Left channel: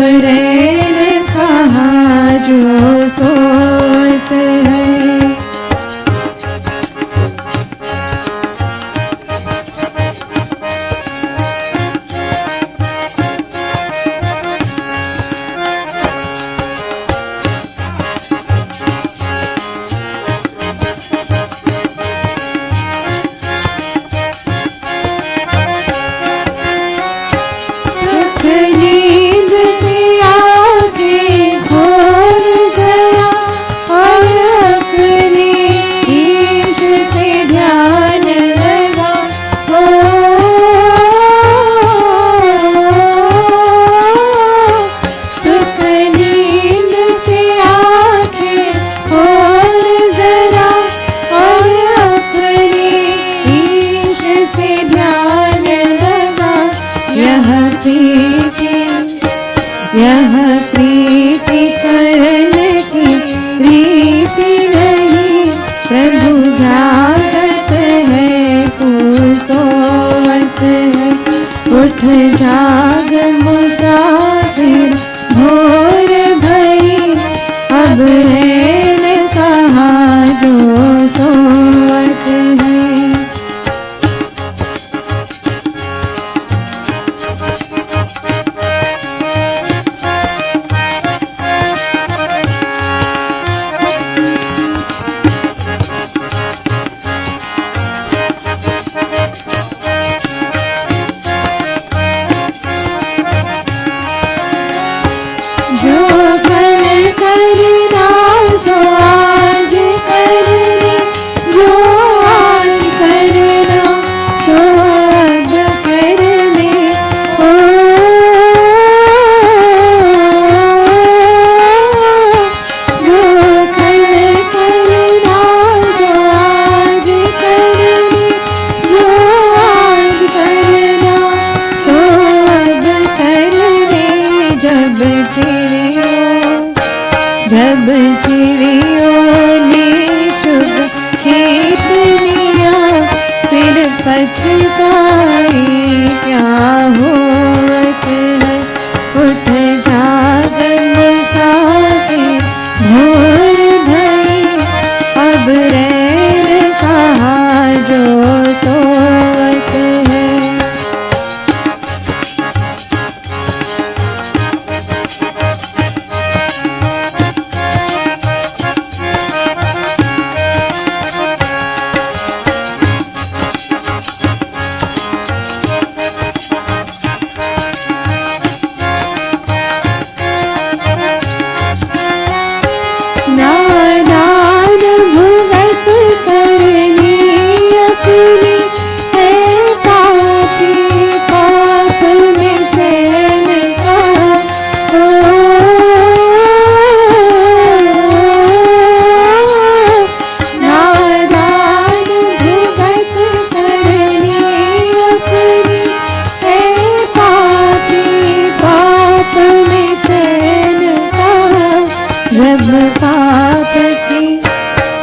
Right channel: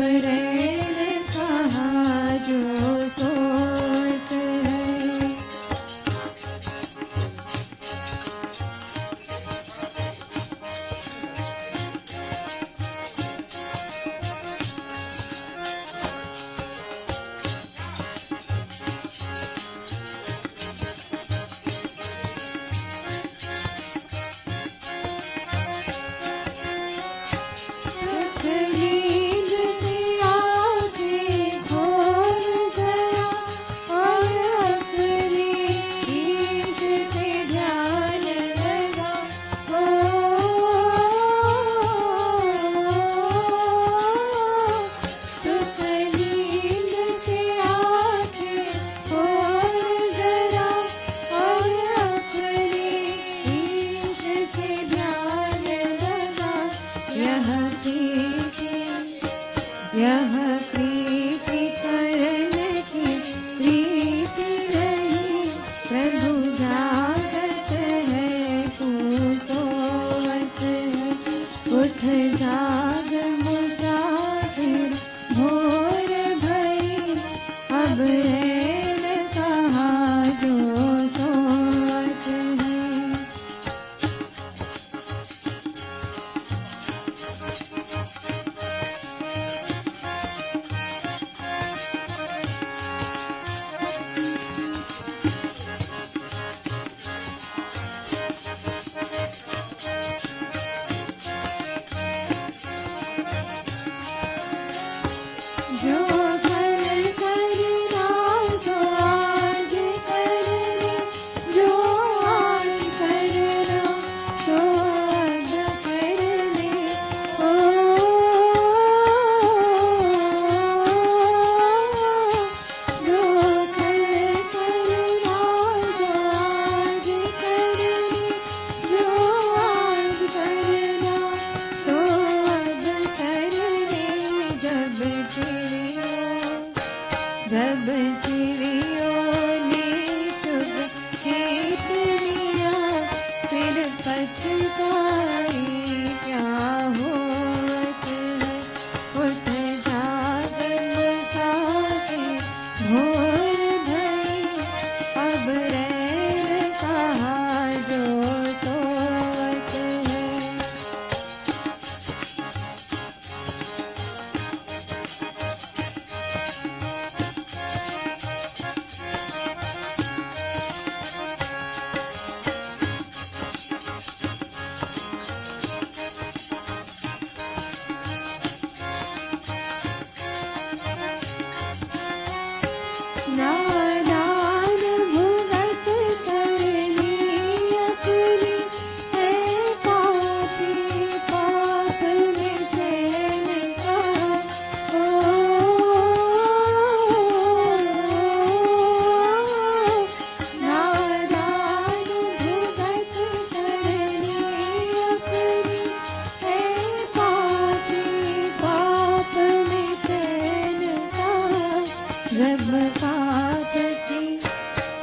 रैन कहाँ जो सोत है। यह प्रीति करन की रीति नहीं, प्रभु जागत है तू सोवत है। उठ जाग मुसाफिर भोर भई, अब रैन कहाँ जो सोवत है। जब चिड़ियों ने चुग खेत लिया, फिर पछताई क्या होवत है। उठ जाग मुसाफिर भोर भई, अब रैन कहाँ जो सोवत है।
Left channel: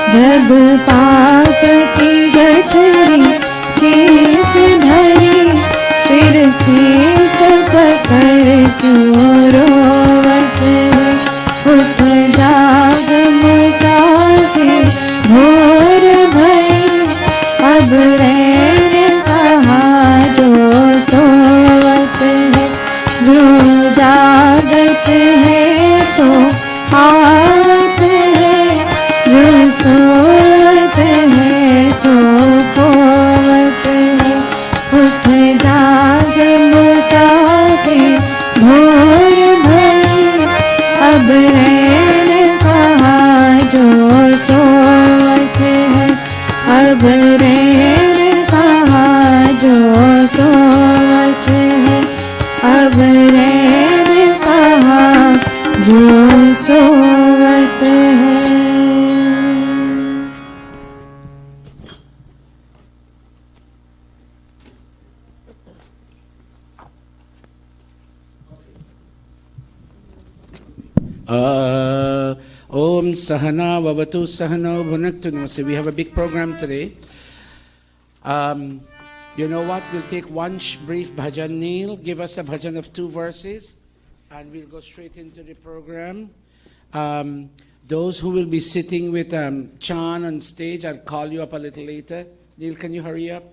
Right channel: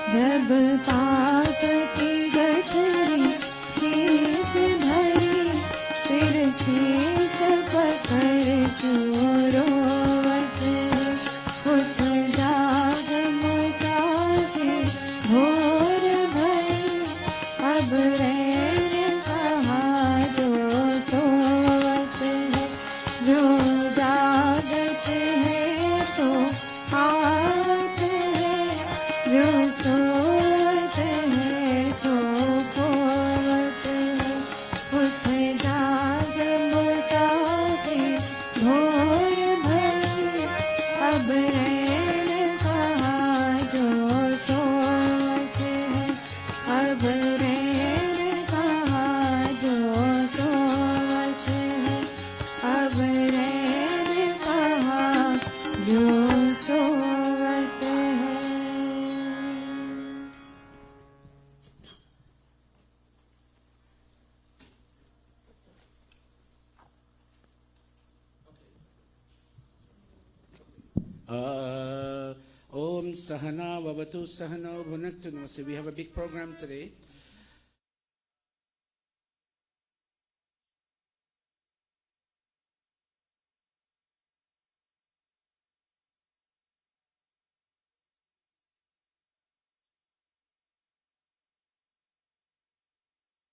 जब पाप की गठरी शीश धरी, फिर शीश पकड़ क्यों रोवत है। उठ जाग मुसाफिर भोर भई, अब रैन कहाँ जो सोवत है। जो जागत है तो आवत है, जो सोवत है तो खोवत है। उठ जाग मुसाफिर भोर भई, अब रैन कहाँ जो सोवत है। अब रैन कहाँ जो सोवत है। अब रैन कहाँ जो सोवत है। Om Sahana Vavatu Sahano Bhunaktu. So we have a big program today. You know what? We'll take one brief bhajan. Neil, give us a bhajan of 2 verses. and we'll go straight into the program. Those who will be sitting with Chan on stage, I'll call you up a little later. Neil, can you hurry up?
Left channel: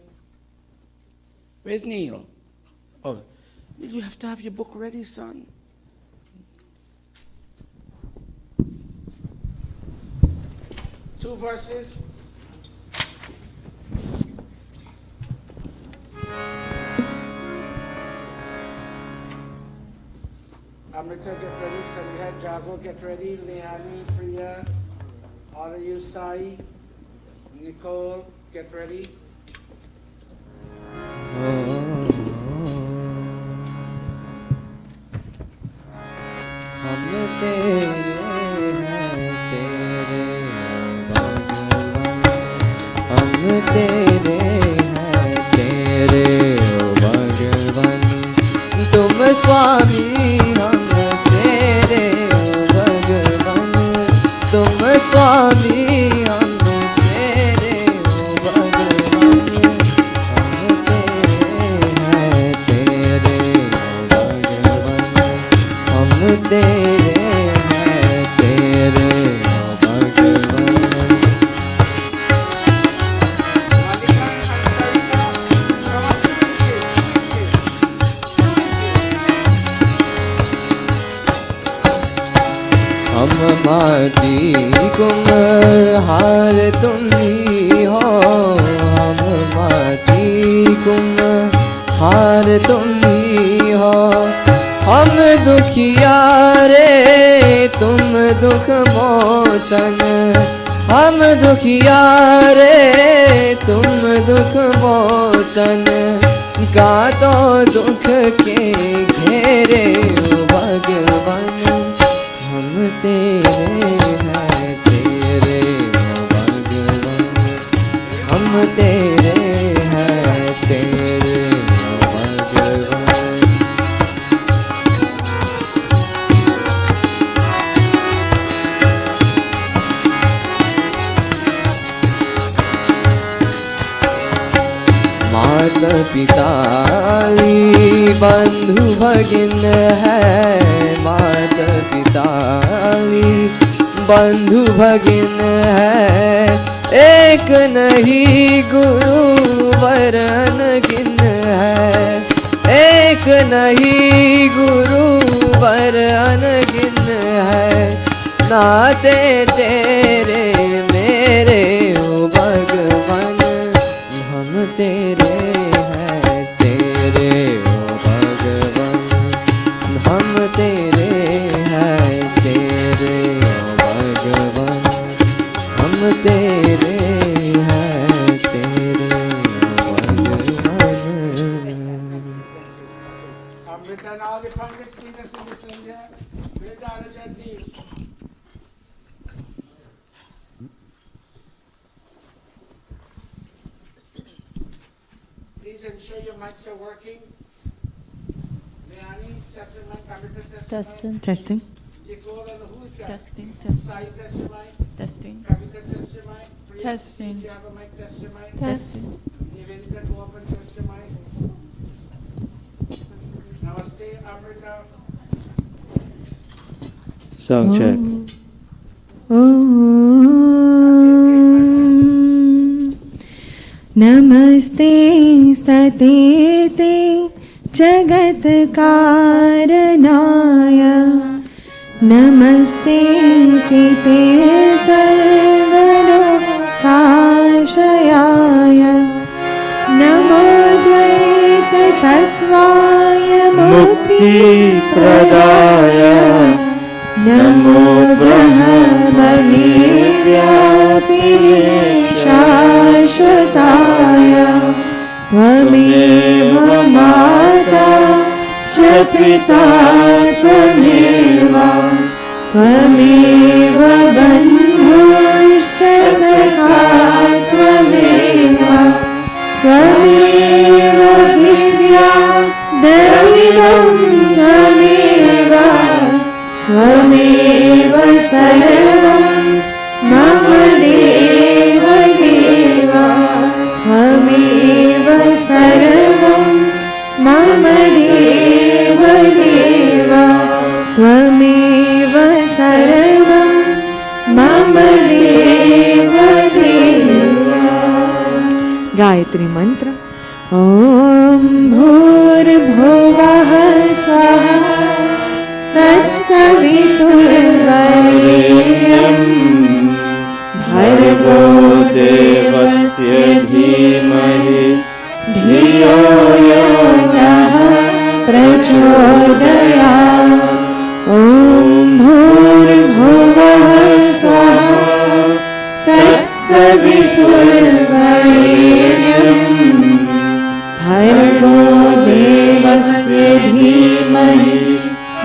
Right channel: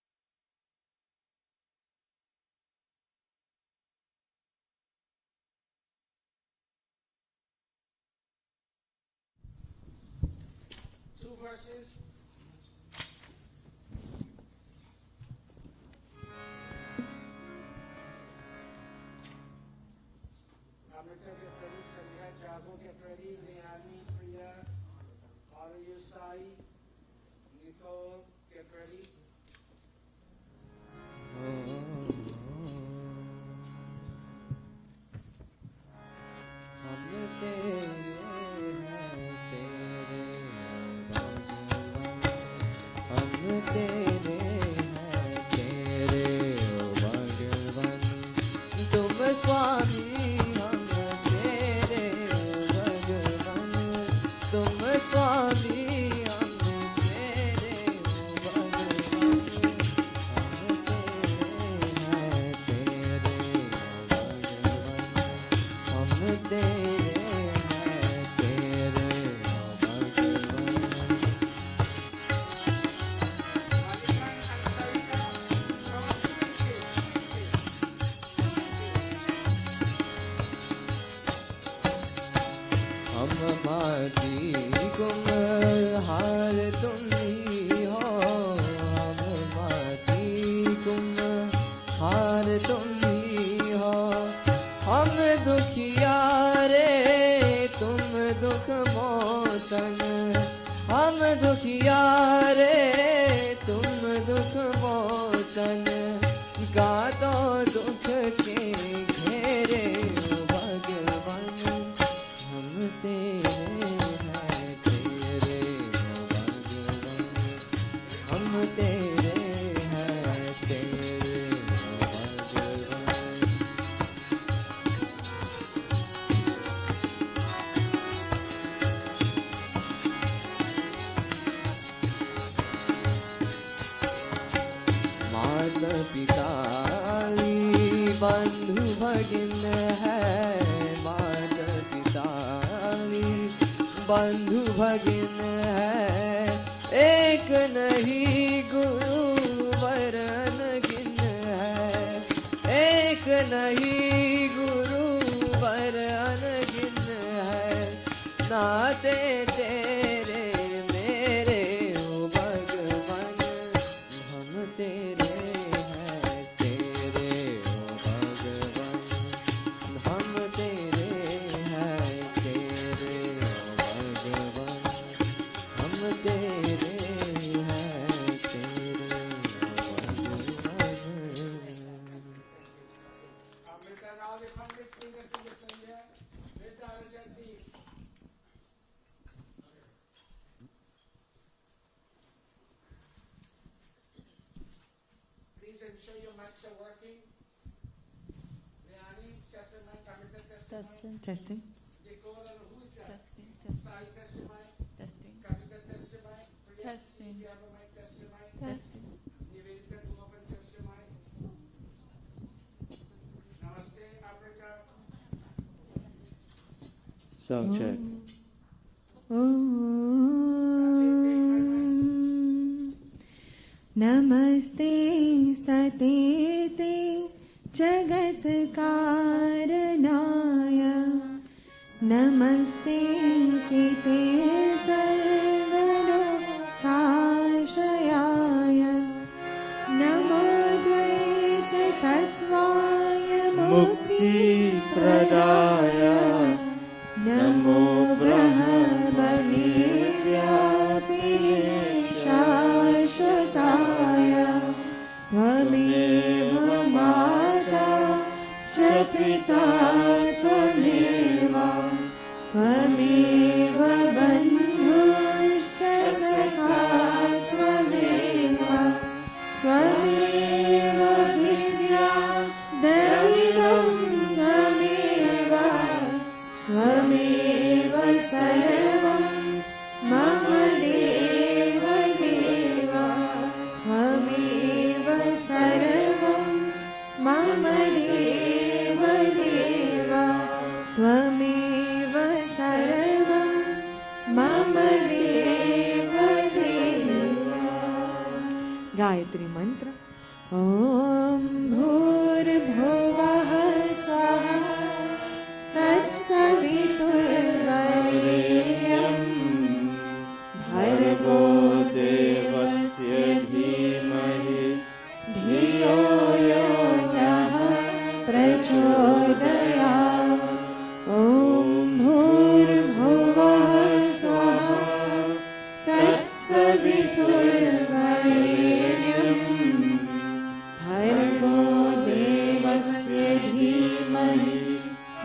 Where's Neil? Oh, you have to have your book ready, son. Two verses. Amrita, get ready. Sandhya, Jago, get ready. Leani, Priya, all of you, Sai, Nicole, get ready. हम तेरे हैं तेरे भगवान, हम तेरे हैं तेरे भगवान, तुम स्वामी हम तेरे भगवान, तुम स्वामी हम तेरे भगवान, हम तेरे हैं तेरे भगवान, हम तेरे हैं तेरे भगवान। हम माटी कुम्हार तुम ही हो, हम माटी कुम्हार तुम ही हो, हम दुखिया रे तुम दुख मोचन, हम दुखिया रे तुम दुख मोचन, का तो दुख के घेरे भगवान, हम तेरे हैं तेरे भगवान, हम तेरे हैं तेरे भगवान। माता पिता बंधु भगिन है, माता पिता बंधु भगिन है, एक नहीं गुरु वरन गिन है, एक नहीं गुरु वरन गिन है, नाते तेरे मेरे ओ भगवान, हम तेरे हैं तेरे ओ भगवान, हम तेरे हैं तेरे ओ भगवान, हम तेरे हैं तेरे ओ भगवान। Amrita, now the Pandits lead us in the Sandhya. Vedarajanti. Please ensure your mics are working. Leani, test your mic. Amrita, test your mic. Testing. Nicole, and who's that? Testing. Sai, test your mic. Testing. Kavita, test your mic. Priya, Testing. if you have a mic, test your mic. Testing. Nivedita, go up and test your mic. Namaste, Amrita. Sound check. नमस्ते सतेते जगत कारणाय, नमस्ते चिते सर्वलोकाश्रयाय, नमो द्वैत तत्त्वाय मुक्तिप्रदाय, नमो ब्रह्मणे व्यापिने शाश्वताय, त्वमेव माता च पिता त्वमेव, त्वमेव बन्धुश्च सखा त्वमेव, त्वमेव विद्या दरिद्रं त्वमेव, त्वमेव सर्वं मम देव देव, त्वमेव सर्वं मम देव देव, गायत्री मंत्र। ॐ भूर्भुवः स्वः तत्सवितुर्वरेण्यं भर्गो देवस्य धीमहि धियो यो नः प्रचोदयात्। ॐ भूर्भुवः स्वः तत्सवितुर्वरेण्यं भर्गो देवस्य धीमहि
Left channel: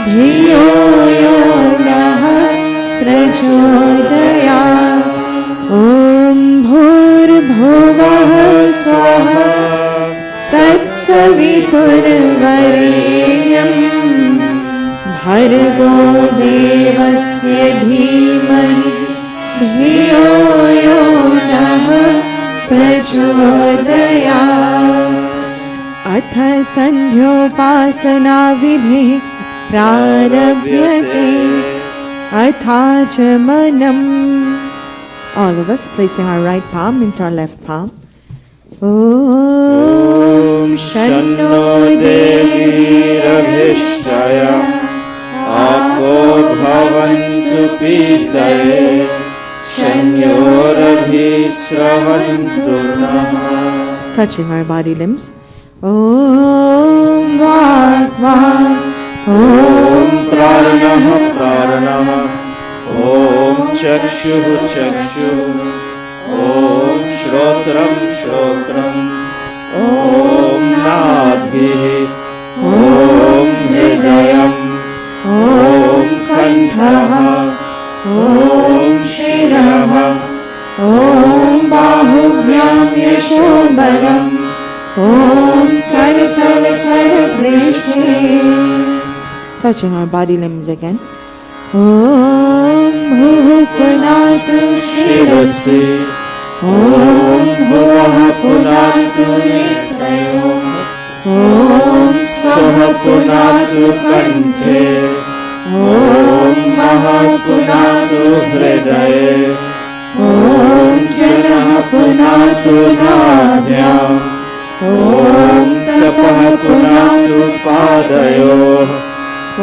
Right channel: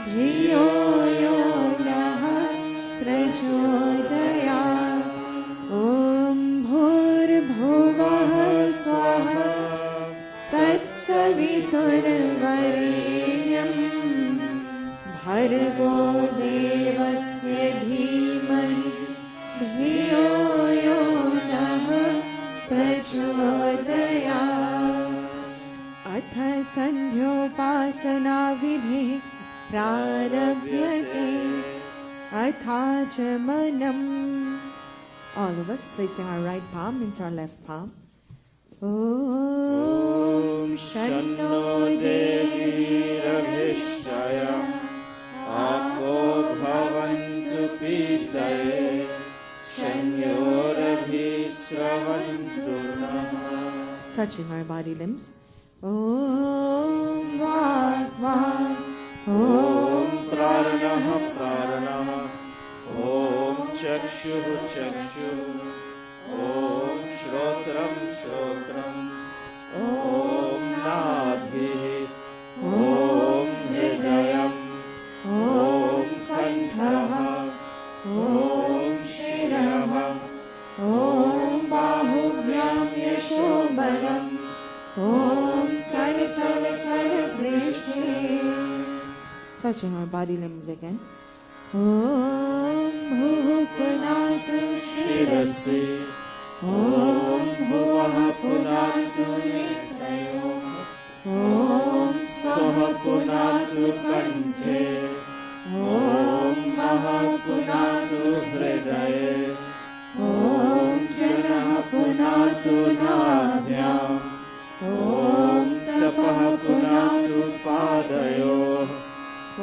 धियो यो नः प्रचोदयात्। ॐ भूर्भुवः स्वः तत्सवितुर्वरेण्यं भर्गो देवस्य धीमहि धियो यो नः प्रचोदयात्। अथ संध्योपासना विधिः प्रारभ्यते अथाचमनम्। All of us placing our right palm into our left palm. Om शन्नो देवीरभिष्टय आपो भवन्तु पीतये शन्योरभिस्रवन्तु नः। Touching our body limbs. Om Vak Vak. ॐ प्राणः प्राणः ॐ चक्षुः चक्षुः ॐ श्रोत्रं श्रोत्रम् ॐ नाभिः ॐ हृदयम् ॐ कण्ठः ॐ शिरः ॐ बाहुभ्यां यशोबलम् ॐ करतलकरपृष्ठे। Touching our body limbs again. Om Bhuh Punatu Shirasi. Om Bhuvah Punatu Netrayo. Om Swaha Punatu Kanthe. Om Maha Punatu Hridaye. Om Janah Punatu Nadhyam. Om Tapah Punatu Padayoh. ॐ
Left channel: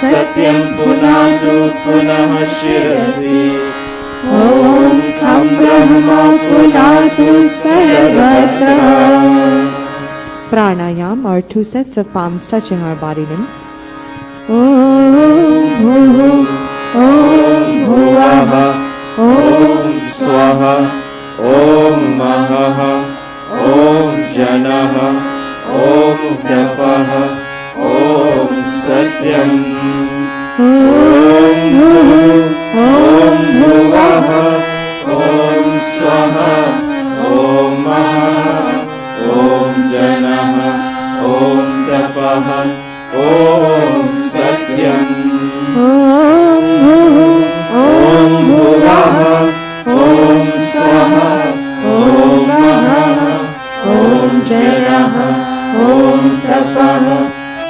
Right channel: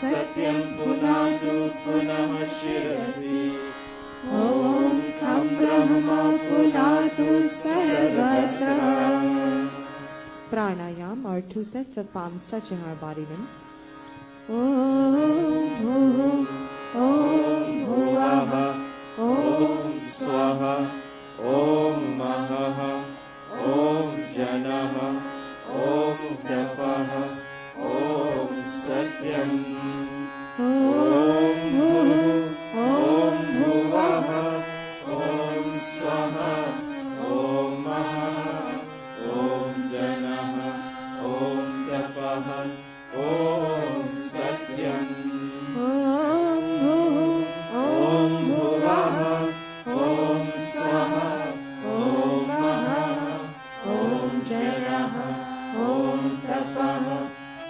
सत्यं पुनातु पुनः शिरसि ॐ खं ब्रह्म पुनातु सर्वत्र। Pranayam or 2 sets of palms touching our body limbs. Om Bhuh Om Bhuvah ॐ स्वाहा ॐ महः ॐ जनः ॐ तपः ॐ सत्यम् ॐ भूः ॐ भुवः ॐ स्वः ॐ महः ॐ जनः ॐ तपः ॐ सत्यम् ॐ भूः ॐ भुवः ॐ स्वः ॐ महः ॐ जनः ॐ तपः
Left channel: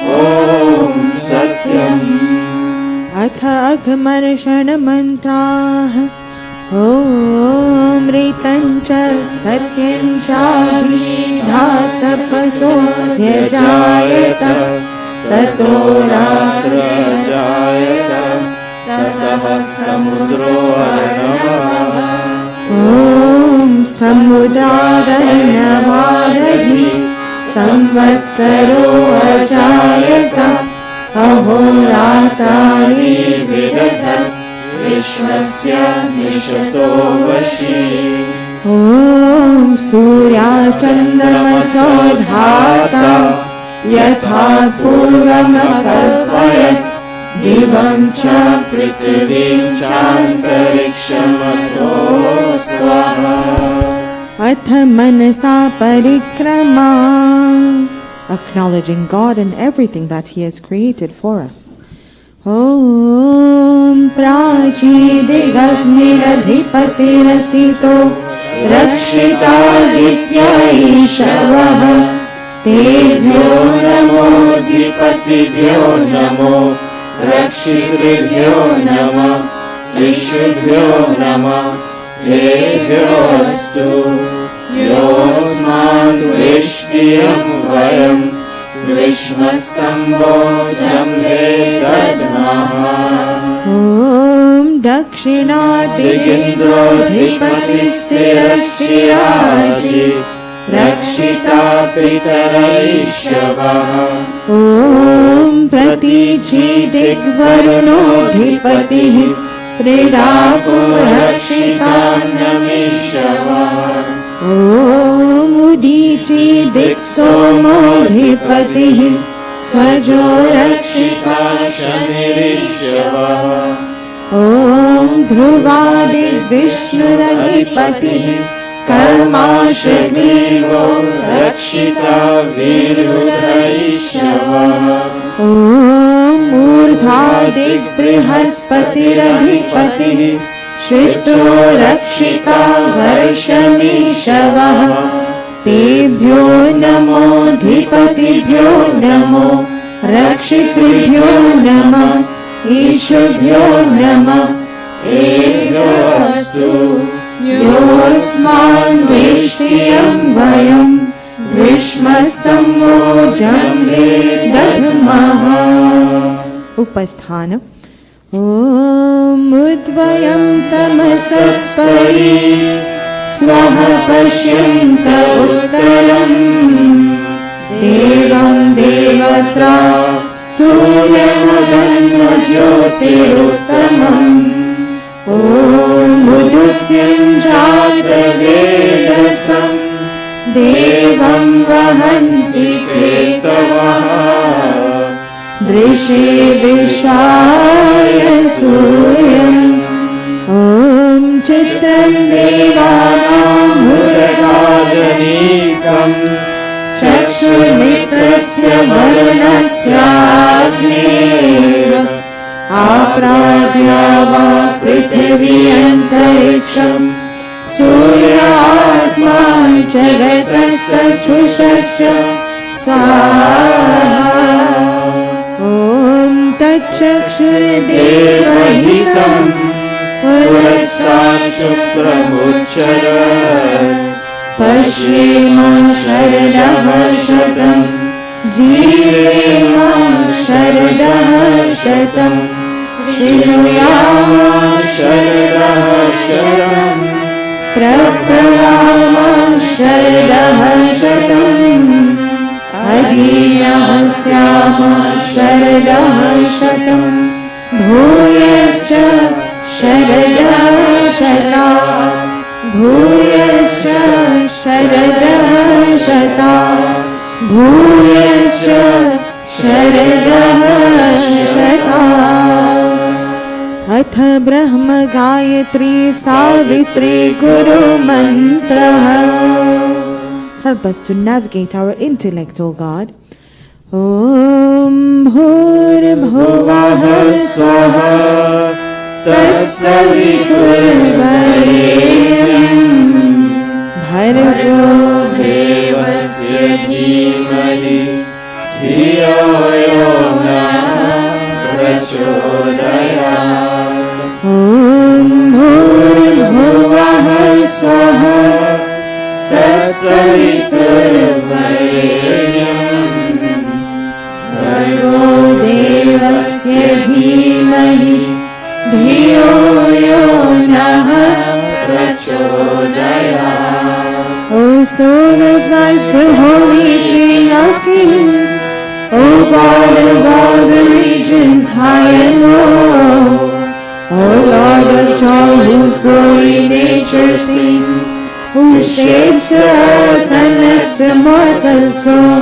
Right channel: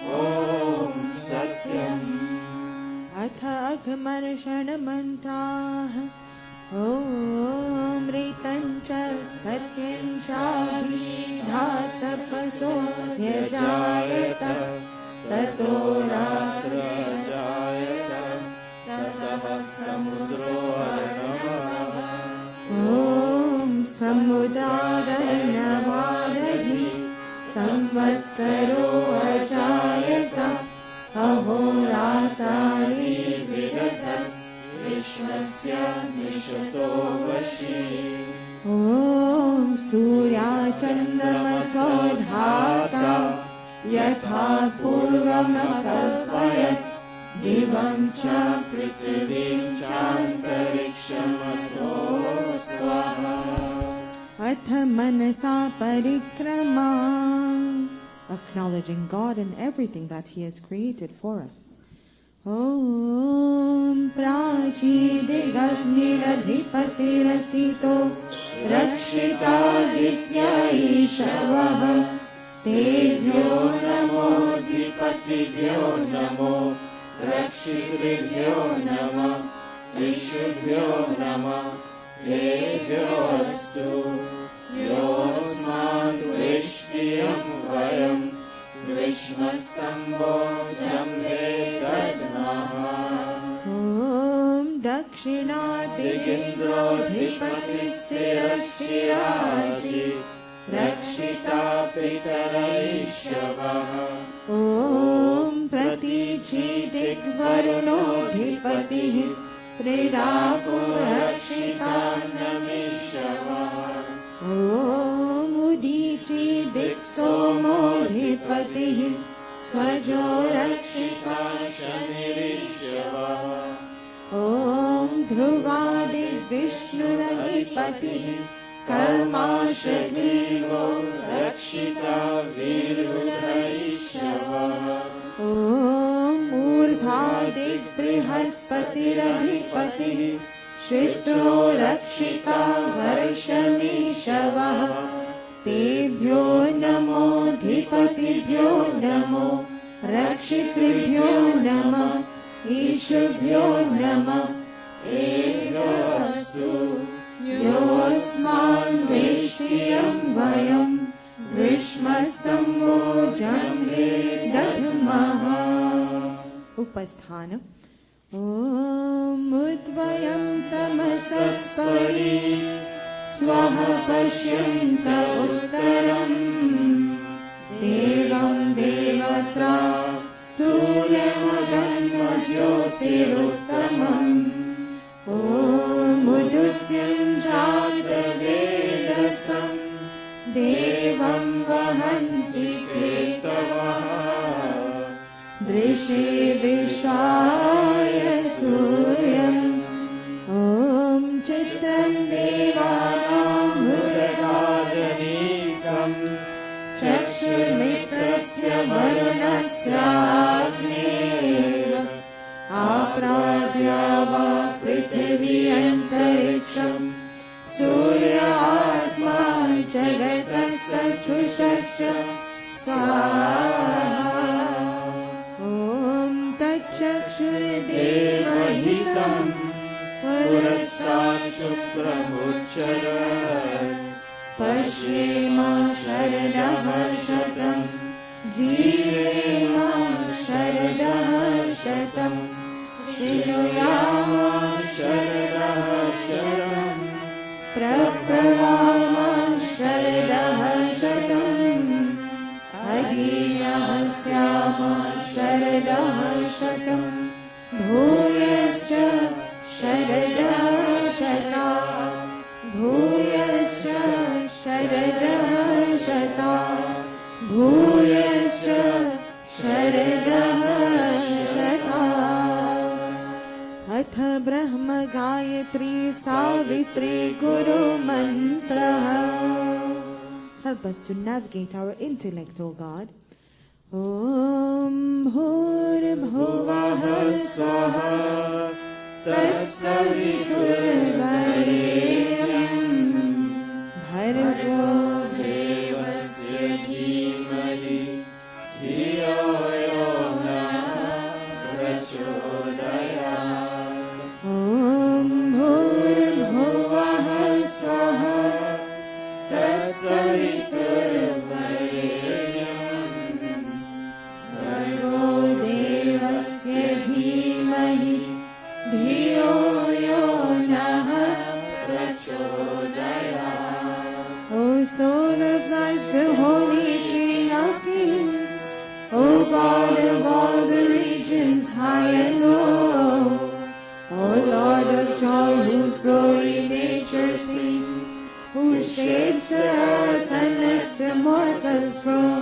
ॐ सत्यम्। अथ अघमर्षणमन्त्राः। ॐ ऋतं च सत्यं चाभिधातपसोऽध्यजायत ततो रात्रजायत ततः समुद्रो अर्णवः। ॐ समुद्रादर्णवादधि संवत्सरो अजायत अहोरात्राणि विदधत् विश्वस्य निशतो वशी। ॐ सूर्याचन्द्रमसो धाता यथा पूर्वमकल्पयत् दिवं च पृथिवीं चान्तरिक्षमथो स्वाहा। अथ मनसा परिक्रमा. Acknowledging God and everything that He has created for us. Om Prachidigadniradhipatirasito Rakshitaditya Ishavah Tebhyo Namo Dhipatibhyo Namo Rakshitrebhyo Namah Ishubhyo Namah Ebhyo Astu योऽस्माद् वेष्ट्यं वयं विश्वस्तम्भोजम्भे दद्मः ॐ दक्षिणादिगेन्द्रोऽधिपतिस्थिरश्चिराजि रक्षिता पितरैषवः ॐ प्रतीची दिग्वरुणोऽधिपतिः प्रेदाको रक्षितान्यमीषवः ॐ उदीची दिक्सोमोऽधिपतिः स्वजो रक्षिता शनिरीषवः ॐ ध्रुवादिर्विष्णुरधिपतिः कल्माशग्रीवो रक्षिता वीरुधैषवः ॐ ऊर्ध्वादिबृहस्पतिरधिपतिः श्रितो रक्षिता वर्षमीषवः तेभ्यो नमोऽधिपतिभ्यो नमो रक्षितृभ्यो नमः ईशुभ्यो नमः एभ्योऽस्तु योऽस्मान् वेष्ट्यं वयं ग्रीष्मस्तम्भोजम्भे दद्मः उपस्थान ॐ उद्वयं तमसस्परि स्वः पश्यन्त उत्तरम् देवं देवत्रा सूर्यमगन्मज्योतिरुत्तमम् ॐ उदुत्यं जातवेदसं देवं वहन्ति केतवः दृशे विश्वाय सूर्यम् ॐ चित्रं देवानामुदगादनीकम् चक्षुर्मित्रस्य वरुणस्याग्नेः आप्राद्या वा पृथिवी अन्तरिक्षम् सूर्यात्मा जगतस्य सुषश्च स्वाहा ॐ तच्चक्षुर्देवहितम् पुरस्तात् शुक्रमुच्चरत् पश्येम शरदः शतम् जीवेम शरदः शतम् शृणुयाम शरदः शतम् प्रप्लवाम शरदः शतम् अधीनः स्याम शरदः शतम् भूयश्च शरदः शता भूयश्च शरदः शता भूयश्च शरदः शता अथ ब्रह्म गायत्री सावित्री गुरु मंत्रः. Help us to navigate our intellect, O God. Om Bhurbhuvah Swaha Tatsaviturvarenyam Bhargo देवस्य धीमहि धियो यो नः प्रचोदयात् Om Bhurbhuvah Swaha तत्सवितुर्वरेण्यं भर्गो देवस्य धीमहि धियो यो नः प्रचोदयात्. O stone of life, the holy King of kings, O God of all the regions high and low, O Lord of joy, whose glory nature sees, who shapes the earth and lets the mortals grow,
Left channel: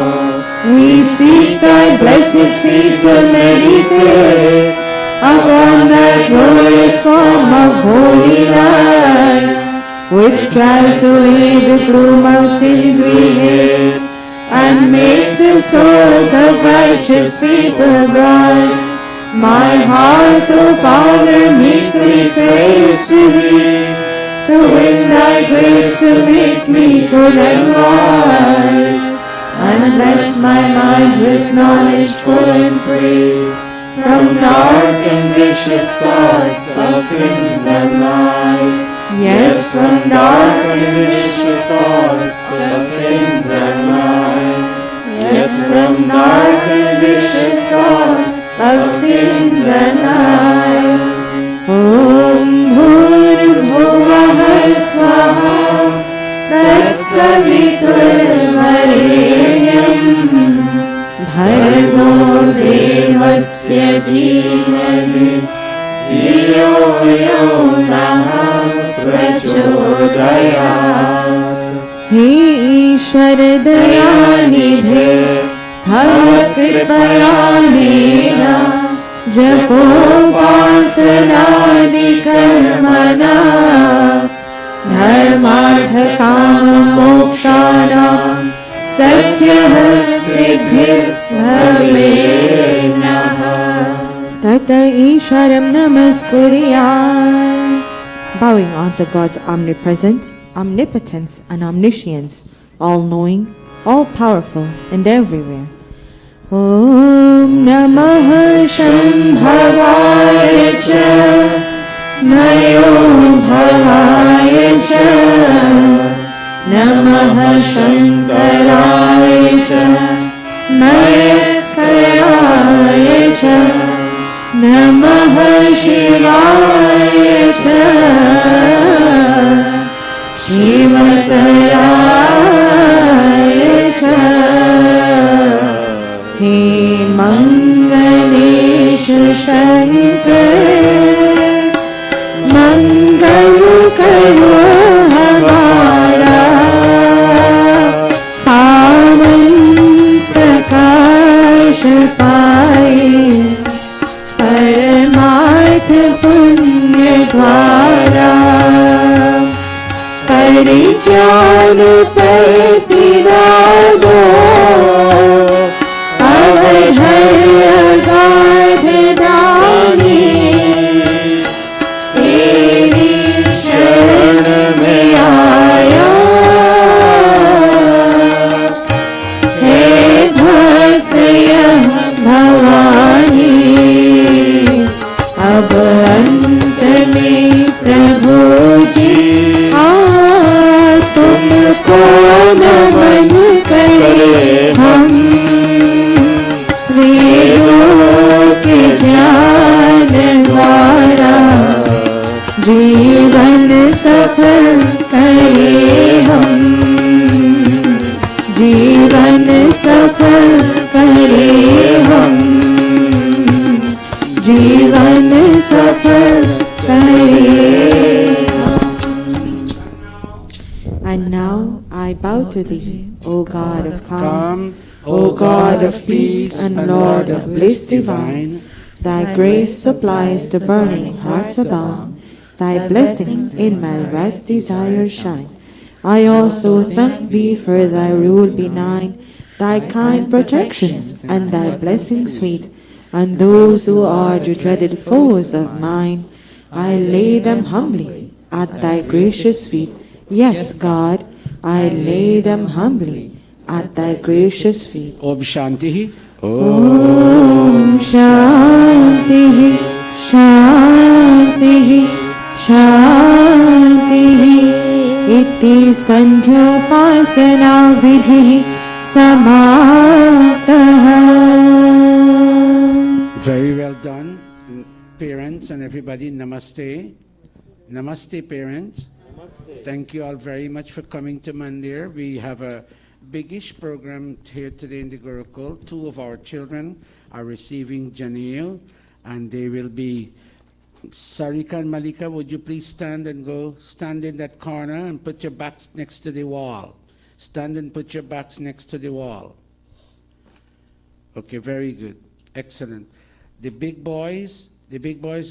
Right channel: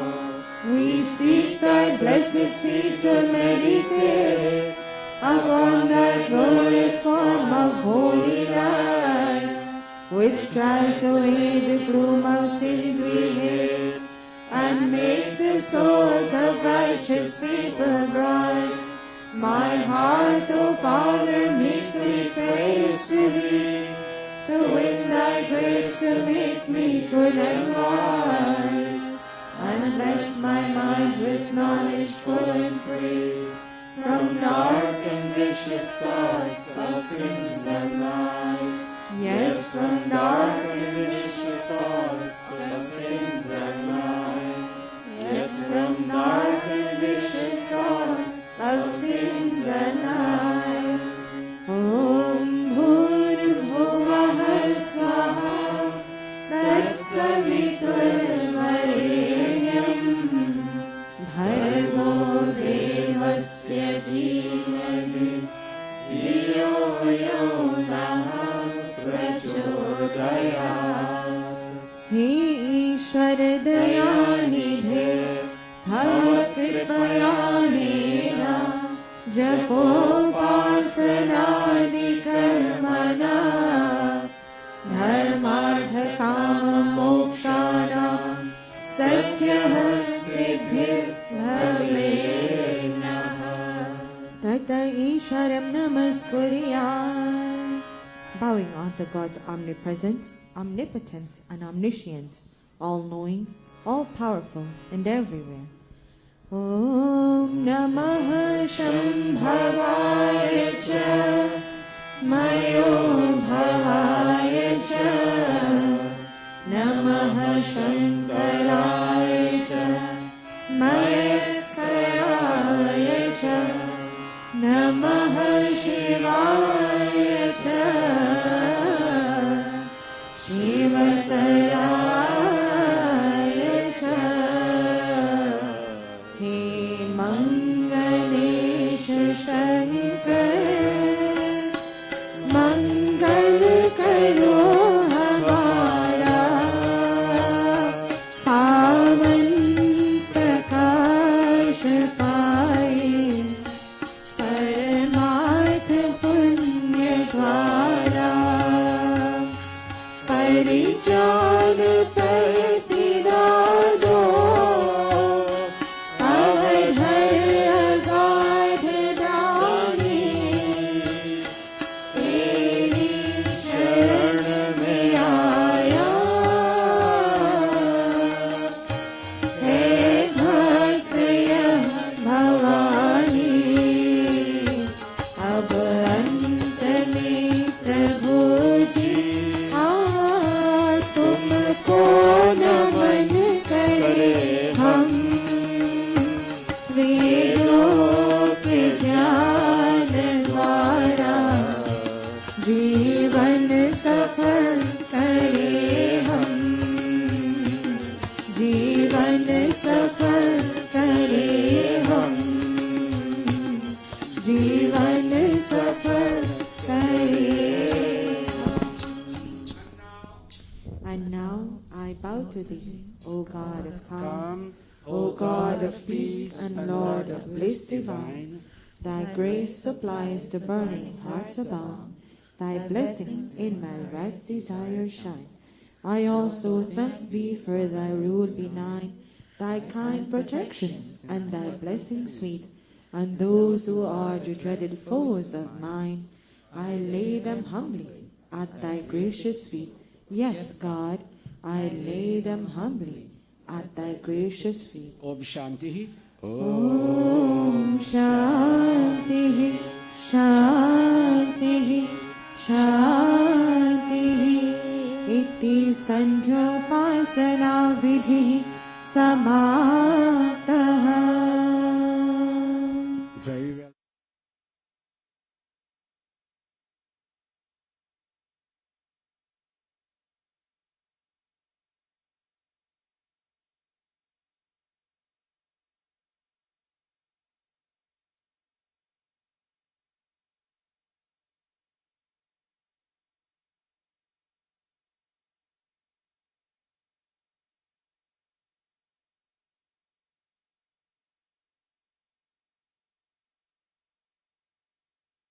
we seek thy blessed feet to meditate upon that glorious form of holy life, which drives away the gloom of sins we hate, and makes the souls of righteous people bright. My heart, O Father, meekly prays to thee, to win thy grace to make me good and wise, and bless my mind with knowledge full and free, from dark and vicious thoughts of sins and lies. Yes, from dark and vicious thoughts of sins and lies. Yes, from dark and vicious thoughts of sins and lies. Om Bhurbhuvah Swaha Tatsaviturvarenyam Bhargo Devasya Dhimahi Dhiyo Yo Nah Prachodayat. He Ishwar Dayanidhe Bhavat Kripayanena Japopasanadi Karmana Dharmartha Kama Mokshanam Satyah Siddhir Bhavenaha. Tata Isharam Namaskuriyat. Bowing unto God's omnipresence, omnipotence, and omniscience, all-knowing, all-powerful, and everywhere. Om Namah Shambhavaya Cha Mayo Bhavaya Cha Namah Shankaraya Cha Mayaskaraya Cha Namah Shivaya Cha Shivataraya Cha. He Mangalesha Shankar Mangal Karo Hamara Pavan Prakash Paye Paramarth Punya Dwara Parijan Patidado Avadharya Gadhadani Teri Sharan Mein Aaya He Bhakt Yah Bhavani Ab Ant Mein Prabhu Ji तुमको नमन करे हम वेदों के ज्ञान द्वारा जीवन सफल करे हम जीवन सफल करे हम जीवन सफल करे. And now I bow to thee, O God of calm, O God of peace and Lord of bliss divine. Thy grace supplies the burning heart's abound. Thy blessings in my right desire shine. I also thank thee for thy rule benign, thy kind protections and thy blessings sweet. And those who are the dreaded foes of mine, I lay them humbly at thy gracious feet. Yes, God, I lay them humbly at thy gracious feet. Om Shanti. Om Shanti, Shanti, Shanti. Iti Sandhyopasana Vidhi Samaptaha. Very well done, parents and everybody. Namaste. Namaste, parents. Thank you all very much for coming to Mandir. We have a biggish program here today in the Gurukul. 2 of our children are receiving Janeel, and they will be. Sarika and Malika, would you please stand and go stand in that corner and put your backs next to the wall. Stand and put your backs next to the wall. Okay, very good. Excellent. The big boys,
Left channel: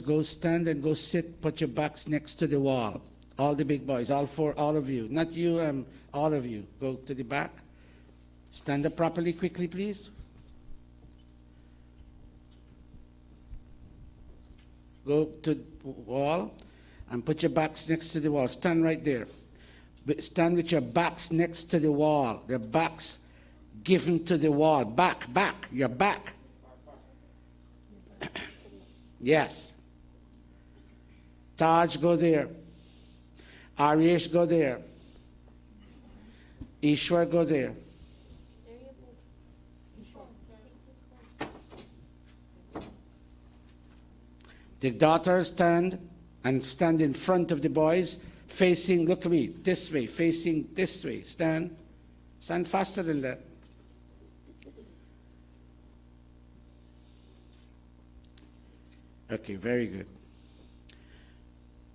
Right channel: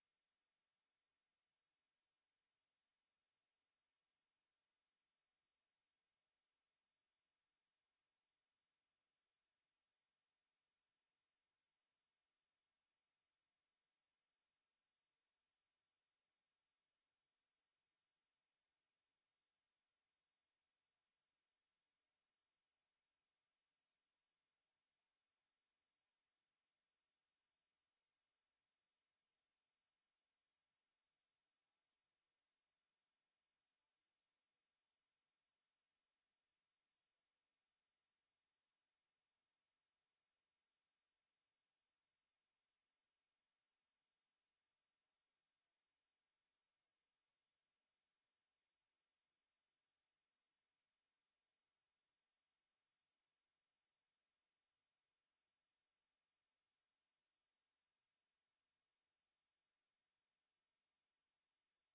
go stand and go sit, put your backs next to the wall. All the big boys, all 4, all of you. Not you, all of you. Go to the back. Stand up properly, quickly, please. Go to the wall and put your backs next to the wall. Stand right there. Stand with your backs next to the wall. The backs given to the wall. Back, your back. Yes. Taj, go there. Aryesh, go there. Ishwar, go there. The daughters stand in front of the boys, facing, look at me, this way, facing this way. Stand faster than that. Okay, very good.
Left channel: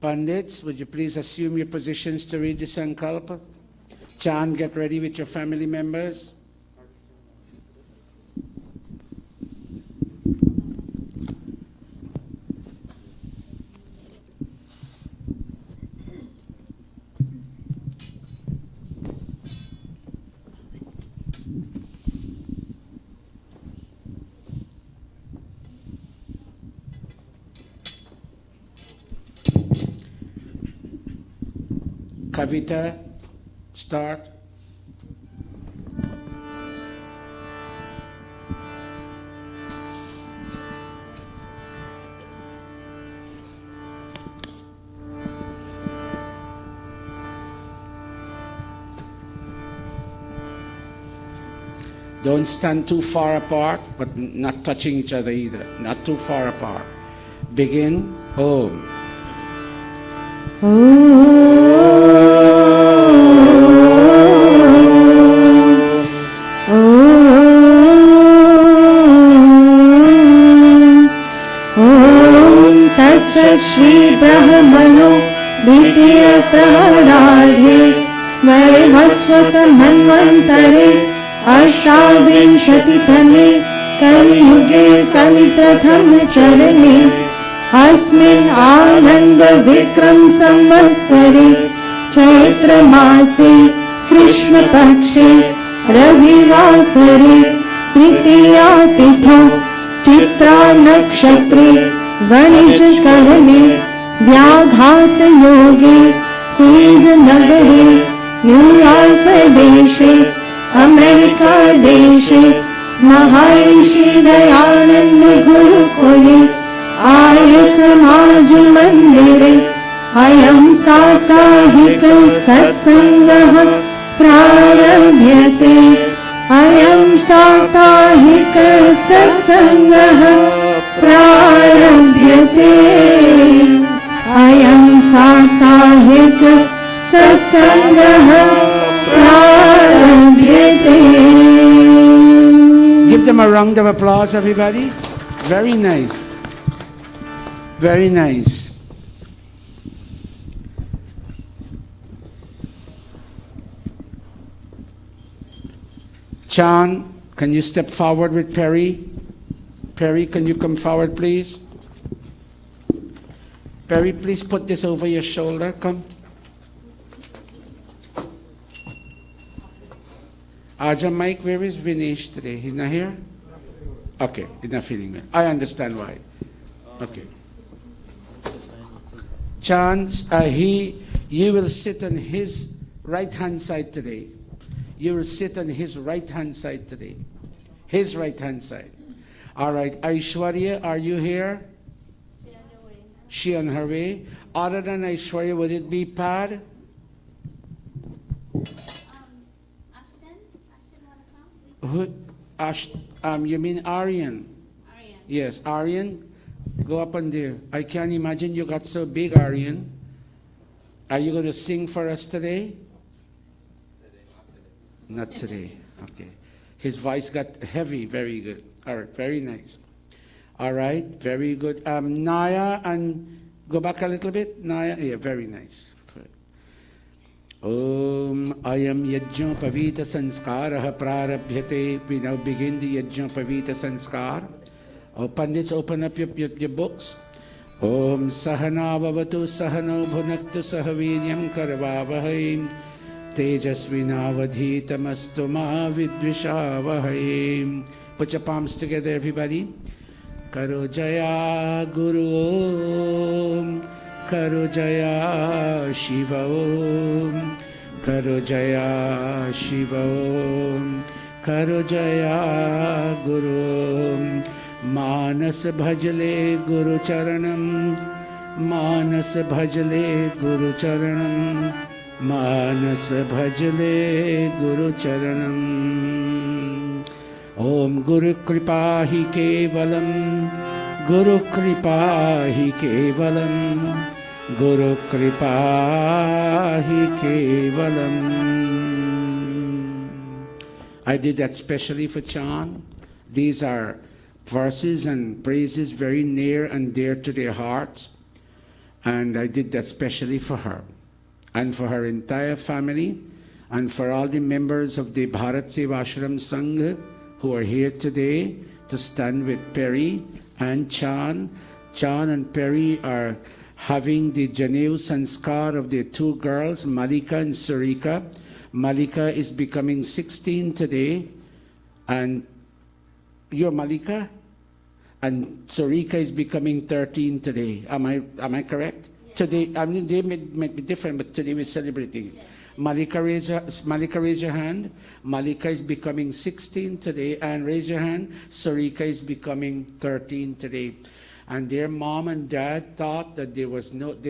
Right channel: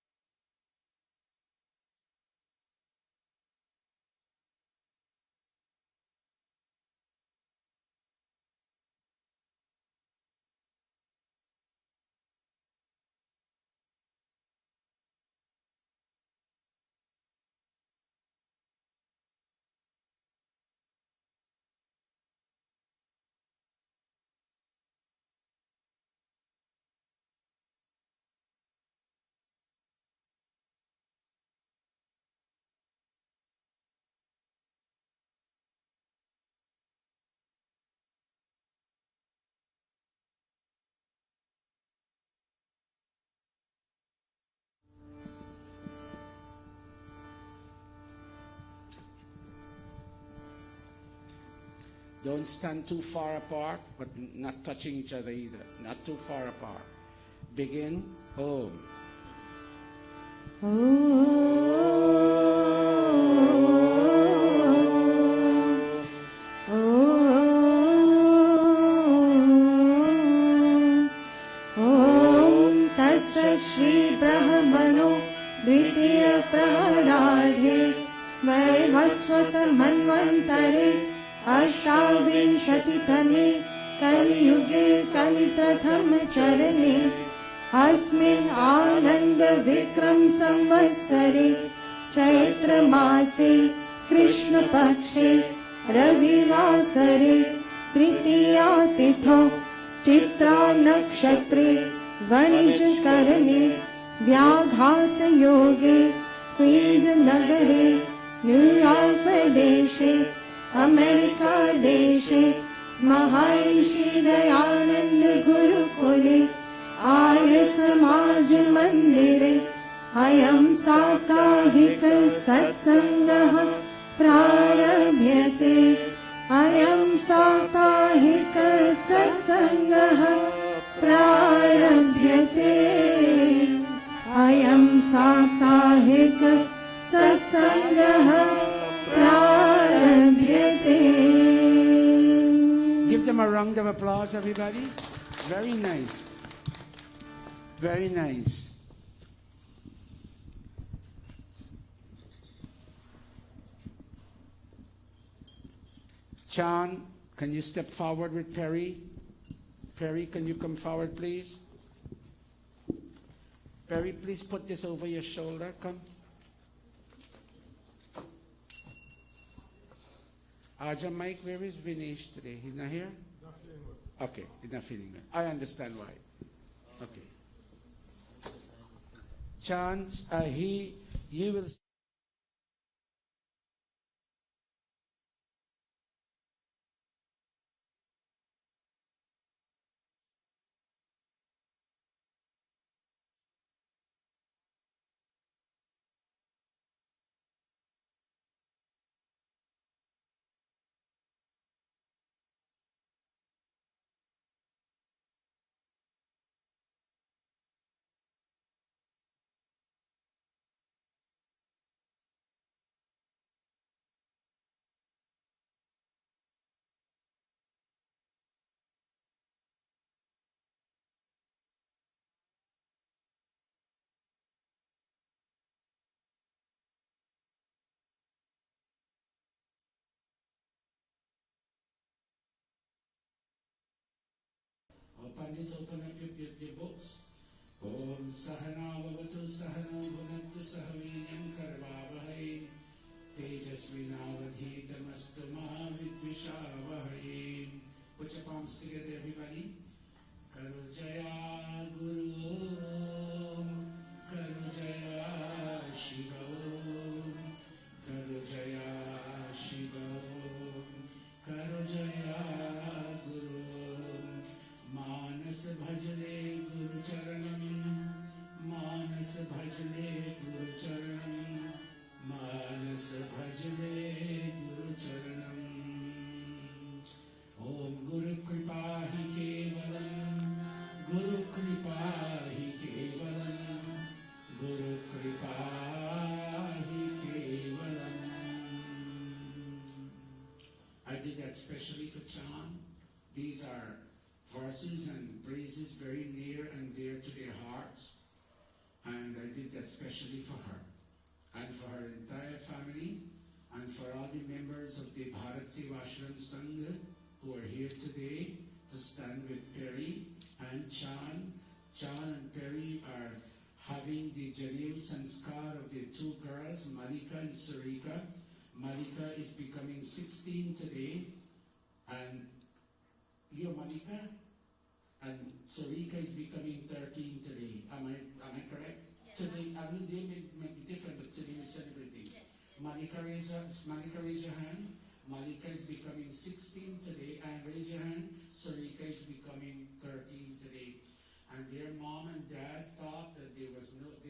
Pandits, would you please assume your positions to read the Sankalpa? Chan, get ready with your family members. Kavita, start. Don't stand too far apart, but not touching each other either. Not too far apart. Begin. Om. Shri ब्रह्मणो द्वितीय प्रहराढे वैवस्वत मन्वन्तरे अष्टाविंशतितमे कलियुगे कलिप्रथम चरणे अस्मिन् आनन्द विक्रम संवत्सरे चैत्रमासे कृष्णपक्षे रविवासरे तृतीया तिथौ चित्रा नक्षत्रे वणिजकरणे व्याघात योगे queen's नगरे न्यूयॉर्क देशे अमेरिका देशे महर्षि दयानंद गुरुकुले आर्य समाज मंदिरे अयं साप्ताहिक सत्संगः प्रारभ्यते अयं साप्ताहिक सत्संगः प्रारभ्यते अयं साप्ताहिक सत्संगः प्रारभ्यते. Give them a round of applause, everybody. Very nice. Very nice. Chan, can you step forward with Perry? Perry, can you come forward, please? Perry, please put this over your shoulder. Come. Aja Mike, where is Vinesh today? He's not here? Okay, he's not feeling well. I understand why. Okay. Chan, you will sit on his right-hand side today. You will sit on his right-hand side today. His right-hand side. All right. Aishwarya, are you here? She on her way. Other than Aishwarya, would it be Pad? Who? You mean Aryan? Yes, Aryan. Go up on there. I can't imagine you got so big, Aryan. Are you going to sing for us today? Not today. Okay. His voice got heavy. Very good. All right. Very nice. All right. Very good. Naya, and go back a little bit. Naya. Yeah, very nice. Om ayam yajna pavita sanskara prarabhyate. We now begin the yajna pavita sanskar. Oh, Pandits, open up your books. Om sahana vavatu sahano bhunaktu sahaviryam karvavahai. Tejasvinavadhitamastu ma vidvishavahai. Put your palms together, everybody. Karo jaya guru om. Karo jaya shiva om. Karo jaya shiva om. Karo jaya guru om. Manas bhajale guru charanam. मानस भजले गुरु चरणम, मानस भजले गुरु चरणम। ओम गुरु कृपा ही केवलम, गुरु कृपा ही केवलम, गुरु कृपा ही केवलम। I did that specially for Chan. These are verses and praises very near and dear to their hearts. And I did that specially for her and for her entire family and for all the members of the Bharat Sevashram Sangha who are here today to stand with Perry and Chan. Chan and Perry are having the Janeu Sanskar of their two girls, Malika and Sarika. Malika is becoming 16 today, and you're Malika? And Sarika is becoming 13 today. Am I correct? Yes. Today, I mean, they may be different, but today we're celebrating. Yes. Malika, raise your hand. Malika is becoming 16 today, and raise your hand. Sarika is becoming 13 today. And their mom and dad thought that they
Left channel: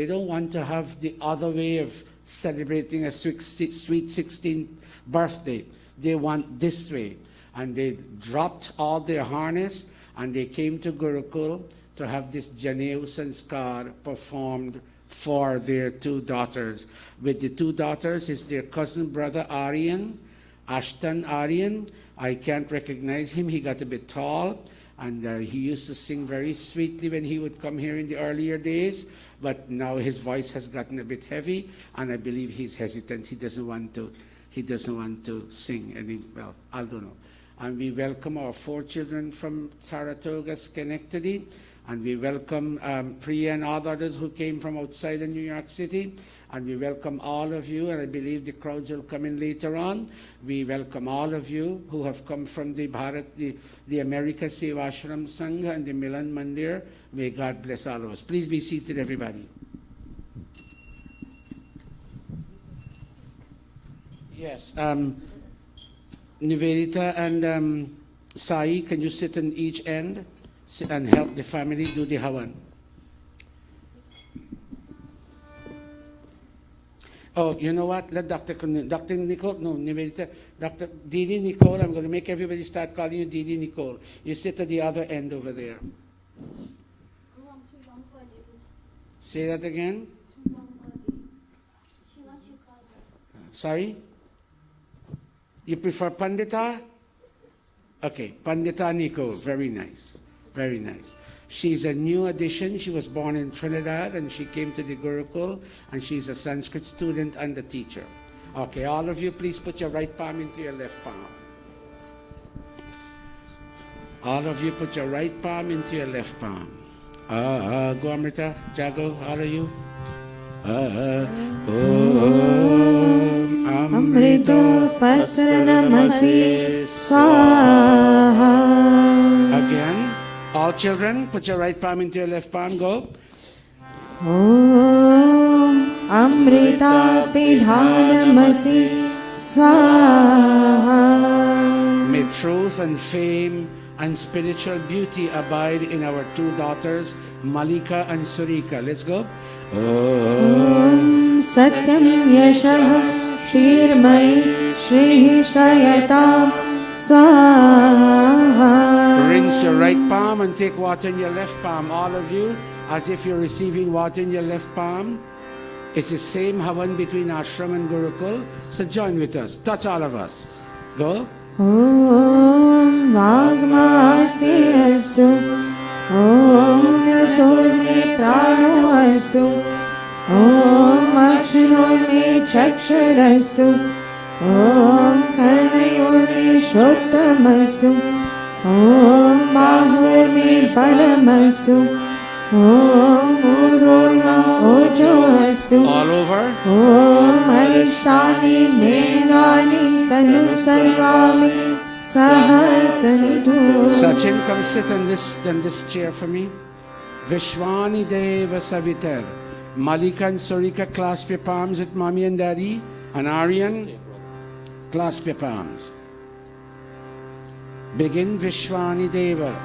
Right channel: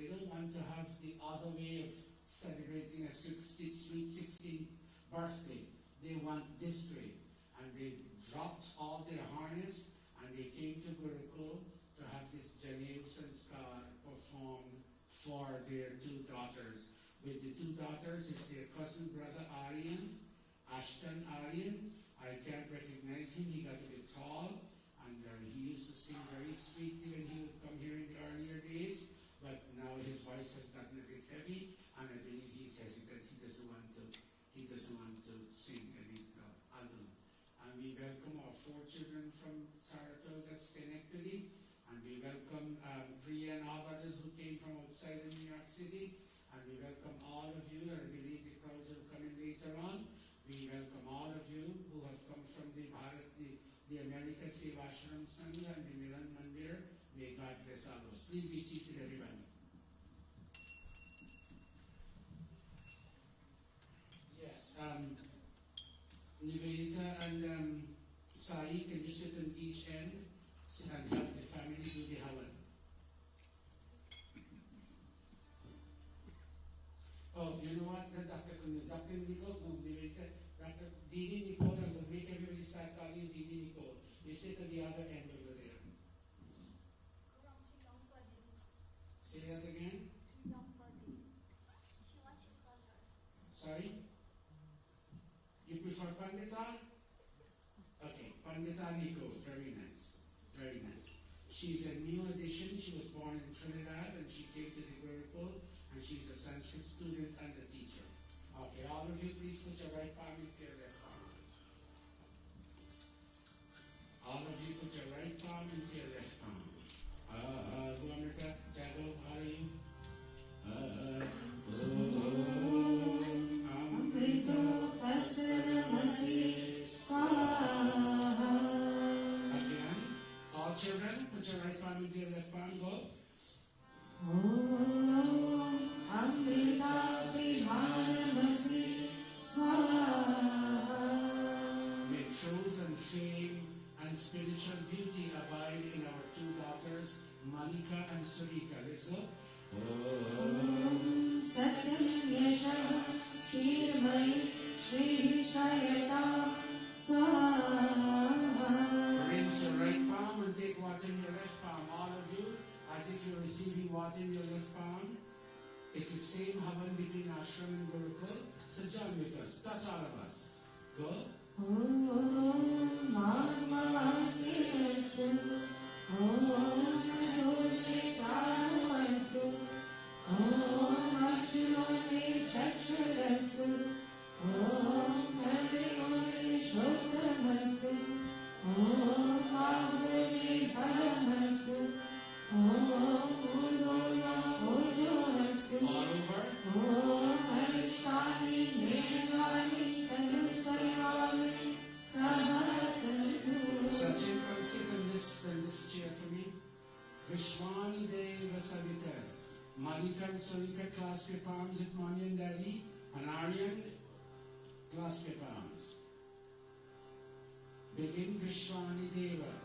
don't want to have the other way of celebrating a sweet 16th birthday. They want this way. And they dropped all their harness and they came to Gurukul to have this Janeu Sanskar performed for their two daughters. With the two daughters is their cousin brother Aryan, Ashton Aryan. I can't recognize him. He got a bit tall, and he used to sing very sweetly when he would come here in the earlier days. But now his voice has gotten a bit heavy, and I believe he's hesitant. He doesn't want to sing any. Well, I don't know. And we welcome our 4 children from Saratoga, Schenectady, and we welcome Priya and all others who came from outside of New York City. And we welcome all of you, and I believe the crowds will come in later on. We welcome all of you who have come from the America Sevashram Sangha and the Milan Mandir. May God bless all of us. Please be seated, everybody. Yes, Nivedita and Sai, can you sit on each end and help the family do the Havan? Oh, you know what? Let Dr. Nicole, no, Nivedita, Dr. Didi Nicole, I'm going to make everybody start calling you Didi Nicole. You sit at the other end over there. Say that again. Sorry? You prefer Pandita? Okay, Pandita Nicole, very nice, very nice. She's a new addition. She was born in Trinidad and she came to the Gurukul, and she's a Sanskrit student and a teacher. Okay, all of you, please put your right palm into your left palm. All of you, put your right palm into your left palm. Go Amrita, Jago, all of you. Amrita Pasanamasi Swaha. Again, all children, put your right palm into your left palm. Go. Om Amrita Pidhanamasi Swaha. May truth and fame and spiritual beauty abide in our 2 daughters, Malika and Sarika. Let's go. Om Satyam Yashah Shirmai Shri Shayatam Swaha. Rinse your right palm and take water in your left palm. All of you, as if you're receiving water in your left palm. It's the same Havan between Ashram and Gurukul. So join with us. Touch all of us. Go. Om Vagmasi Astu. Om Nasurme Prano Astu. Om Akshinurme Chaksharastu. Om Karnayorme Shottamastu. Om Bahurme Balamastu. Om Ururma Ojoastu. All over. Om Arishtani Mengani Tanu Sarvami Sahasantu. Sachin, come sit on this chair for me. Vishwani Deva Savitar. Malika and Sarika, clasp your palms at mommy and daddy. And Aryan, clasp your palms. Begin Vishwani Deva.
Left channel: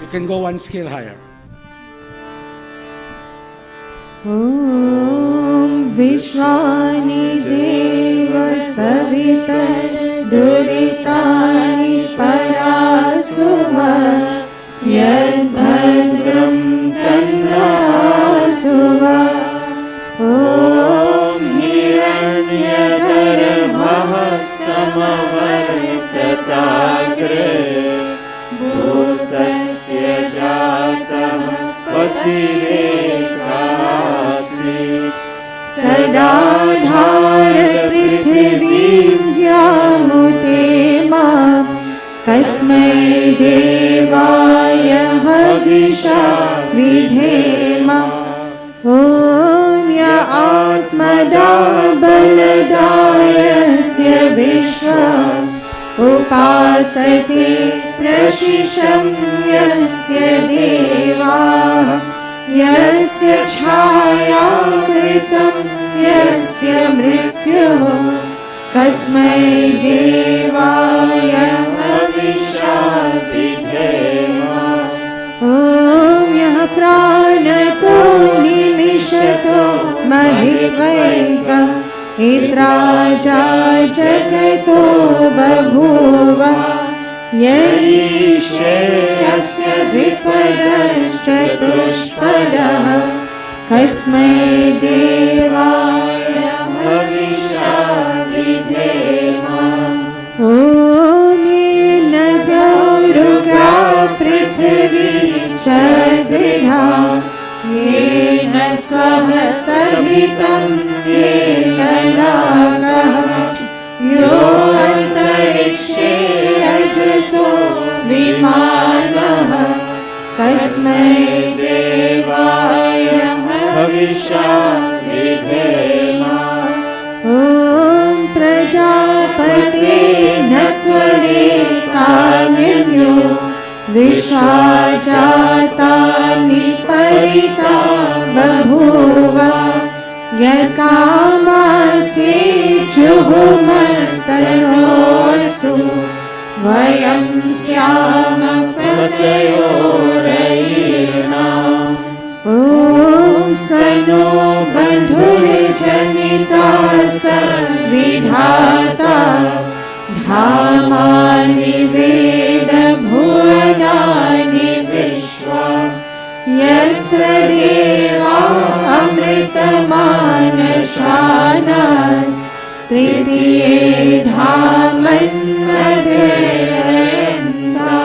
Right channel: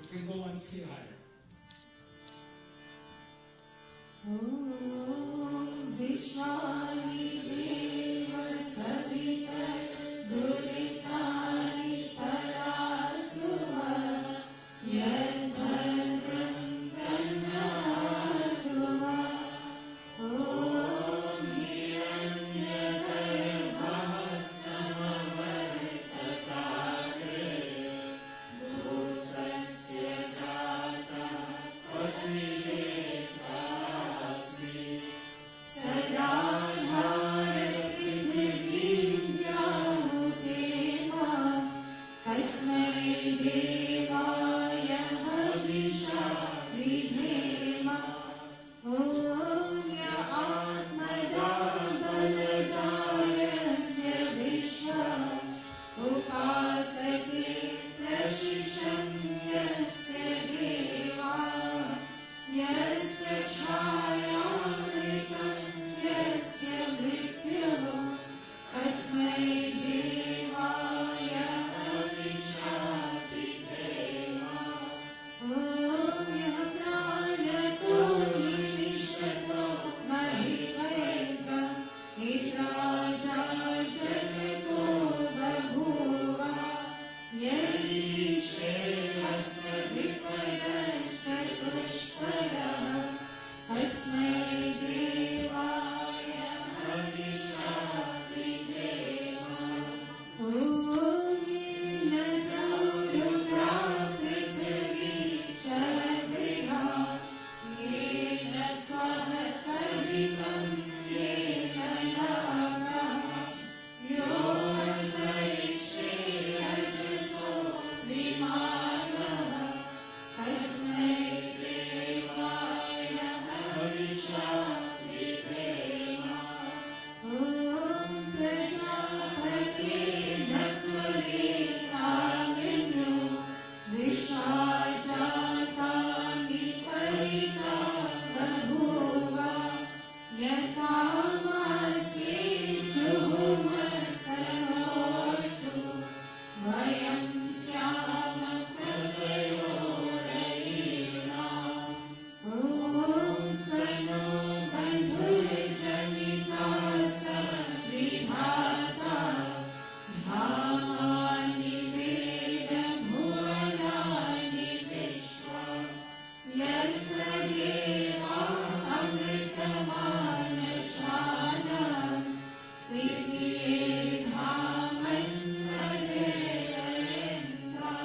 You can go one scale higher. ॐ विश्वानि देव सवितर दुरितानि परासुम यद्भद्रं तन्नासुव ॐ हिरण्यगर्भः समवर्तताग्रे भूतस्य जातः पतिरेकासीत् सदा धार पृथिवीं व्यामुतेमा कस्मै देवाय हविषा विधेम ॐ य आत्मदा बलदायस्य विश्वा उपासते प्रशिशं यस्य देवाः यस्य छायामृतं यस्य मृत्युः कस्मै देवाय हविषा विधेम ॐ यः प्राणतो निमिषतो महित्वैकम् इत्राजा जगतो बभूव यस्य विपरश्चतुष्पदः कस्मै देवाय हविषा विधेम ॐ ये नद्योरुगा पृथिवी च दृढा येन स्वः सवितं येन नागः यो अन्तरिक्षे रजसो विमानः कस्मै देवाय हविषा विधेम ॐ प्रजापते नत्वरेकान्यो विश्वा जातानि परिता बभूव यकामासे जुहुमस्तनोऽस्तु वयं स्याम पतयोरयीर्णाम् ॐ स नो बन्धुर्जनिता स विधाता धामानि वेद भुवनानि विश्वा यत्र देवा अमृतमानशानास् तृतीये धामन्नदेरयन्ता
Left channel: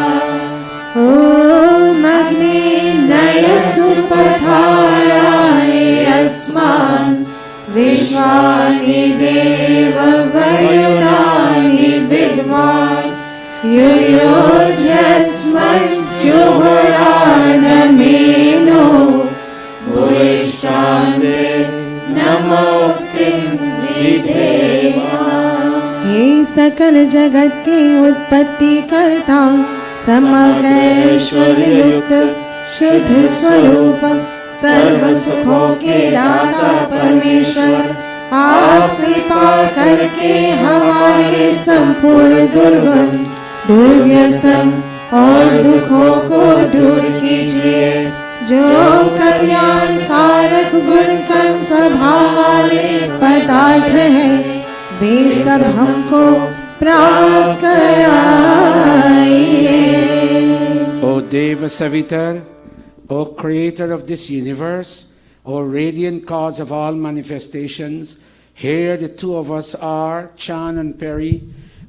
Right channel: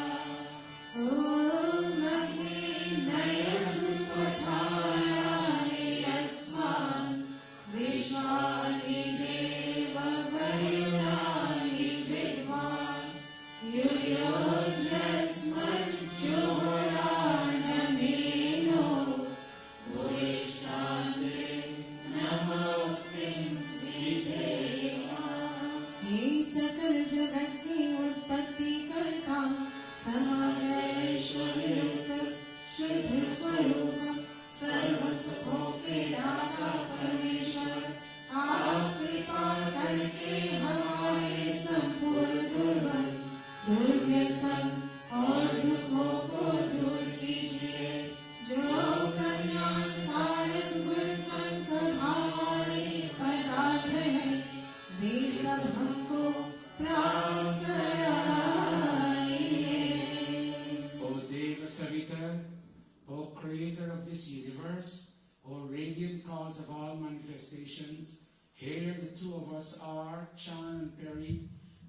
ॐ अग्ने नयसु पथाराय अस्मान् विश्वानि देव वरुणानि विद्वान् युयोध्यस्मज्जुहुराणमेनो भूयिष्ठान्ते नमोक्तिं विधेम हे सकल जगत के उत्पत्ति करता समग्र ऐश्वर्य युक्त शुद्ध स्वरूप सर्व सुखों के दाता परमेश्वर आप कृपा करके हमारे संपूर्ण दुर्गुण दुर्व्यसन और दुखों को दूर कीजिए जो कल्याण कारक गुण कर्म स्वभाव वाले पदार्थ हैं वे सब हमको प्राप्त कराइए। O Deva Savitar, O Creator of this universe, O radiant cause of all manifestations, here the two of us are, Chan and Peri.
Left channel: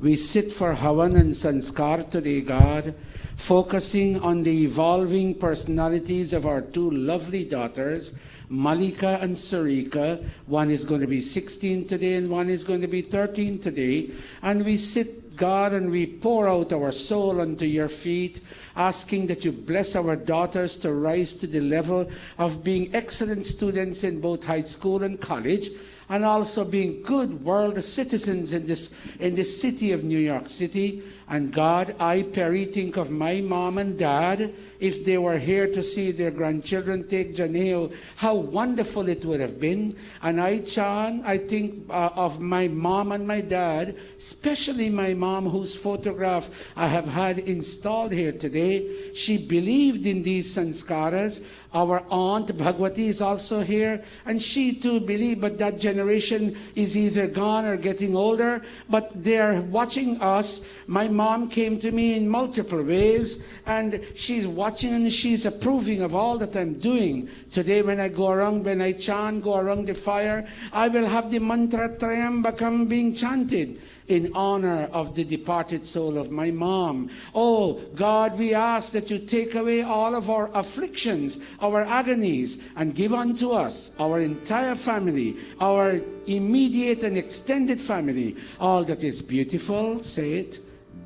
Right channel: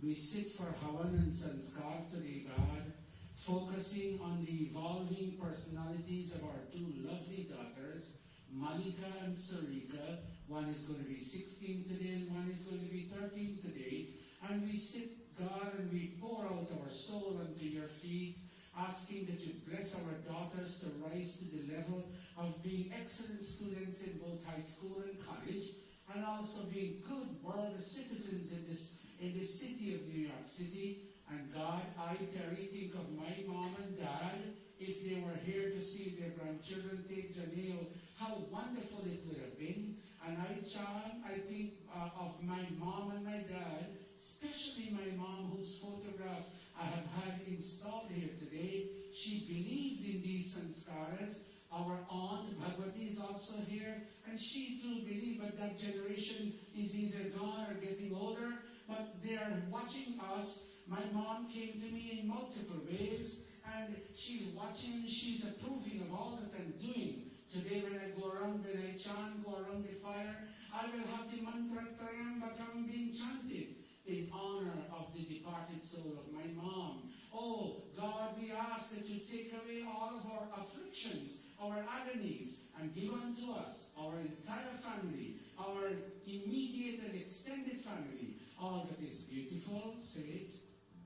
We sit for Havan and Sanskar today, God, focusing on the evolving personalities of our two lovely daughters, Malika and Sarika. One is going to be 16 today and one is going to be 13 today. And we sit, God, and we pour out our soul unto your feet, asking that you bless our daughters to rise to the level of being excellent students in both high school and college, and also being good world citizens in this city of New York City. And God, I, Perry, think of my mom and dad. If they were here to see their grandchildren take Janeo, how wonderful it would have been. And I, Chan, I think of my mom and my dad, especially my mom, whose photograph I have had installed here today. She believed in these sanskaras. Our aunt Bhagwati is also here, and she too believed, but that generation is either gone or getting older, but they are watching us. My mom came to me in multiple ways, and she's watching and she's approving of all that I'm doing. Today when I go around, when I chant, go around the fire, I will have the mantra Trayambakam being chanted in honor of the departed soul of my mom. Oh God, we ask that you take away all of our afflictions, our agonies, and give unto us, our entire family, our immediate and extended family, all that is beautiful, say it,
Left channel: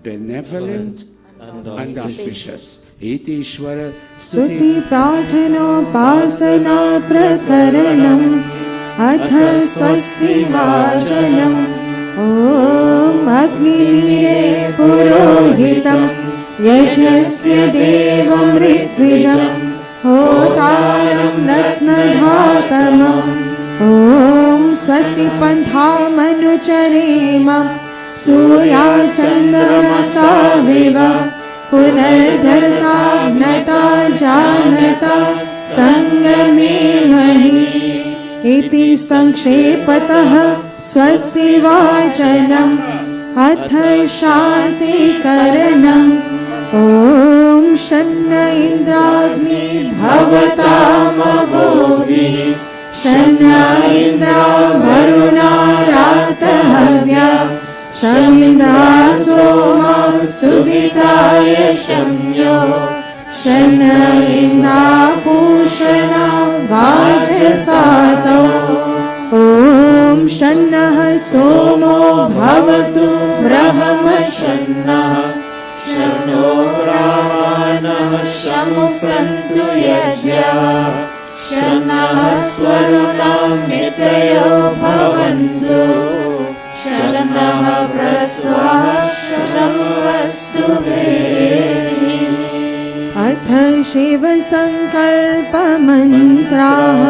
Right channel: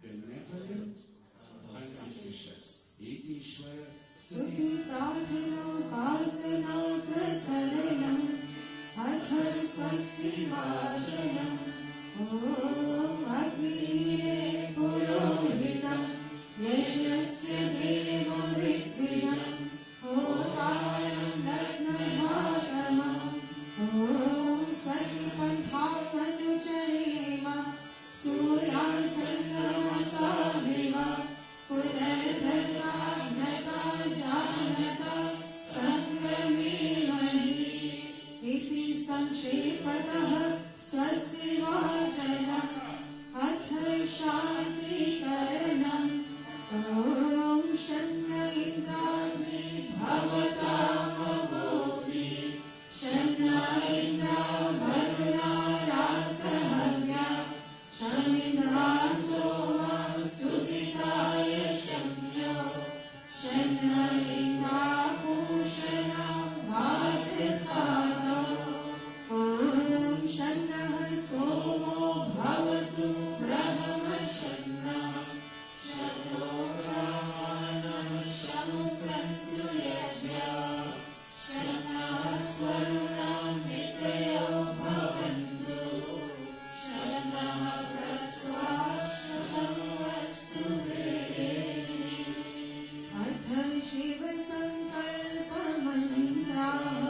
benevolent and auspicious. Iti Ishvara स्तुति प्रार्थनोपासना प्रकरणम् अथ स्वस्ति वाचनम् ॐ अग्निमीरे पुरोहितं यजस्य देवं ऋत्विजं होतारं रत्नधातमम् ॐ स्वस्ति पन्थामनुचरेम सूर्याचन्द्रमसाविव पुनर्धर्ता ज्ञता जानता सङ्गमेमहि इति संक्षेपतः स्वस्ति वाचनम् अथ शान्तिकरणम् ॐ शन्न इन्द्राग्नि भवतामवोभिः शन्न इन्द्रा वरुणा रातहव्या शमिन्द्रा सोमा सुविताय शम्यो शन्न इन्द्रा पूषणा वाजसातौ ॐ शन्नः सोमो भवतु ब्रह्मशन्नः शन्नो रामानः शमु सन्तु यज्ञाः शन्नः स्वरुणः मितयो भवन्तु शन्नः प्रस्वाः शम्वस्तु भेदिः अथ शिवसङ्कल्पमन्त्राः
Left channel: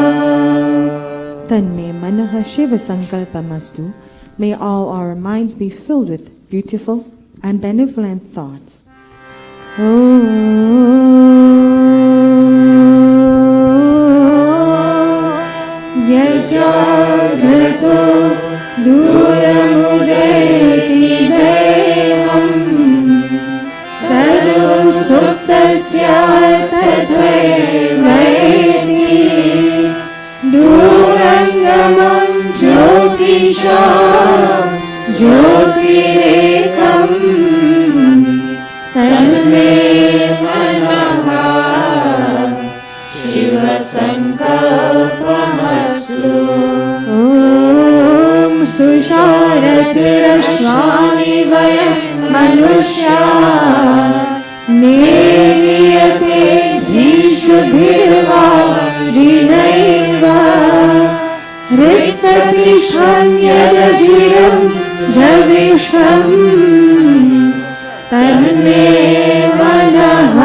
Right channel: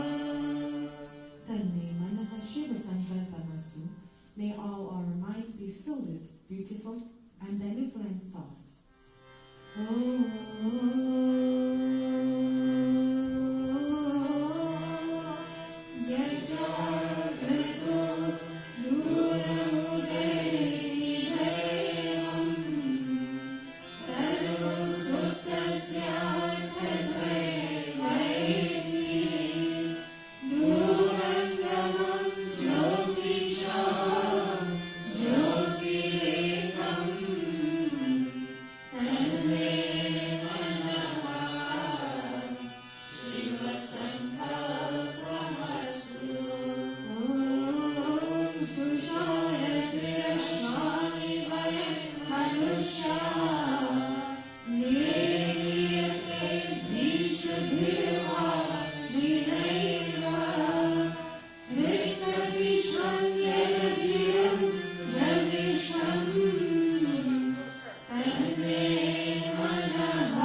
तन्मे मनः शिवसङ्कल्पमस्तु. May all our minds be filled with beautiful and benevolent thoughts. यजाग्रतो दूरमुदेति देवम् तनु सुप्तस्य तथैवैति दूरङ्गमं ज्योतिषा ज्योतिरेकम् तन्मे मनः शिवसङ्कल्पमस्तु ॐ सुषारतिरश्वानि वयं मनुष्या नेयते भीषुभिर्वा जिनैव ऋत्पतिषान्यदजिरं जविष्ठम् तन्मे मनः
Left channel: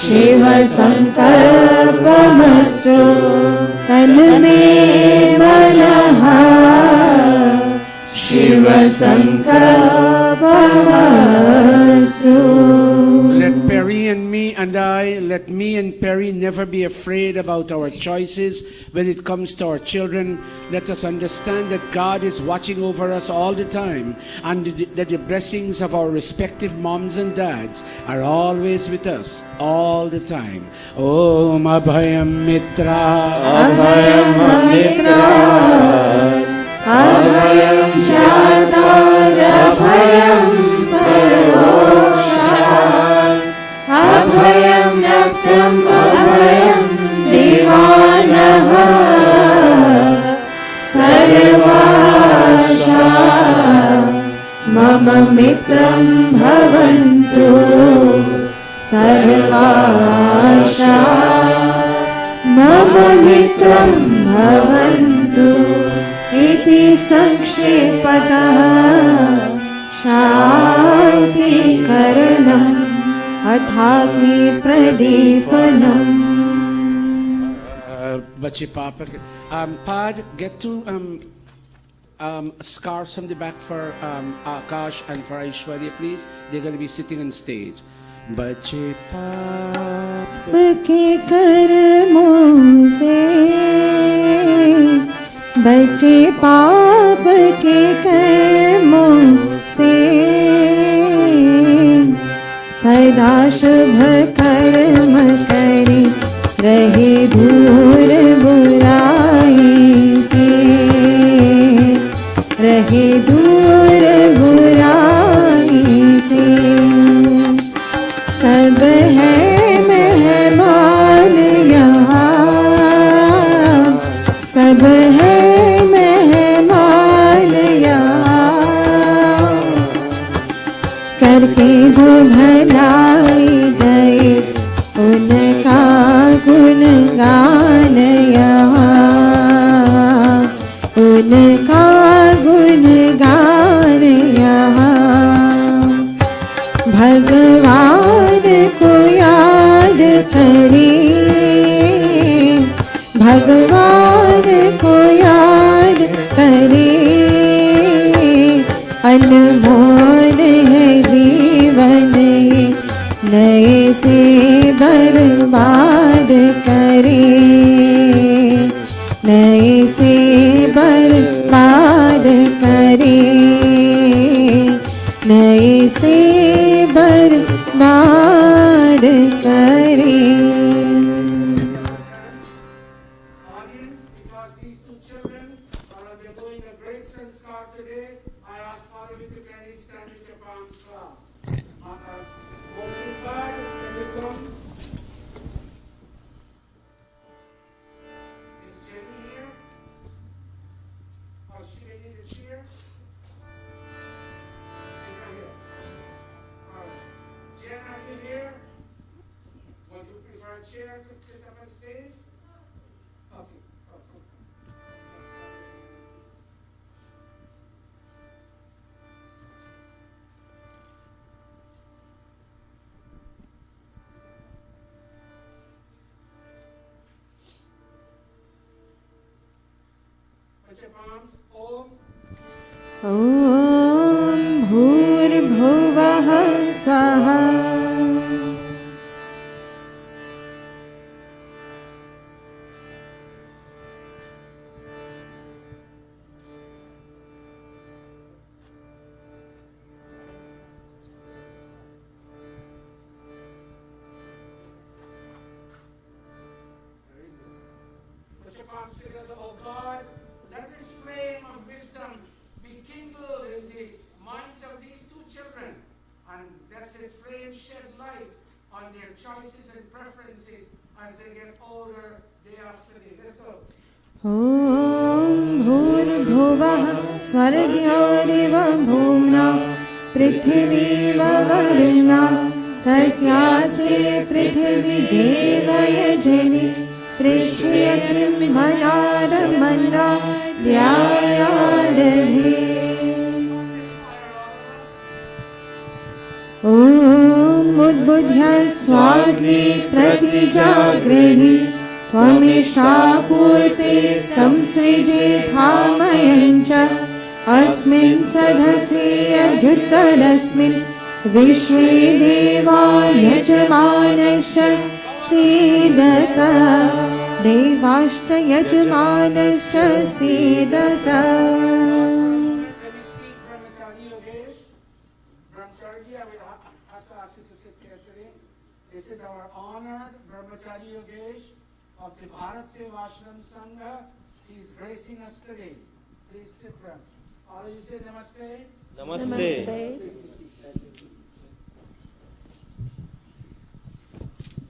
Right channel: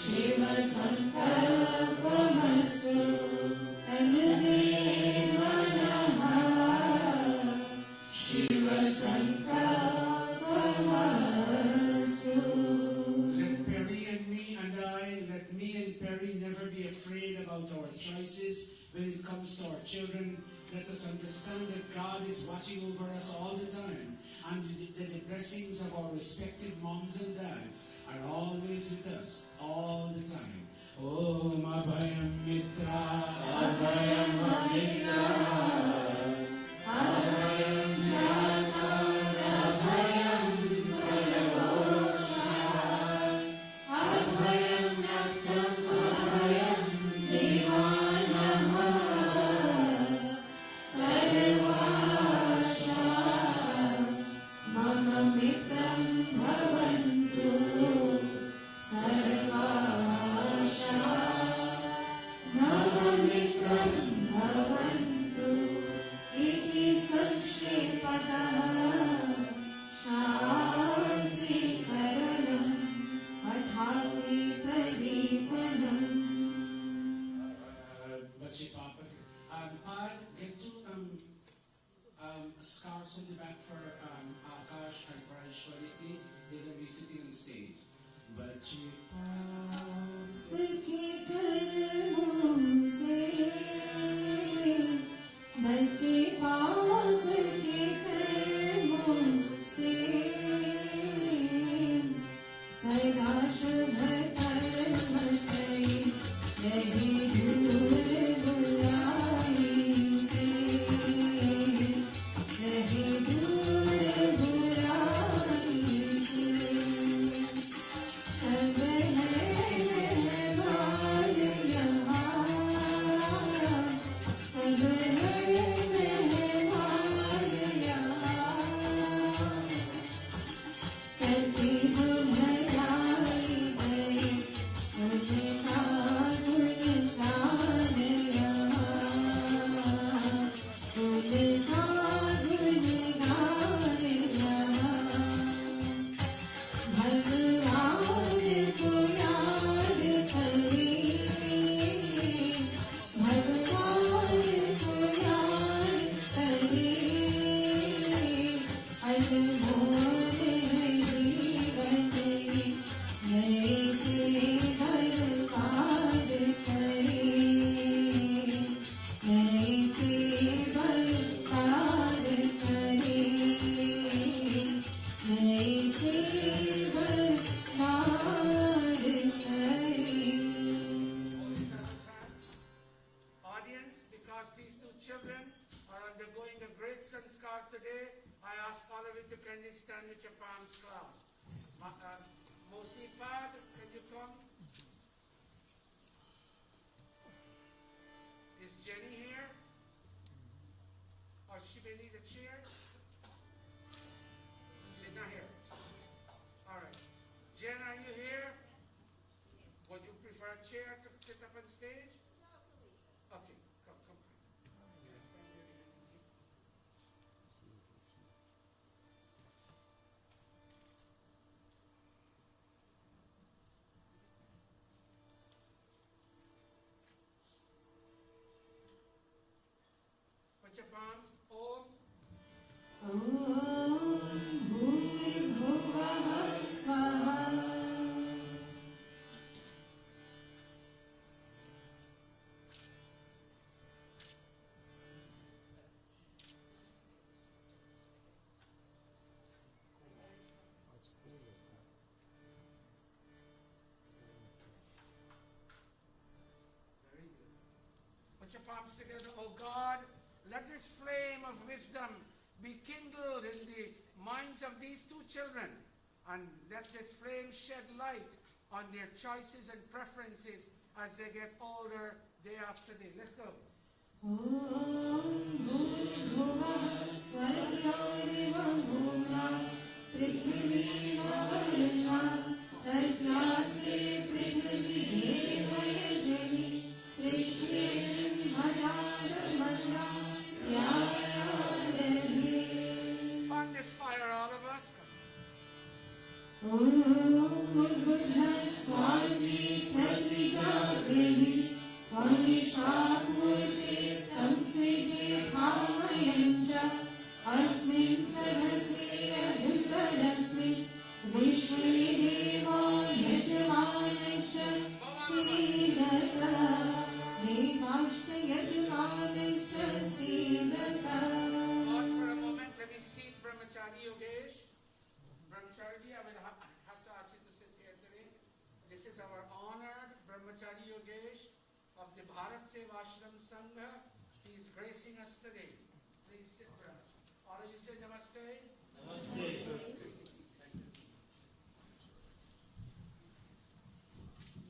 शिवसङ्कल्पमस्तु तन्मे मनः शिवसङ्कल्पमस्तु. Let Perry and me and let me and Perry never be afraid about our choices when it comes to our children. Let us understand that God is watching over us all the time, and that the blessings of our respective moms and dads are always with us all the time. Om Abhayam Mitra Abhayam Mitra Abhayam Chatar Abhayam Paroshat Abhayam Naktam Abhayam Divanaha Sarvasha Mama Mitram Bhavantu Sarvasha Mama Mitram Bhavantu इति संक्षेपतः शान्तिकरणम् अथाग्नि प्रदीपनम्. Bachi Papa, Pad, get two scarves from the back for Akash and for Aishwarya, please. They're going to be sitting on stage. बचे पाप के कर्मों से, बचे पाप के कर्मों से, सदा शुभ कर्म करे, रहे दूर बुराई से, रहे दूर बुराई से। सब है मेहमान यहाँ, सब है मेहमान यहाँ, करके जो भलाई गए उनका गुणगान यहाँ, उनका गुणगान यहाँ। भगवान को याद करें, भगवान को याद करें, अनमोल है जीवन ये, नए से बर्बाद करें, नए से बर्बाद करें, नए से बर्बाद करें। Audience, because these two children are undergoing a great sanskar today, I ask all of you to kindly stand with your palms crossed. Mosika, can you come? Is Jenny here? Or she may need a chair? She's not here. All right. Jen, are you here? Would you prefer a chair to sit up on stage? Okay, come. Put your palms. Om. ॐ भूर्भुवः स्वः। Put your palms together, oh God. Let this flame of wisdom be kindled in the minds of these two children, and let this flame shed light on their choices and preferences as they get older day after day. Let's go. ॐ भूर्भुवः स्वर्गयोरिव भूम्ना पृथिवीव वरुणा तस्यासि पृथिवी देवयजनि पृष्ठयग्निं मनारमन्ना ध्यायादधि। On this fire, all of us. ॐ उद्बुद्ध्य स्वाग्नि प्रतिजाग्रहि त्वमिष्टापूर्ते संसृजेथामयं च अस्मिन् सदसि अध्युत्तरस्मिन् विश्वे देवा यजमानश्च सीदत देवाश्च यजमानश्च सीदत। Let me see Brahmachari Yogesh. Brahmachari, I will have to ask you to sit carefully. This is our honored Brahmachari Yogesh of the Bharat Seva Ashram Sangha. He is gracing us today. Please sit down. All of you say namaste. નમસ્તે.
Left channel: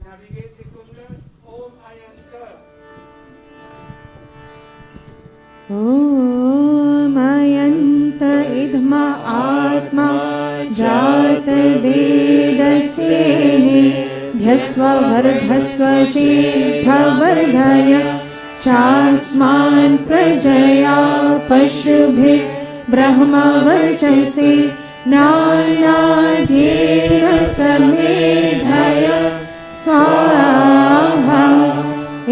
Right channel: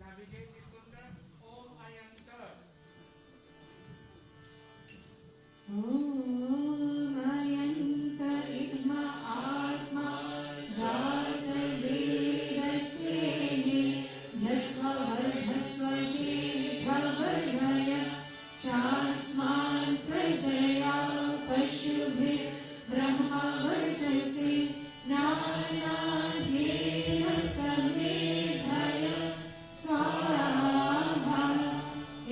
Navigate the Kunda. Om I am served. ॐ अयन्त इदम आत्मा जात वेदसेने ध्यस्व वर्धस्व चेद्धवर्धय चास्मान् प्रजया पशुभिः ब्रह्मवर्चसे नानाढ्येन समेधय स्वाहा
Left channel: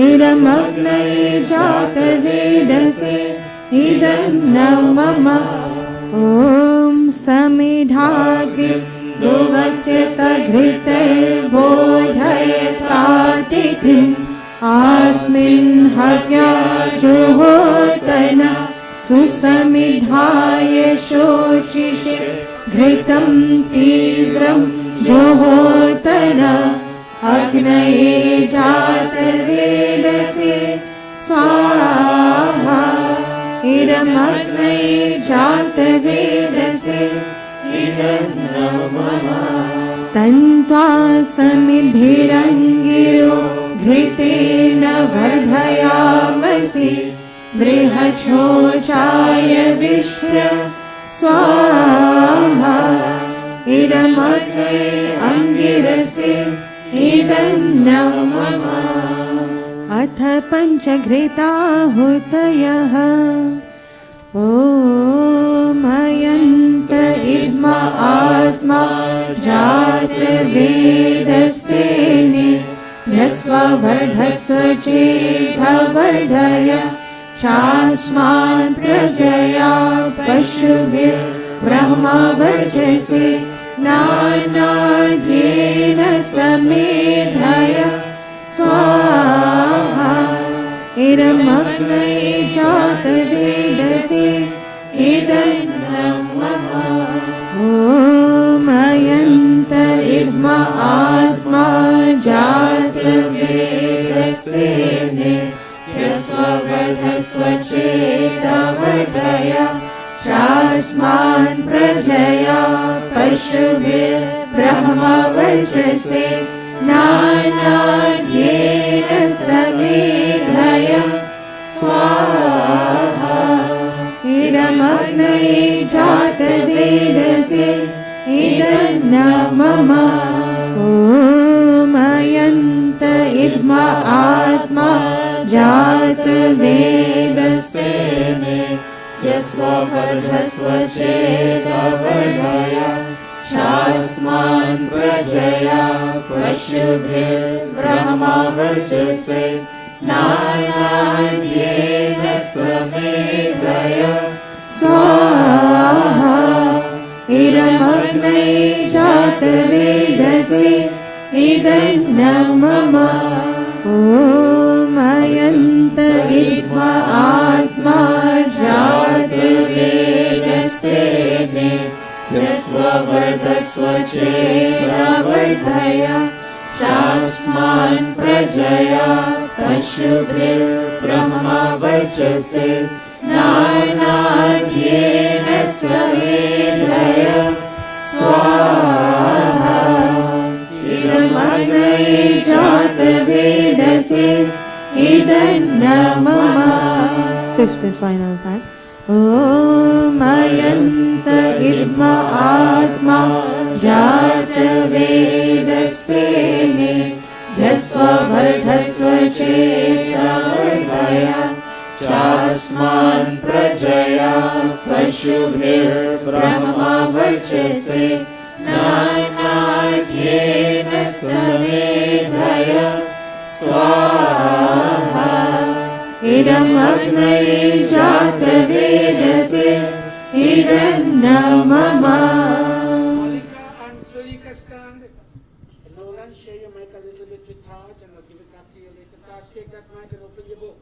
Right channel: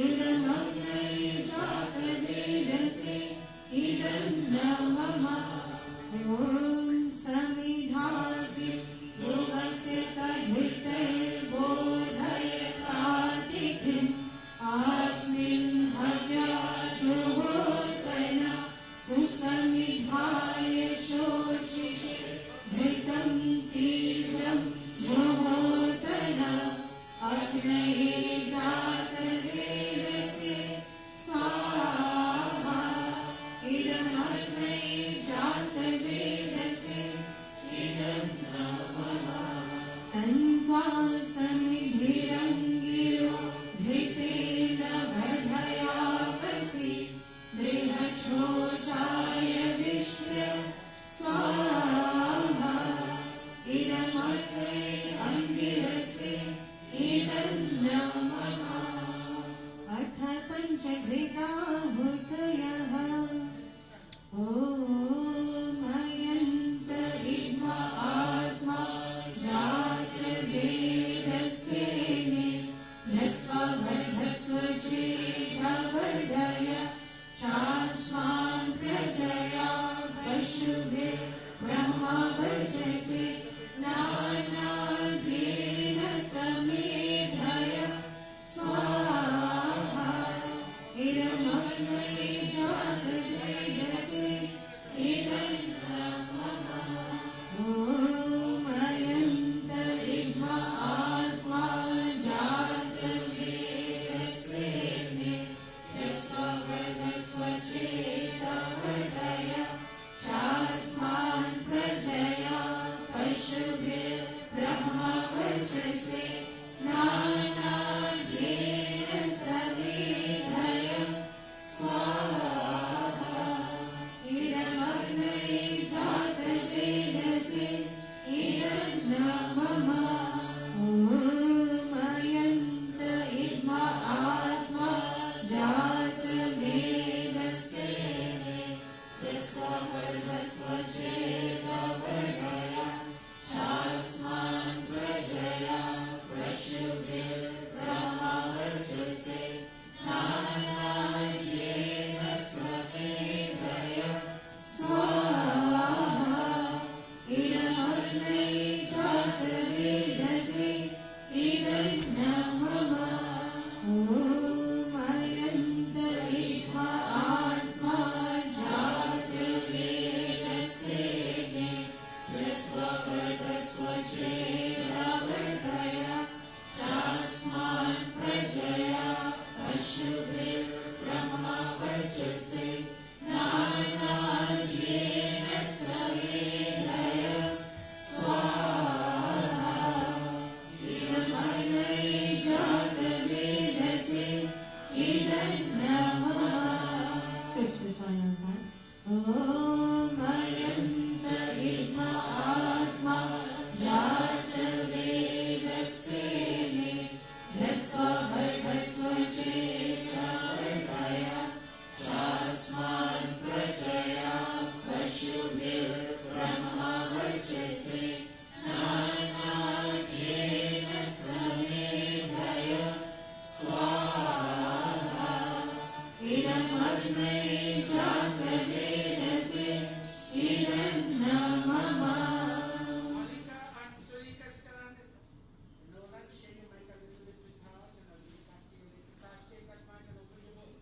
इदमग्नये जातवेदसे इदं न मम। ॐ समिधाग्नि दुवस्य तघृते अग्नये जातवेदसे स्वाहा इदमग्नये जातवेदसे इदं नमः तन्त्वा समिद्भिरङ्गिरो घृतेन वर्धयामसि बृहच्छोचाय विश्व स्वाहा इदमग्नये अङ्गिरसे इदं नमः अथ पञ्चघृताहुतयः ॐ अयन्त इद्मा आत्मा जातवेदस्तेने यस्ववर्धस्व चेदवर्धय चास्मान् प्रजया पशुभिर्ब्रह्मवर्चसे नानाद्येन समेधय स्वाहा इदमग्नये जातवेदसे इदं नमः ॐ अयन्त इद्मा आत्मा जातवेदस्तेने यस्ववर्धस्व चेदवर्धय चास्मान् प्रजया पशुभिर्ब्रह्मवर्चसे नानाद्येन समेधय स्वाहा इदमग्नये जातवेदसे इदं नमः ॐ अयन्त इद्मा आत्मा जातवेदस्तेने यस्ववर्धस्व चेदवर्धय चास्मान् प्रजया पशुभिर्ब्रह्मवर्चसे नानाद्येन समेधय स्वाहा इदमग्नये जातवेदसे इदं नमः ॐ अयन्त इद्मा आत्मा जातवेदस्तेने यस्ववर्धस्व चेदवर्धय चास्मान् प्रजया पशुभिर्ब्रह्मवर्चसे नानाद्येन समेधय स्वाहा इदमग्नये जातवेदसे इदं नमः Fifth and final time. ॐ अयन्त इद्मा आत्मा जातवेदस्तेने यस्ववर्धस्व चेदवर्धय चास्मान् प्रजया पशुभिर्ब्रह्मवर्चसे नानाद्येन समेधय स्वाहा इदमग्नये जातवेदसे इदं नमः Share your mic a little bit with Taj, and I'll give it back to you later. Taj, take that mic and open your book.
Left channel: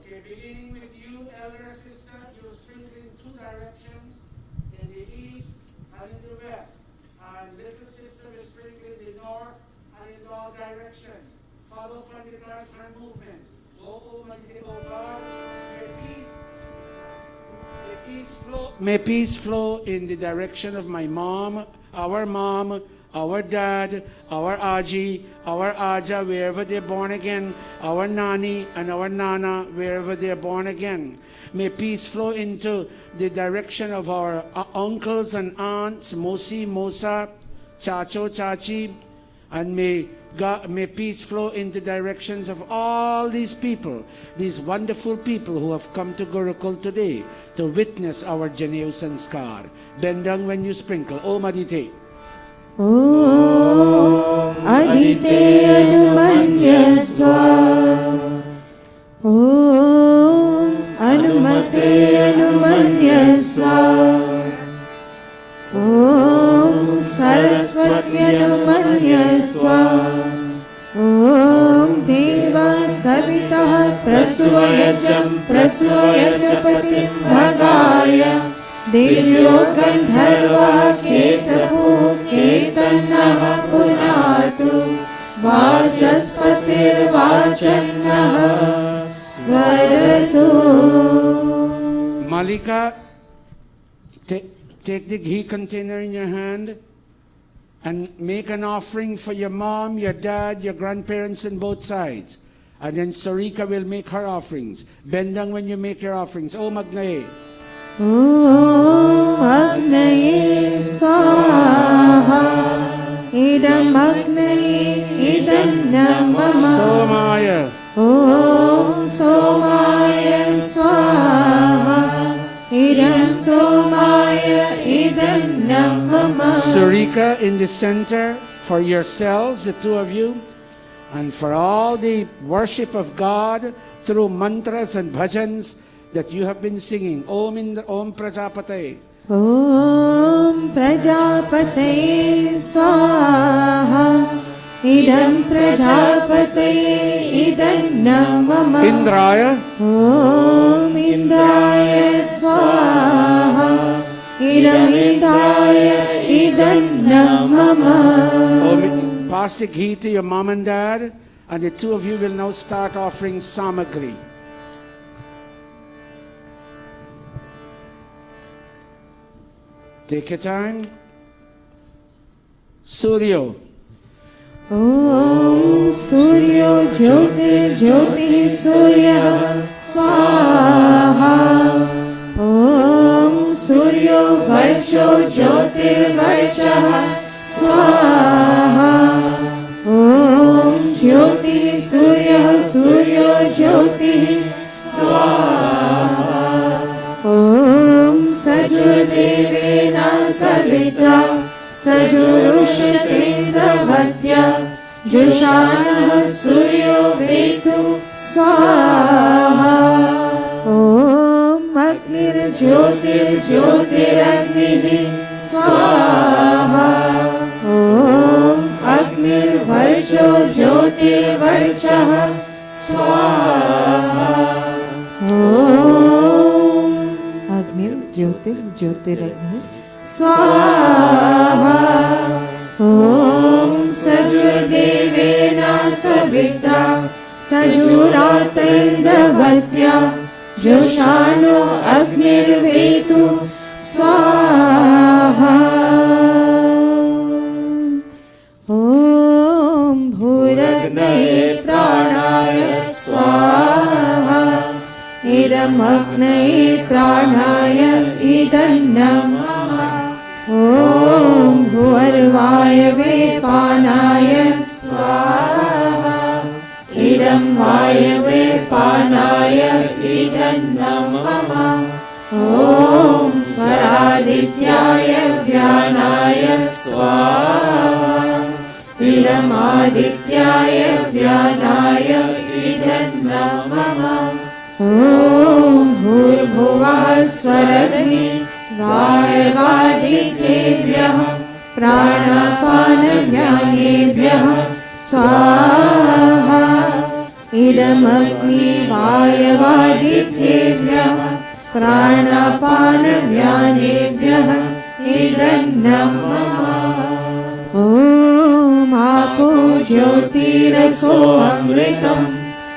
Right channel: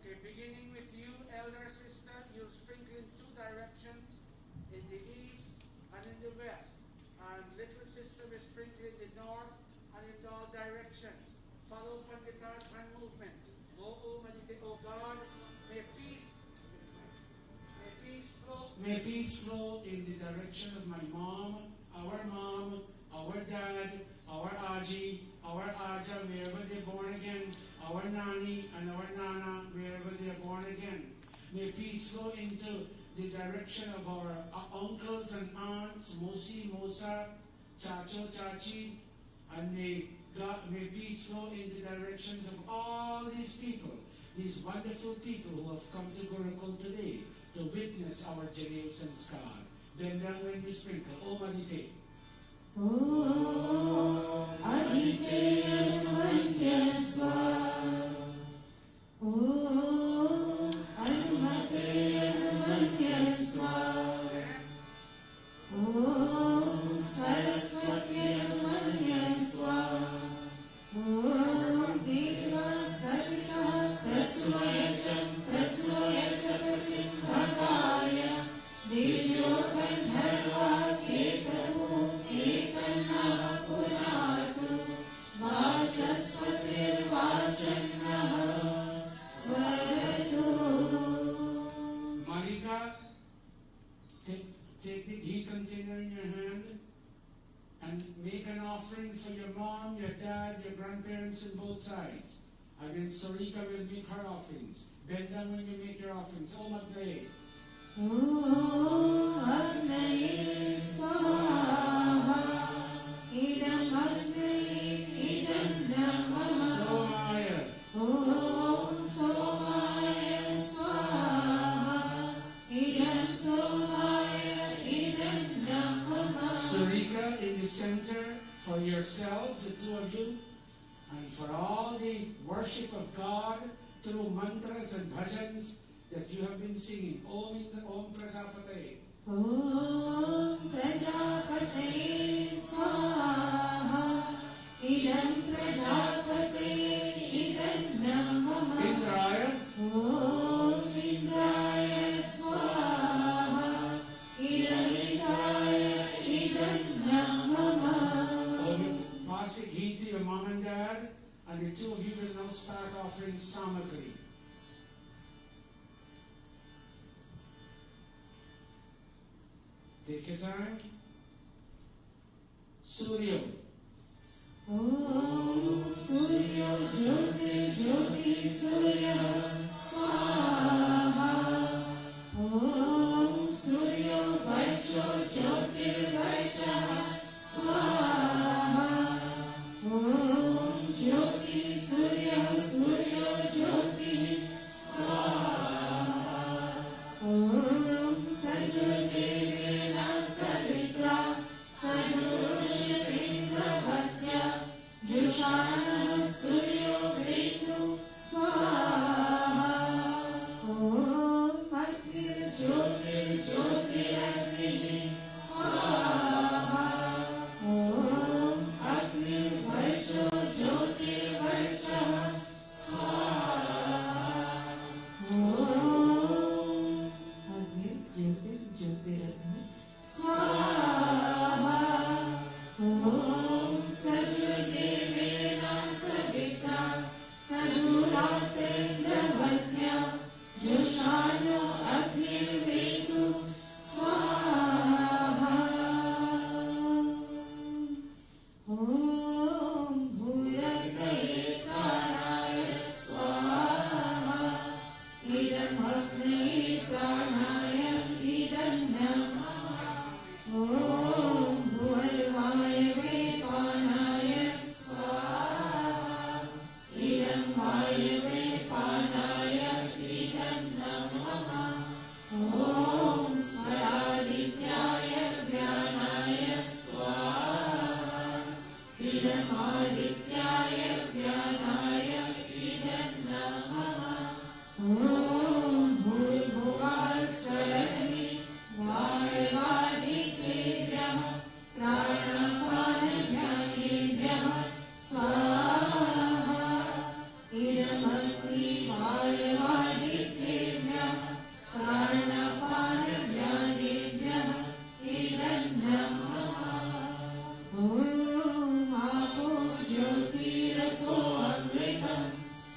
Okay, beginning with you, elder sister, you'll sprinkle in two directions, in the east and in the west. And little sister will sprinkle in the north and in all directions. Follow upon the Taj hand movement. O Almighty, O God, may peace flow in the direction of my mom, our dad, our Aji, our Aja, wherever they're born again, our Nani and our Nana, wherever they're born again. May peace flow into the direction of our uncles and aunts, Mosi, Mosa, Chacho, Chachi, and may peace flow in the directions of all these people, these wonderful people who have come to Gurukul today to witness our Janeu Sanskar. Bend down when you sprinkle. Om Adite. Om Adite Anumanyaswa. Om Anumate Anumanyaswa. Om Saraswati Anumanyaswa. Om Deva Savitah Prasvayajam Prasvayajapati Bhagaya Devyo Gandharva Ketapu Ketanah Punah take the ghee container in your hand and make an offering for your mom, your dad, your grandparents on both sides. And then Sarika will make her offerings. Bend down when you make your offerings. Om Agnaye. Om Agnaye Swaha. Idam Agnaye Idam Namah. Somaya. Om Somaya Swaha. Idam Somaya Idam Namah. Sarika in the center for yourselves, the two of you, and for all the worship of God through mantras and bhajans that you have been singing. Om Indra, Om Prajapate. Om Prajapate Swaha. Idam Prajapate Idam Namah. Indraya. Om Indraya Swaha. Idam Indraya Idam Namah. Om, pass the ghee to your mom and dad, and the two of you will now start offering samagri. Take your time. Suryo. Om Suryo Jyotir Jyoti Surya Swaha. Om Suryo Varsho Jyotir Varsha Swaha. Om Jyoti Surya Suryo Jyoti Swaha. Om Sajurdevena Savitra Sajurusha Sindhavatya Jushanah Suryo Vetu Swaha. Om Agnir Jyotir Jyotir Agni Swaha. Om Agnir Varsho Jyotir Varchah Swaha. Om Agnir Jyotir Jyotir Agni Swaha. Om Sajurdevena Savitra Sajuratrindhavatya Joshano Agnir Vetu Swaha. Om Bhuragnaye Pranaya Swaha. Idam Agnaye Pranaya Idam Namah. Om Bhuvarvaya Vepanaya Swaha. Idam Vayave Panaya Idam Namah. Om Swaradityaya Vyanaya Swaha. Idam Adityaya Vyanaya Idam Namah. Om Bhurbhuvah Swaragni Vayavadityebhyah Pranapanavyanebhyah Swaha. Idam Agni Vayavadityebhyah Pranapanavyanebhyah Idam Namah. Om Apo Jyotiraso Amritam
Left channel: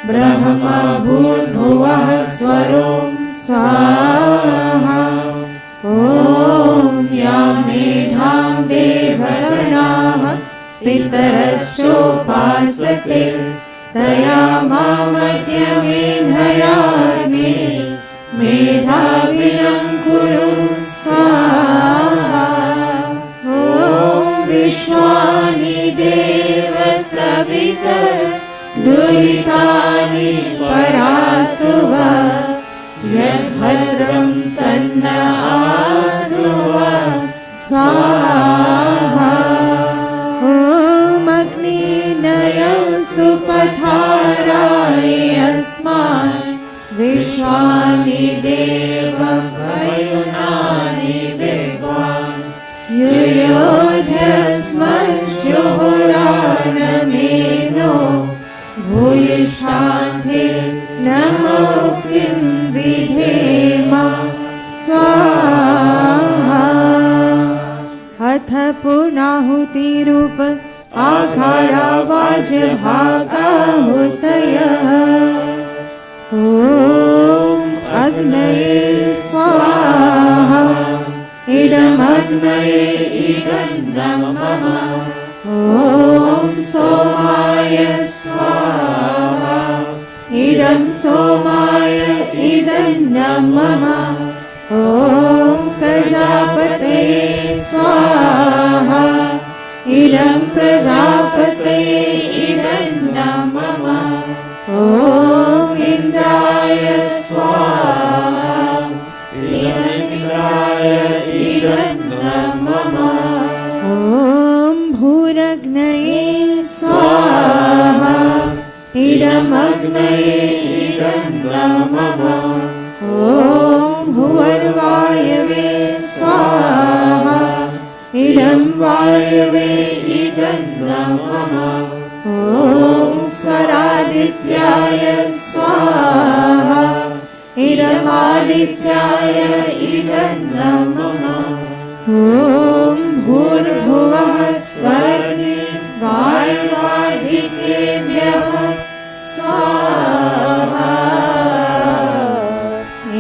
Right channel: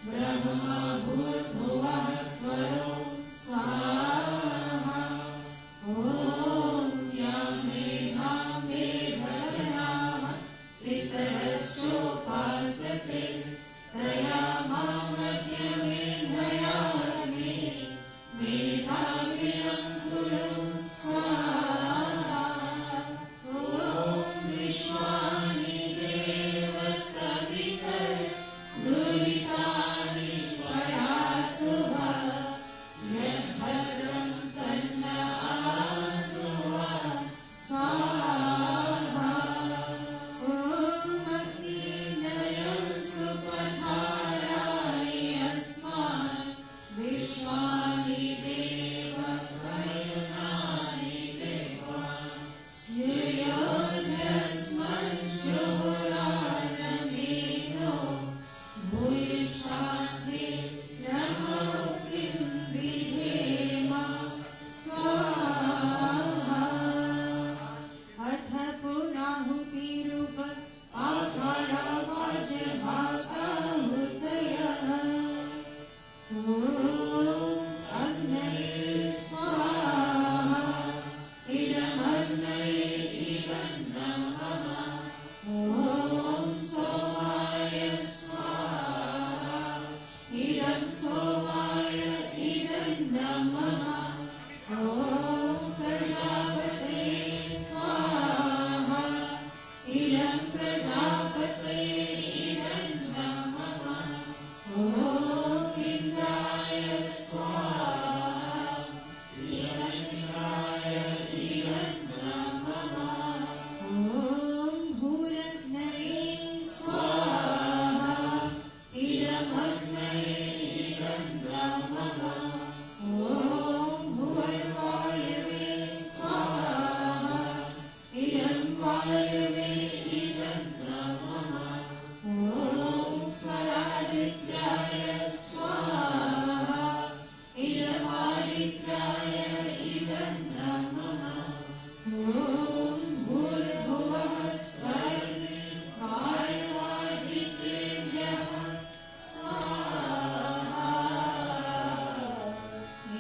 Brahma Bhurbhuvah Swarom Swaha. Om Yamedham Devaranaha Pitaraschopasate Tayamamadhyamenhayagni Medhavinam Kuru Swaha. Om Vishwani Deva Savitar Duitani Parasuva Yadbhadram Tanna Asuva Swaha. Om Agni Nayam Supatharai Asman Vishwani Deva Vayunani Vigwan Yuyodhyasman Johorana Meno Bhuyishanthe Namoktim Vidhema Swaha. Atha Punahuti Rupa Akhara Vajbhaga Hutaya. Om Agnaye Swaha. Idam भूरग्नये इदं नमः ॐ सोमाय स्वाहा इदं सोमाय इदं नमः ॐ प्रजापतये स्वाहा इदं प्रजापतये इदं नमः ॐ इन्द्राय स्वाहा इदं इन्द्राय इदं नमः ॐ भूरग्नये स्वाहा इदमग्नये इदं नमः ॐ भुवर्वायवे स्वाहा इदं वायवे इदं नमः ॐ स्वरादित्याय स्वाहा इदमादित्याय इदं नमः ॐ भूर्भुवः स्वरग्नि वायवादित्येभ्यः स्वाहा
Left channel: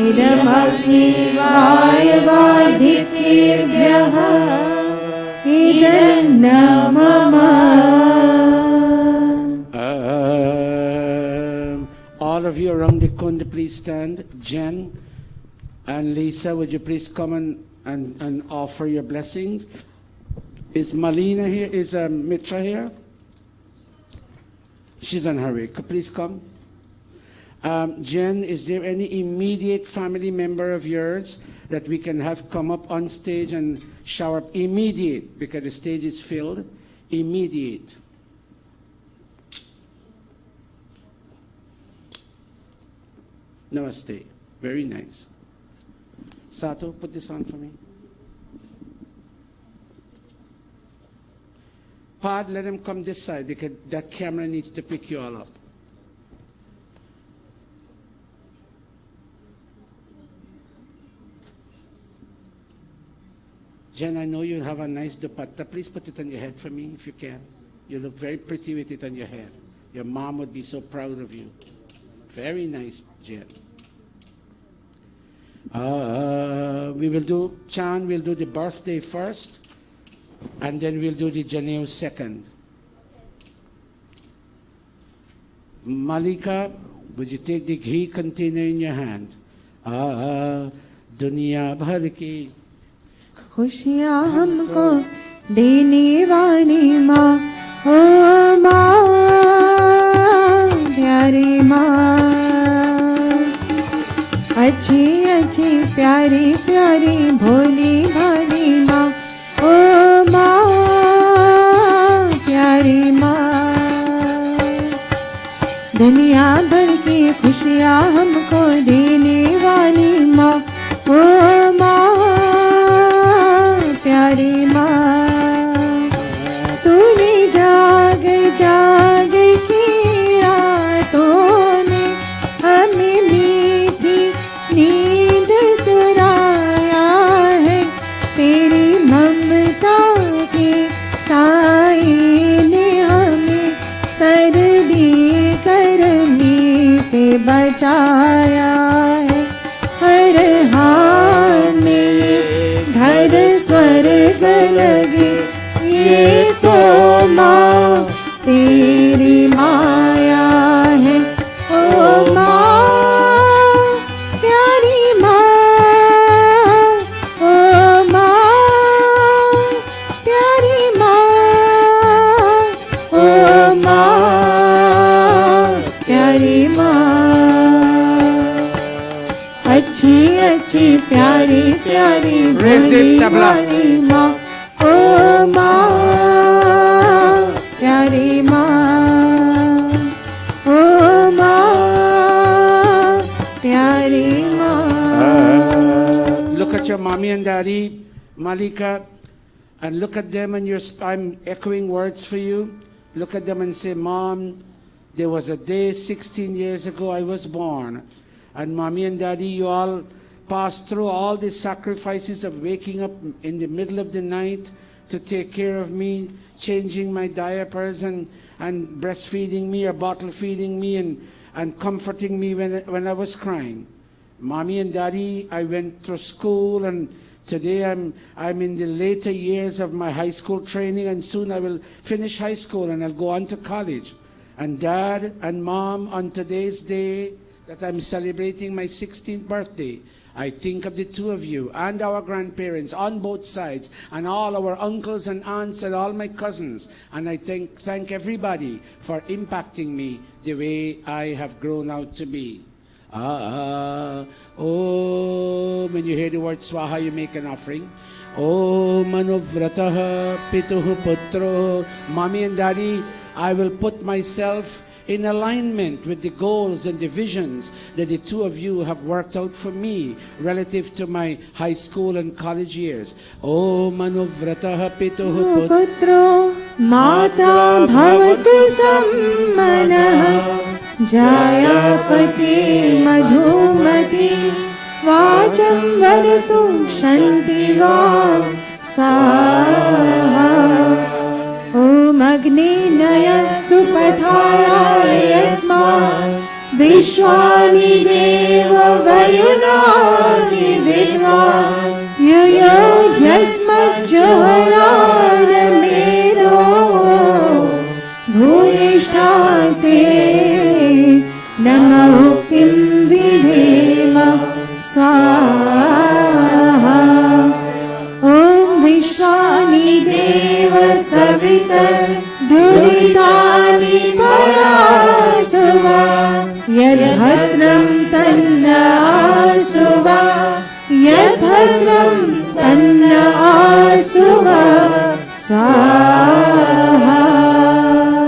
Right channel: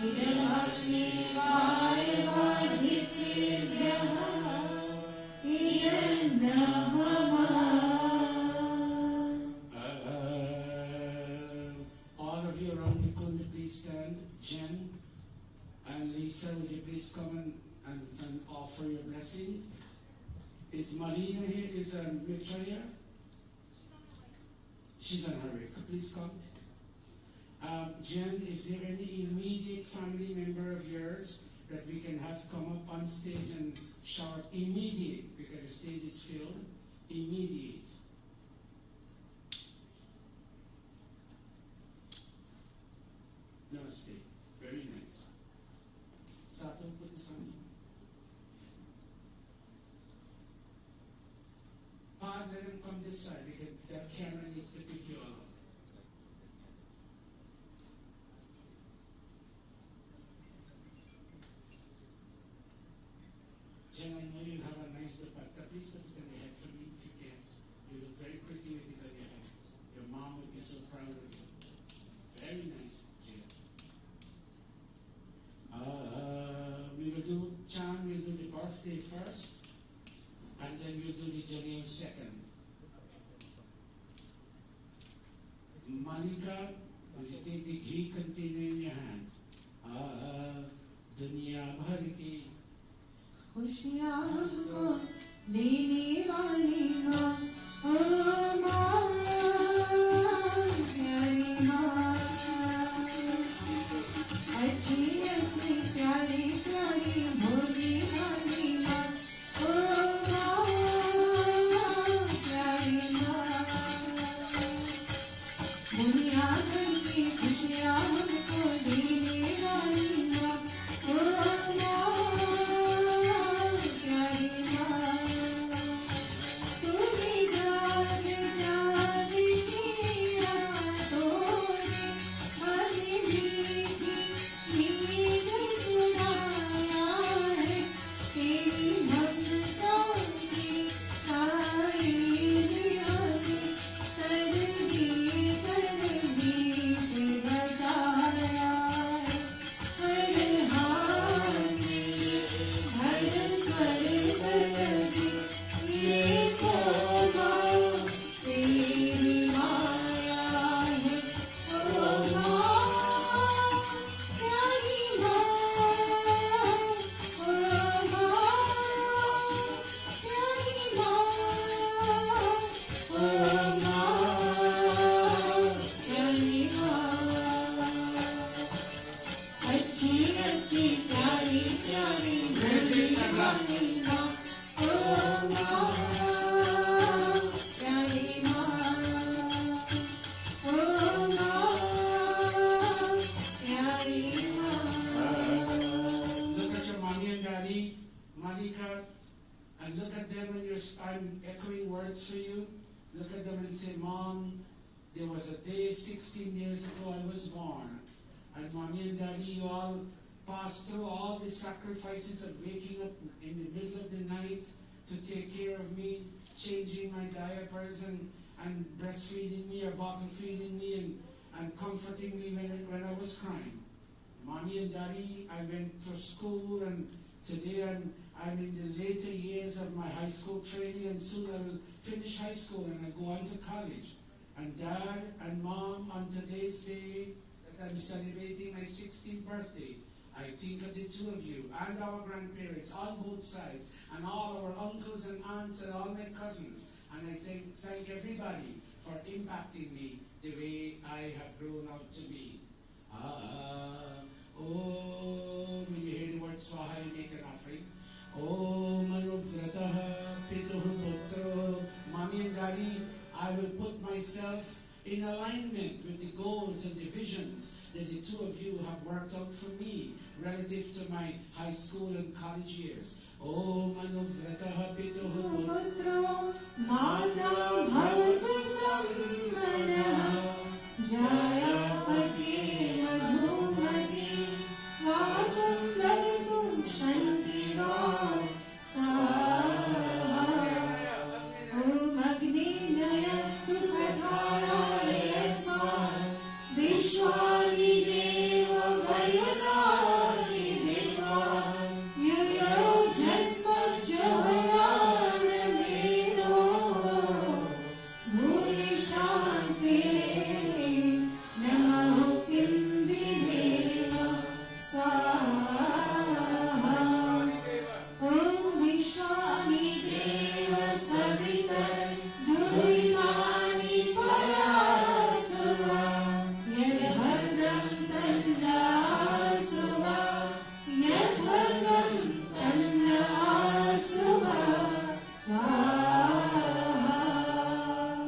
इदमग्नि वायवादित्येभ्यः इदं नमः All of you around the kunda, please stand. Jen and Lisa, would you please come and offer your blessings? Is Malina here? Is Mitra here? She's on her way. Please come. Jen, is there any immediate family member of yours that we can have come up on stage and shower up? Immediate, because the stage is filled. Immediate. Namaste. Very nice. Sato, put this on for me. Pod, let him come this side because that camera needs to pick you all up. Jen, I know you have a nice dupatta. Please put it on your head for me if you can. You look very pretty with it on your head. Your mom would be so proud of you. Very nice, Jen. We will do, Chan will do the birthday first, and then we'll do the Janeo second. Malika, would you take the ghee container in your hand? Dunya bhar ki खुशियाँ हमको देने वाली माँ ओ माँ प्यारी माँ अच्छी अच्छी प्यारी प्यारी भोली भाली माँ ओ माँ प्यारी माँ दुनिया भर की खुशियाँ हमको देने वाली माँ ओ माँ प्यारी माँ तूने जाग जाग की रातों में हमें मीठी नींद चुराया है तेरी ममता के साए ने हमें सर्दी गर्मी से बचाया है हर हाल में घर स्वर्ग लगे ये तो माँ तेरी माया है ओ माँ प्यारी माँ ओ माँ प्यारी माँ ओ माँ प्यारी माँ अच्छी अच्छी प्यारी प्यारी भोली भाली माँ ओ माँ प्यारी माँ ओ माँ प्यारी माँ Look at your mommy and daddy, Malika, and look at them and I'm echoing words for you. Look at them and say, Mom, there was a day 16 years ago I was born. And mommy and daddy, you all passed through all the sacrifices of waking up in the middle of the night to take care of me, changing my diapers and breastfeeding me or bottle feeding me and comforting me when I was crying. Mommy and daddy, I went through school and Today I'm in the later years of my high school training, and soon I will finish high school and I'll go on to college. And Dad and Mom, on today's day that I'm celebrating my 16th birthday, I think of the two of you and our grandparents on both sides, and all our uncles and aunts and all my cousins. And I thank everybody for impacting me the way I have grown out to be. When you hear the word swaha, you make an offering. Manuvrataha pituhu putro. Mommy and Daddy, I will put myself in alignment with the goals and the visions that the two of you have worked out for me relative to my high school and college years. Manuvrataha pituhu putro mata bhavatu sammanah Jayapati madhumati vacham varatu shantiva saha Om Agni Naya Supathaya Yasma Vishwani Deva Vayunani Vidva Yuyo Yasmat Johara Mero Bhuyishante Namo Kim Vidhema Swaha Om Vishwani Deva Savitar Duritani Parasuva Yadbhadram Tanna Asuva Yadbhadram Tanna Asuva Swaha.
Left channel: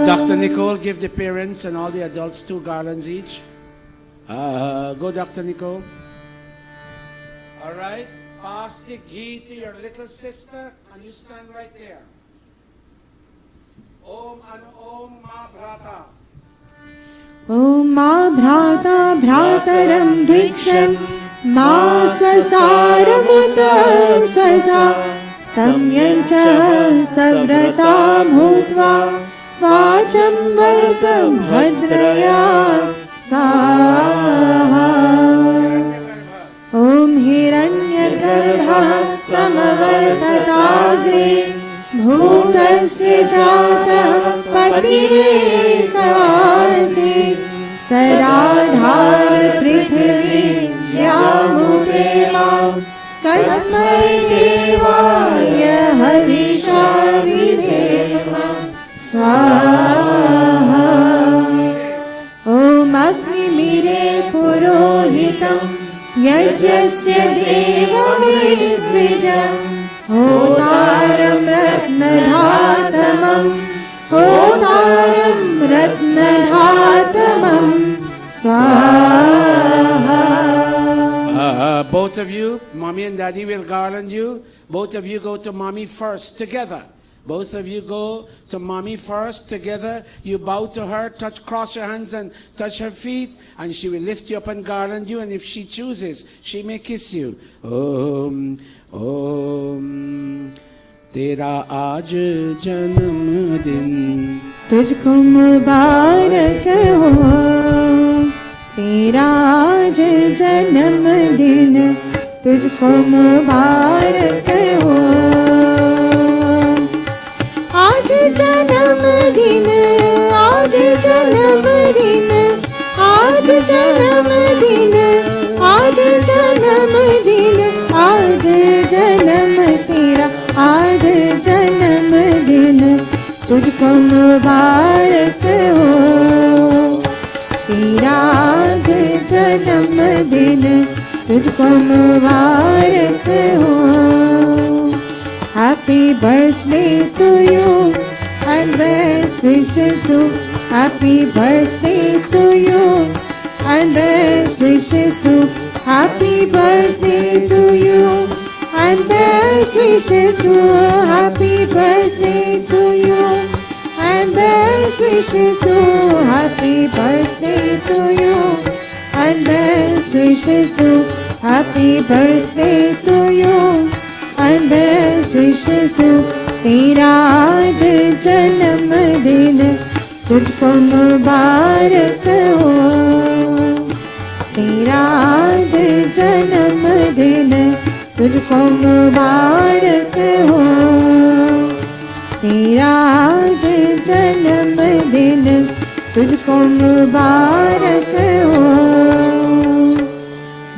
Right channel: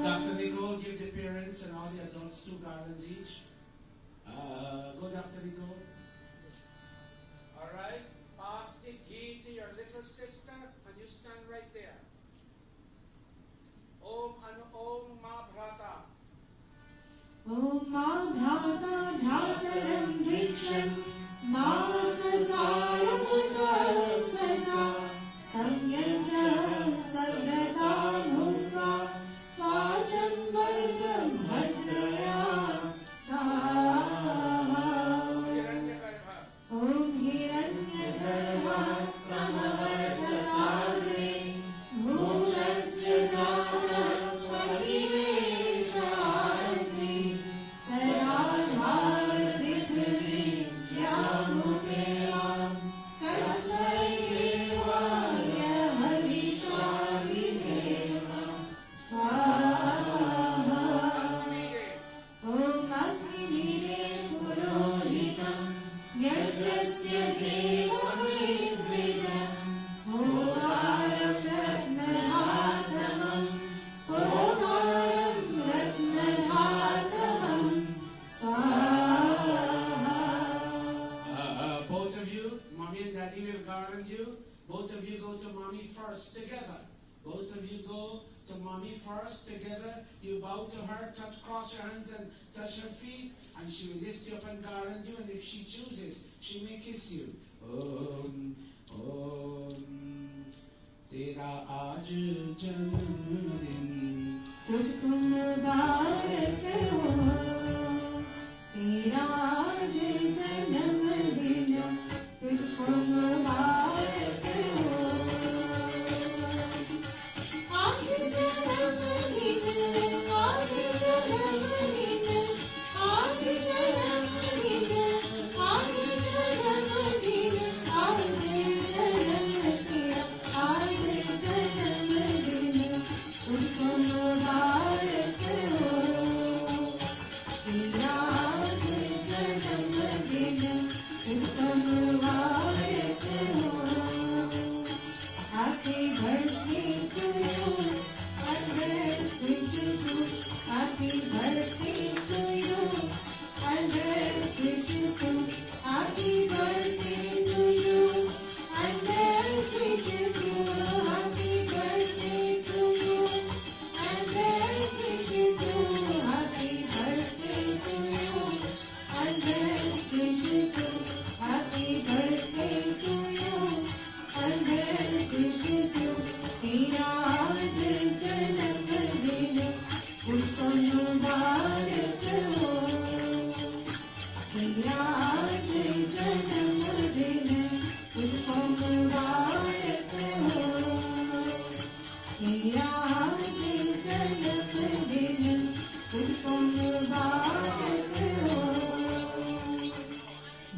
Dr. Nicole, give the parents and all the adults 2 garlands each. Go, Dr. Nicole. All right. Pass the ghee to your little sister, and you stand right there. Om and Om Ma Bhrata. Om Ma Bhrata Bhrataram Diksham Ma Sasaramuta Sasa Samyancha Savrata Bhutva Vacham Vartam Bhadraya Saha Om Hiranyagarbha Samavartatagre Bhutasya Jatah Patirekasi Saradhar Prithvi Vyamupema Kasmai Devaya Havisha Videma Swaha Om Agni Mire Purohitam Yajasya Deva Vidvijam Hotaram Ratnadhatamam Hotaram Ratnadhatamam Swaha. Both of you, Mommy and Daddy will garland you. Both of you go to Mommy first together. Both of you go to Mommy first together. You bow to her, cross your hands and touch her feet, and she will lift you up and garland you. And if she chooses, she may kiss you. Om, Om. Tera aaj janam din. तुझको मुबारक हो तेरा आज जन्मदिन तुझको मुबारक हो आज जन्मदिन आज जन्मदिन आज जन्मदिन आज जन्मदिन आज जन्म तेरा आज जन्मदिन तुझको मुबारक हो तेरा आज जन्मदिन तुझको मुबारक हो Happy birthday to you and best wishes to Happy birthday to you and best wishes to Happy birthday to you and best wishes to Happy birthday to you and best wishes to Happy birthday to you and best wishes to Happy birthday to you and best wishes to तेरा आज जन्मदिन तुझको मुबारक हो तेरा आज जन्मदिन तुझको मुबारक मुबारक हो, तेरा आज जन्मदिन तुझको मुबारक हो।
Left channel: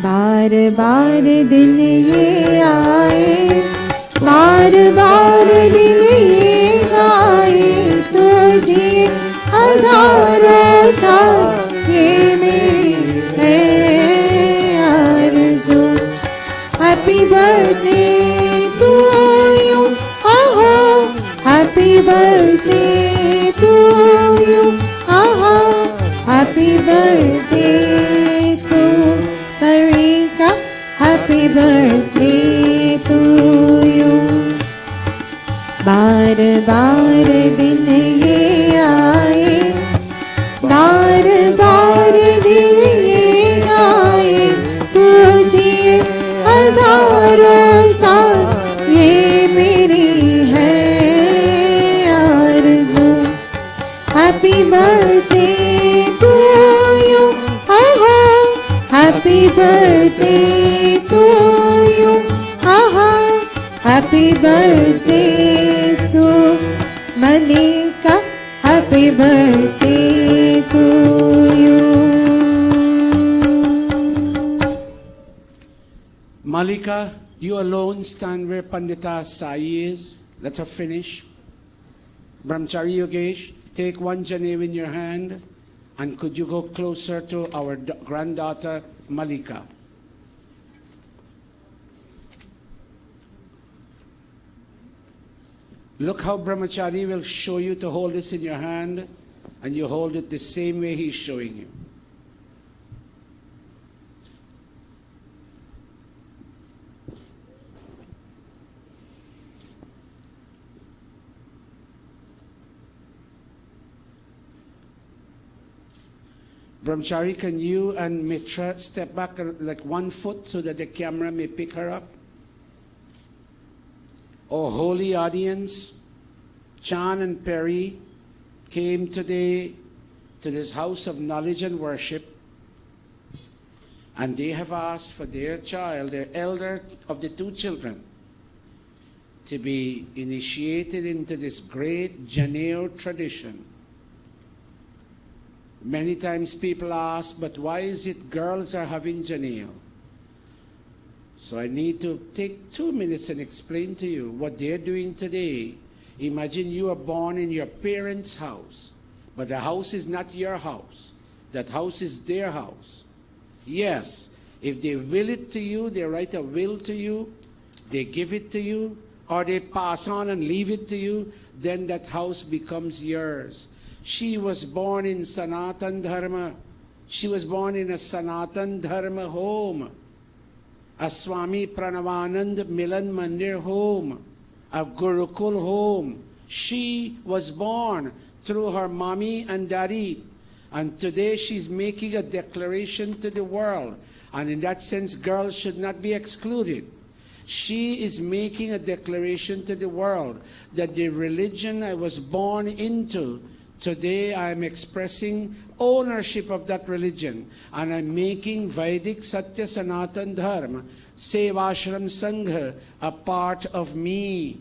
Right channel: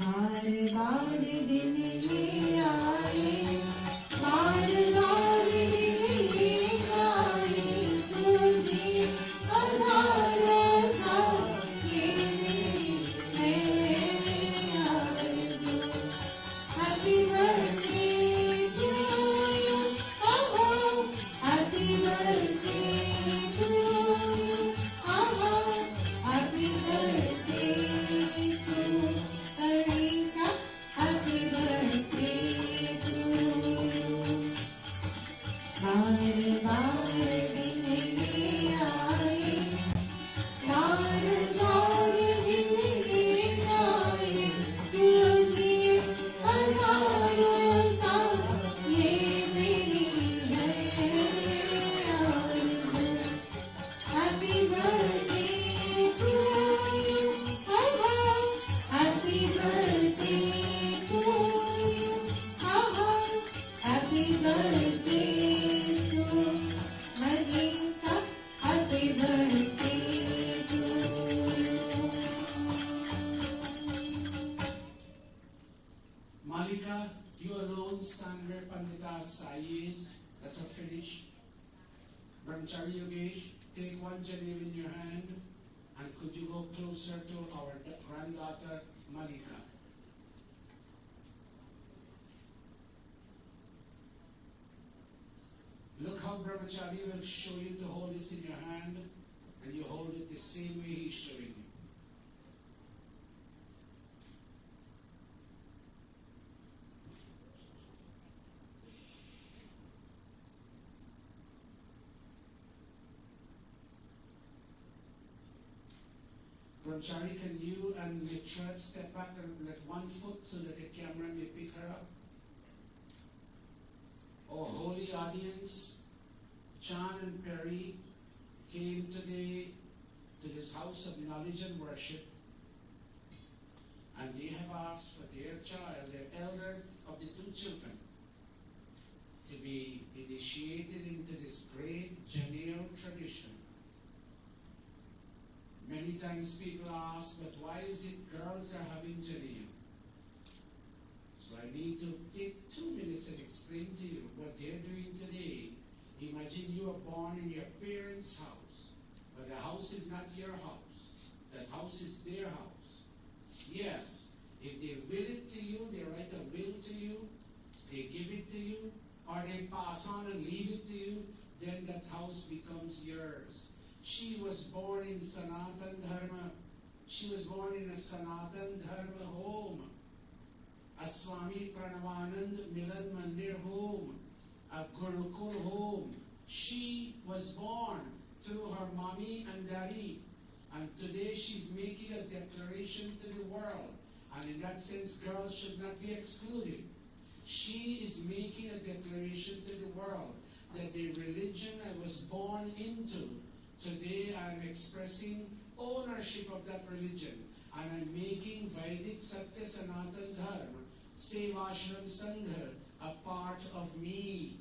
बार बार दिन ये आए, बार बार दिन ये आए, तुझे हजारों साल ये मेरी है आरज़ू। हैप्पी बर्थडे टू यू, आहा, हैप्पी बर्थडे टू यू, आहा, happy birthday to Sarika, happy birthday to you. बार बार दिन ये आए, बार बार दिन ये आए, तुझे हजारों साल ये मेरी है आरज़ू। हैप्पी बर्थडे टू यू, आहा, हैप्पी बर्थडे टू यू, आहा, happy birthday to Malika, happy birthday to you. Malika, you alone stand where Pandita Sai is. Let her finish. Brahmachari Yogesh, take one Janev in your hand, and could you go closer to our granddaughter Malika? Look how Brahmachari will show you to hold this in your hand, and you hold it the same way he's showing you. Brahmachari, can you and Mitra step back like 1 foot so that the camera may pick her up? Oh, holy audience, Chan and Perry came today to this house of knowledge and worship, and they have asked for their child, their elder of the 2 children, to be initiated into this great Janeo tradition. Many times people ask, but why is it girls are having Janeo? So I need to take 2 minutes and explain to you what they're doing today. Imagine you are born in your parents' house, but the house is not your house. That house is their house. Yes, if they will it to you, they write a will to you, they give it to you, or they pass on and leave it to you, then that house becomes yours. She was born in Sanatan Dharma. She was born in a Sanatan Dharma home, a Swami Pranavanand Milan Mandir home, a Gurukul home. She was born through her mommy and daddy. And today she's making a declaration to the world. And in that sense, girls should not be excluded. She is making a declaration to the world that the religion I was born into, today I am expressing ownership of that religion, and I'm making Vedic Satya Sanatan Dharma, Sevashram Sangha, a part of me.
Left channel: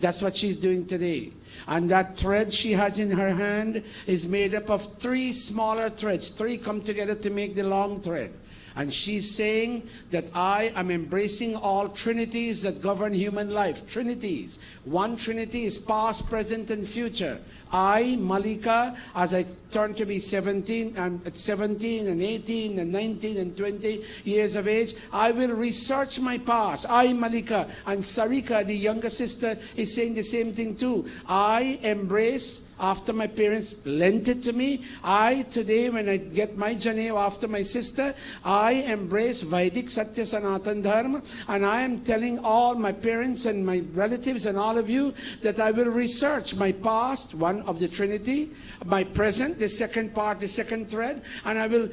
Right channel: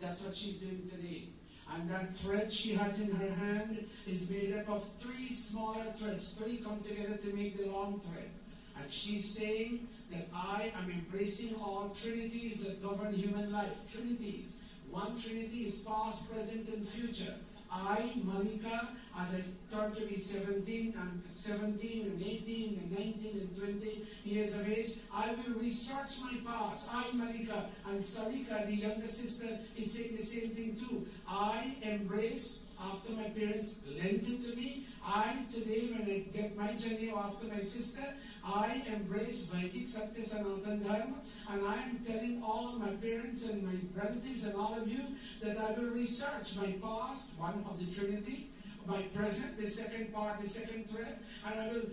That's what she's doing today. And that thread she has in her hand is made up of 3 smaller threads. 3 come together to make the long thread. And she's saying that I am embracing all trinities that govern human life. Trinities. One trinity is past, present, and future. I, Malika, as I turn to be 17 and 18 and 19 and 20 years of age, I will research my past. I, Malika, and Sarika, the younger sister, is saying the same thing too. I embrace after my parents lent it to me. I, today, when I get my Janeo after my sister, I embrace Vedic Satya Sanatan Dharma, and I am telling all my parents and my relatives and all of you that I will research my past, one of the Trinity, my present, the second part, the second thread, and I will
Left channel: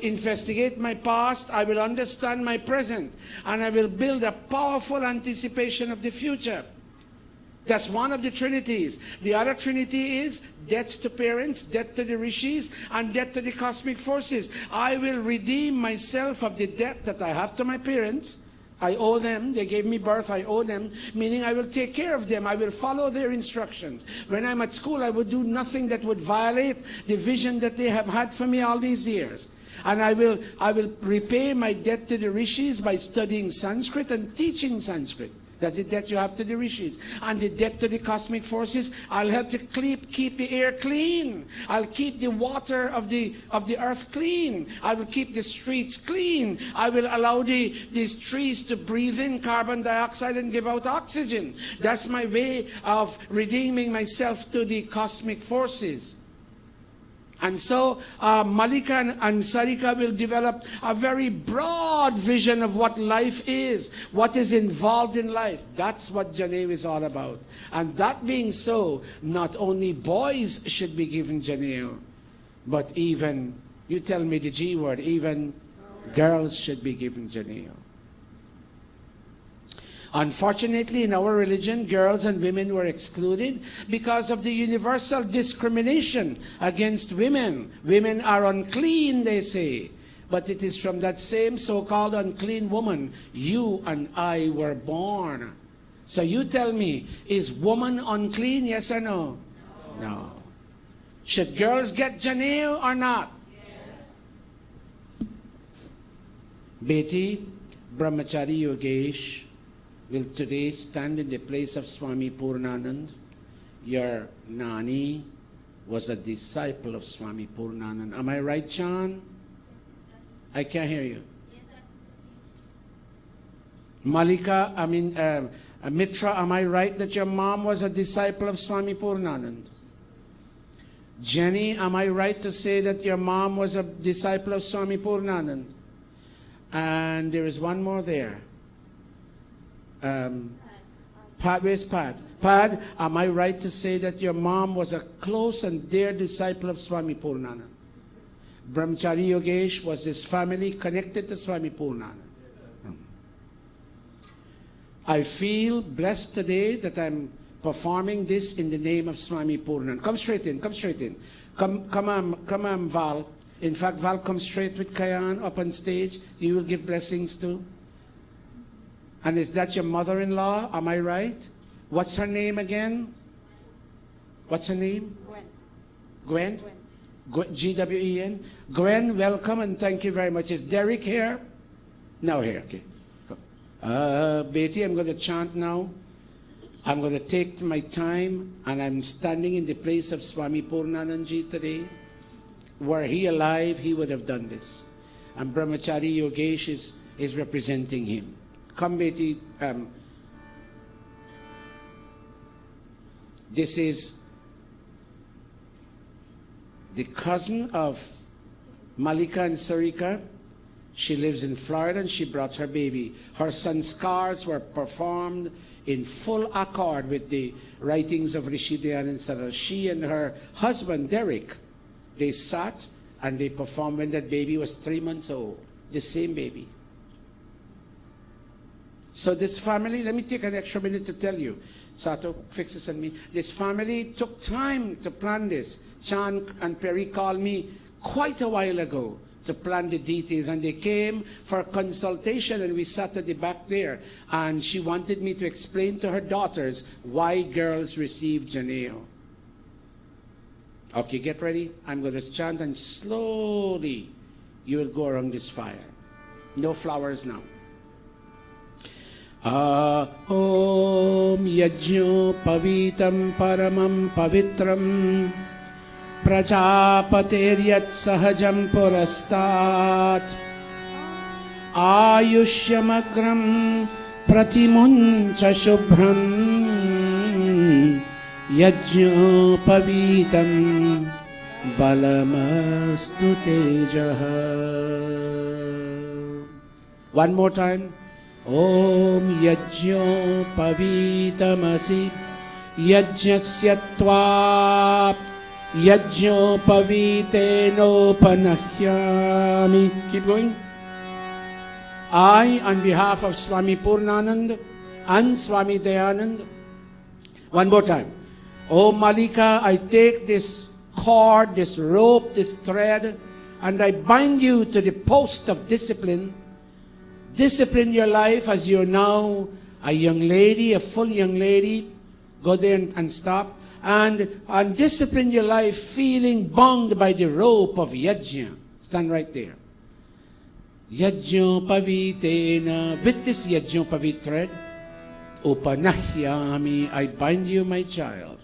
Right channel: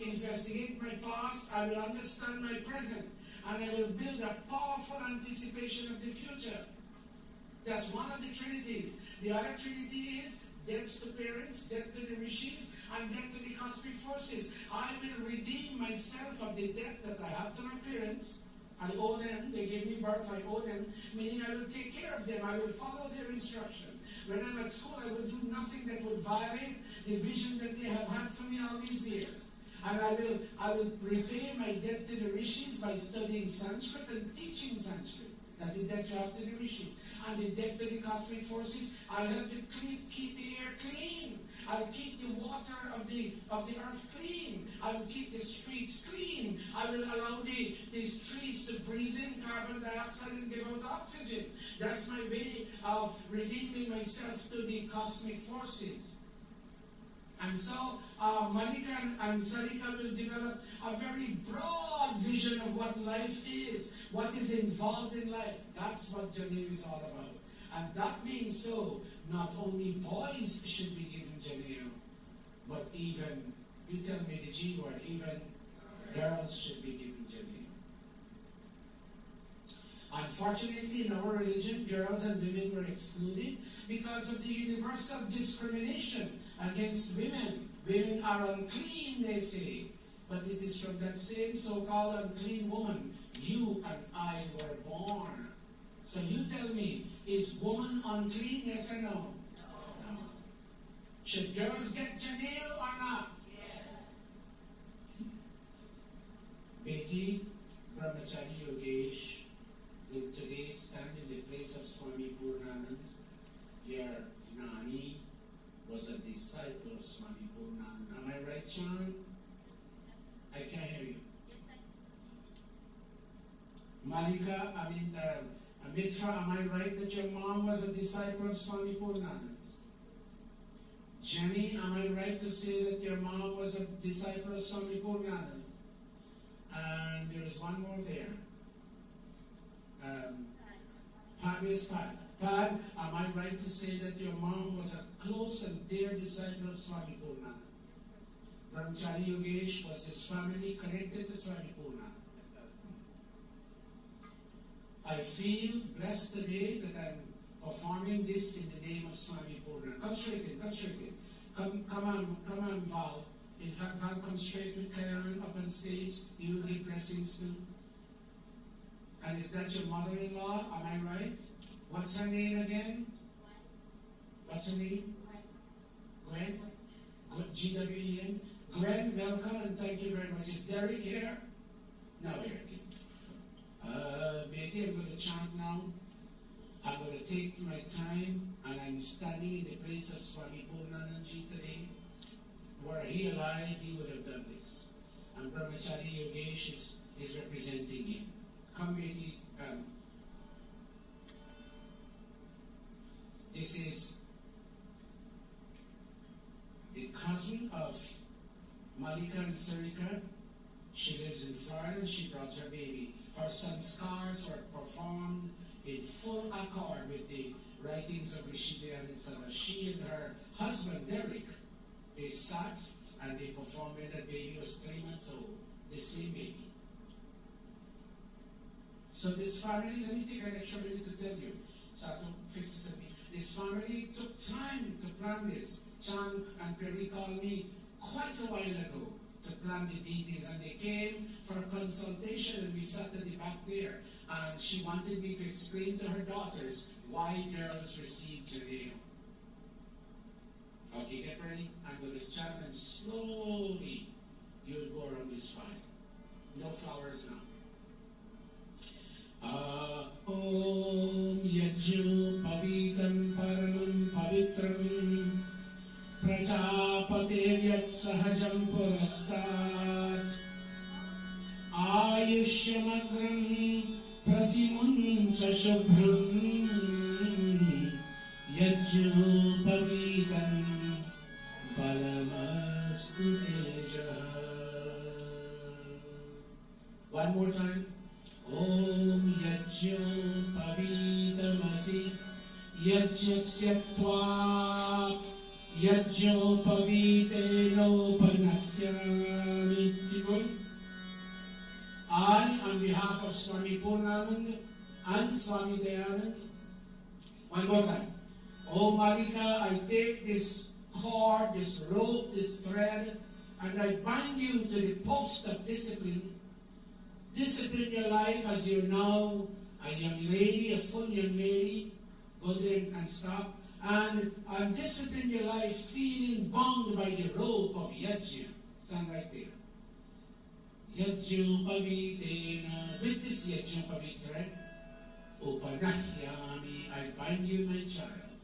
investigate my past, I will understand my present, and I will build a powerful anticipation of the future. That's one of the trinities. The other trinity is debt to parents, debt to the rishis, and debt to the cosmic forces. I will redeem myself of the debt that I have to my parents. I owe them. They gave me birth. I owe them, meaning I will take care of them. I will follow their instructions. When I'm at school, I would do nothing that would violate the vision that they have had for me all these years. And I will repay my debt to the rishis by studying Sanskrit and teaching Sanskrit. That's the debt you have to the rishis. And the debt to the cosmic forces, I'll help to keep the air clean. I'll keep the water of the earth clean. I will keep the streets clean. I will allow these trees to breathe in carbon dioxide and give out oxygen. That's my way of redeeming myself to the cosmic forces. And so Malika and Sarika will develop a very broad vision of what life is, what is involved in life. That's what Janeo is all about. And that being so, not only boys should be given Janeo, but even, you tell me the G word, even girls should be given Janeo. Unfortunately, in our religion, girls and women were excluded because of the universal discrimination against women. Women are unclean, they say. But it is from that same so-called unclean woman you and I were born. So you tell me, is woman unclean, yes or no? No. Should girls get Janeo or not? Yes. Beti Brahmachari Yogesh will today stand in the place of Swami Purnanand. Your Nani was a disciple of Swami Purnanand. Am I right, John? I can't hear you. Malika, Mitra, am I right that your mom was a disciple of Swami Purnanand? Jenny, am I right to say that your mom was a disciple of Swami Purnanand? And there is one more there. Pat, where's Pat? Pat, am I right to say that your mom was a close and dear disciple of Swami Purnanand? Brahmachari Yogesh, was his family connected to Swami Purnanand? I feel blessed today that I'm performing this in the name of Swami Purnanand. Come straight in, come straight in. Come on, Val. In fact, Val, come straight with Kayan up on stage. You will give blessings too. And is that your mother-in-law? Am I right? What's her name again? What's her name? Gwen. Gwen? G-W-E-N? Gwen, welcome and thank you very much. Is Derek here? No, here, okay. Betty, I'm going to chant now. I'm going to take my time, and I'm standing in the place of Swami Purnanandji today. Were he alive, he would have done this. And Brahmachari Yogesh is representing him. Come, Betty. This is the cousin of Malika and Sarika. She lives in Florida and she brought her baby. Her sanskars were performed in full accord with the writings of Rishi Dayananda Gurukula. She and her husband, Derek, they sat and they performed when that baby was 3 months old. The same baby. So this family, let me take an extra minute to tell you. Sato, fix this on me. This family took time to plan this. Chan and Perry called me quite a while ago to plan the details, and they came for a consultation, and we sat at the back there, and she wanted me to explain to her daughters why girls receive Janeo. Okay, get ready. I'm going to chant, and slowly you will go around this fire. No flowers now. Om yajno pavitam paramam pavitram prajapateryat sahajam purastat ayushyamagram pratimuncha shubhram yajno pavitam balamastu tejaha. One more time. Om yajno pavitamasi yajnasya tva yajno paviteno panahyami. Keep going. I, on behalf of Swami Purnanand and Swami Dayananda, One more time. Oh Malika, I take this cord, this rope, this thread, and I bind you to the post of discipline. Discipline your life as you're now a young lady, a full young lady. Go there and stop. And discipline your life feeling bound by the rope of yajna. Stand right there. Yajna pavitena. With this yajna pavit thread, upanahyami, I bind you, my child.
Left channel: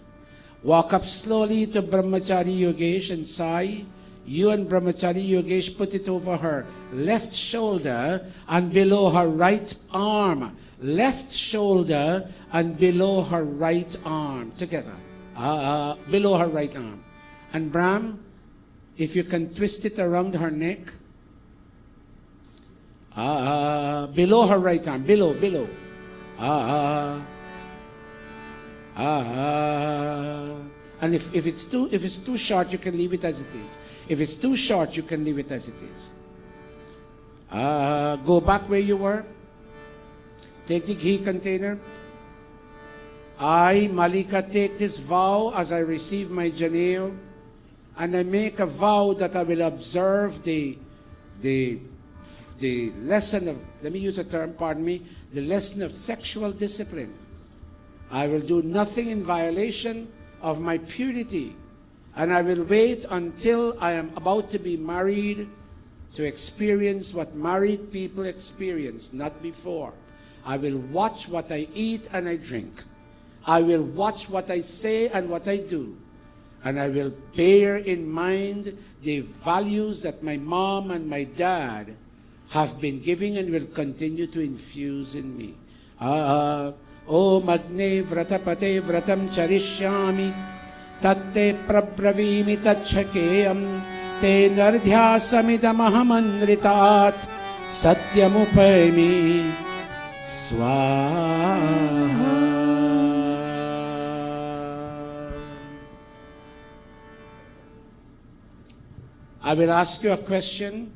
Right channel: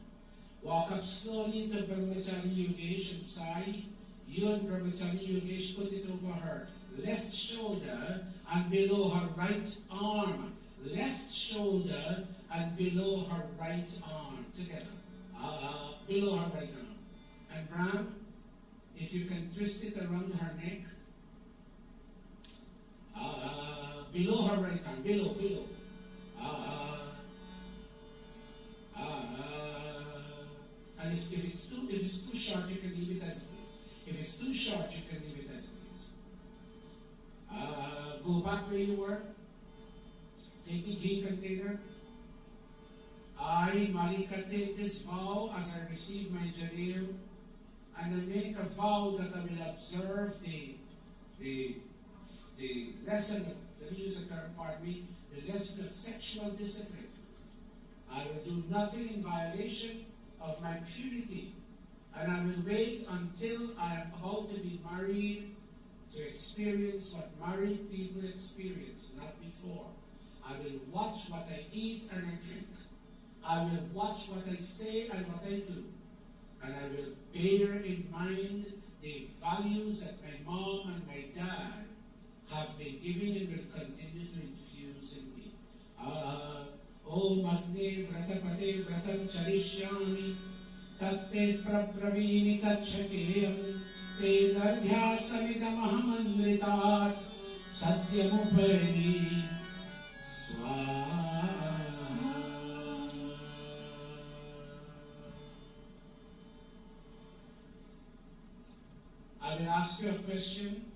Walk up slowly to Brahmachari Yogesh and Sai. You and Brahmachari Yogesh put it over her left shoulder and below her right arm. Left shoulder and below her right arm. Together. Below her right arm. And Brahm, if you can twist it around her neck. Below her right arm. Below. And if it's too short, you can leave it as it is. If it's too short, you can leave it as it is. Go back where you were. Take the ghee container. I, Malika, take this vow as I receive my janeo, and I make a vow that I will observe the lesson of, let me use a term, pardon me, the lesson of sexual discipline. I will do nothing in violation of my purity, and I will wait until I am about to be married to experience what married people experience, not before. I will watch what I eat and I drink. I will watch what I say and what I do. And I will bear in mind the values that my mom and my dad have been giving and will continue to infuse in me. O Magne Vratapate Vratam Charishyami Tatte Prabravimi Tachakeyam Te Nardhyasamidamahamandritat Satyamupayami Swaha. I will ask you a question.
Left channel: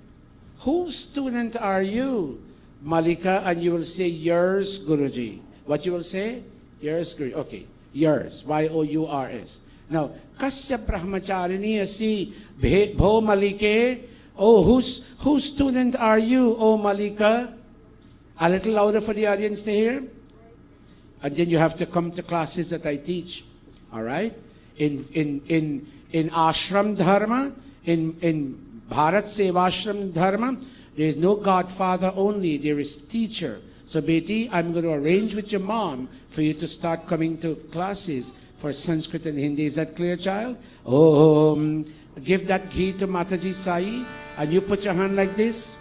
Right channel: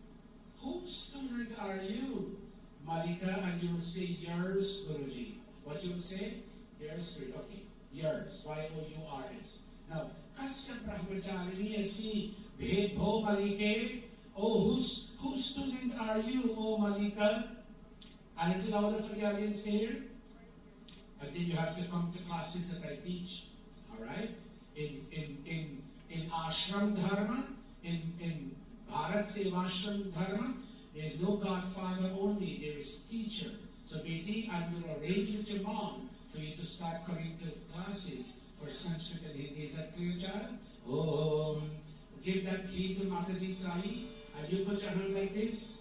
Whose student are you, Malika? And you will say, yours, Guruji. What you will say? Yours, Guruji. Okay, yours. Y-O-U-R-S. Now, kasya brahmacharini asi bho Malike. Oh, whose student are you, oh Malika? A little louder for the audience to hear. And then you have to come to classes that I teach. All right? In ashram dharma, in Bharat Sevashram Dharma, there is no godfather only, there is teacher. So Beti, I'm going to arrange with your mom for you to start coming to classes for Sanskrit and Hindi. Is that clear, child? Give that ghee to Mataji Sai, and you put your hand like this.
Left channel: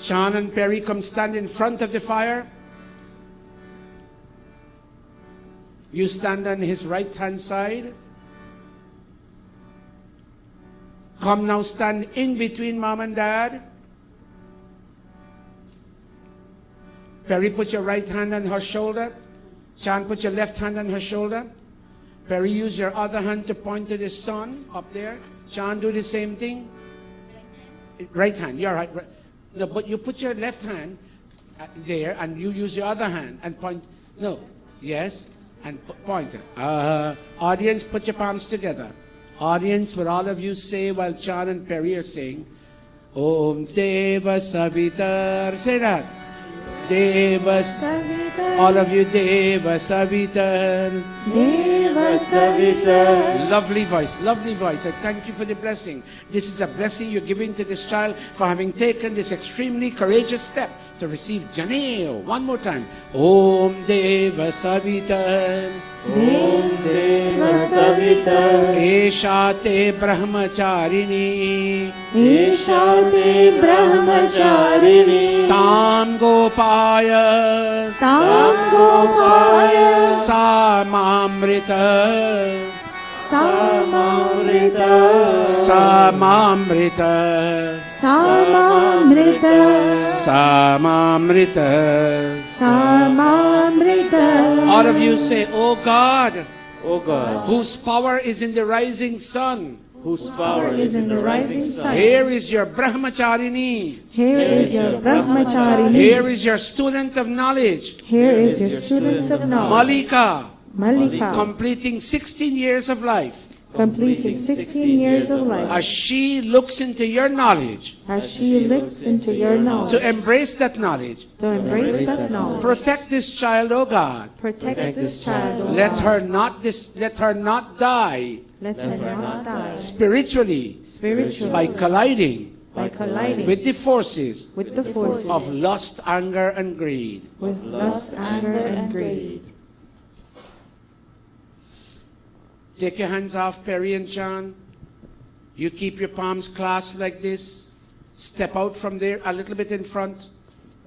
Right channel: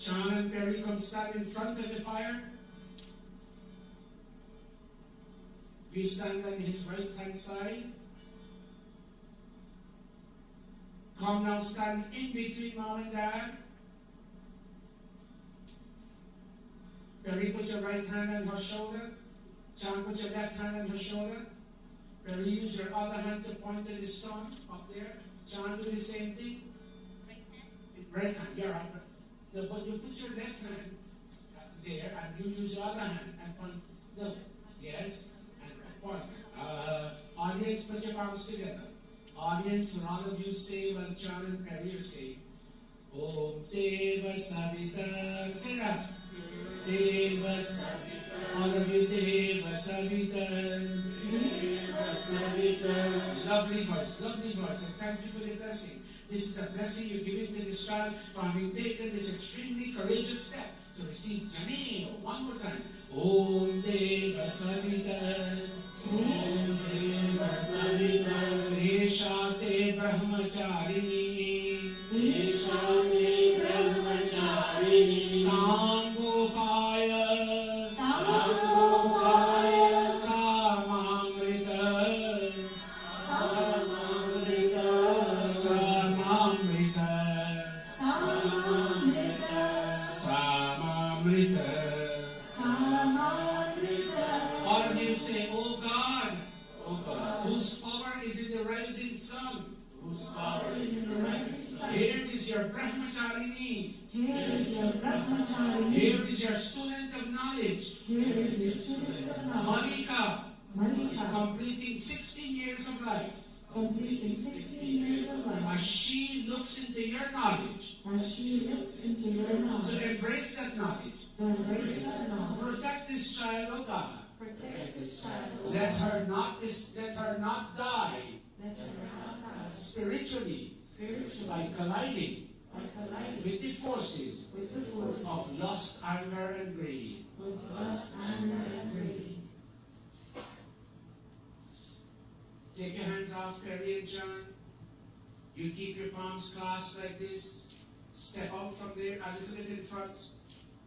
Chan and Perry, come stand in front of the fire. You stand on his right hand side. Come now, stand in between mom and dad. Perry, put your right hand on her shoulder. Chan, put your left hand on her shoulder. Perry, use your other hand to point to the sun up there. Chan, do the same thing. Right hand, you're right. No, but you put your left hand there and you use your other hand and point. No, yes, and point. Audience, put your palms together. Audience, will all of you say while Chan and Perry are saying, Om Deva Savitar. Say that. Deva Savitar. All of you, Deva Savitar. Deva Savitar. Lovely voice, lovely voice. I thank you for the blessing. This is a blessing you're giving to this child for having taken this extremely courageous step to receive Janeo. One more time. Om Deva Savitar. Om Deva Savitar. Esha te brahmacharini. Esha te brahmacharini. Tam gopaya. Tam gopaya. Samamrita. Samamrita. Samamrita. Samamrita. Samamrita. Samamrita. All of you say, Oh God, O God, whose power is in the rising sun, whose power is in the rising sun. Here is your Brahmacharini. Here is your Brahmacharini. Here is your student of knowledge, Here is your student of knowledge, Malika, Malika, completing 16 years of life. completing 16 years of life. As she looks into your knowledge, As she looks into your knowledge, to embrace that knowledge, to embrace that knowledge, protect this child, O God. protect this child, O Let God. her not die Let her not die spiritually spiritually by colliding by colliding with the forces with the forces of lust, anger, and greed. with lust, anger, and greed. Take your hands off Perry and John. You keep your palms clasped like this. Step out from there a little bit in front.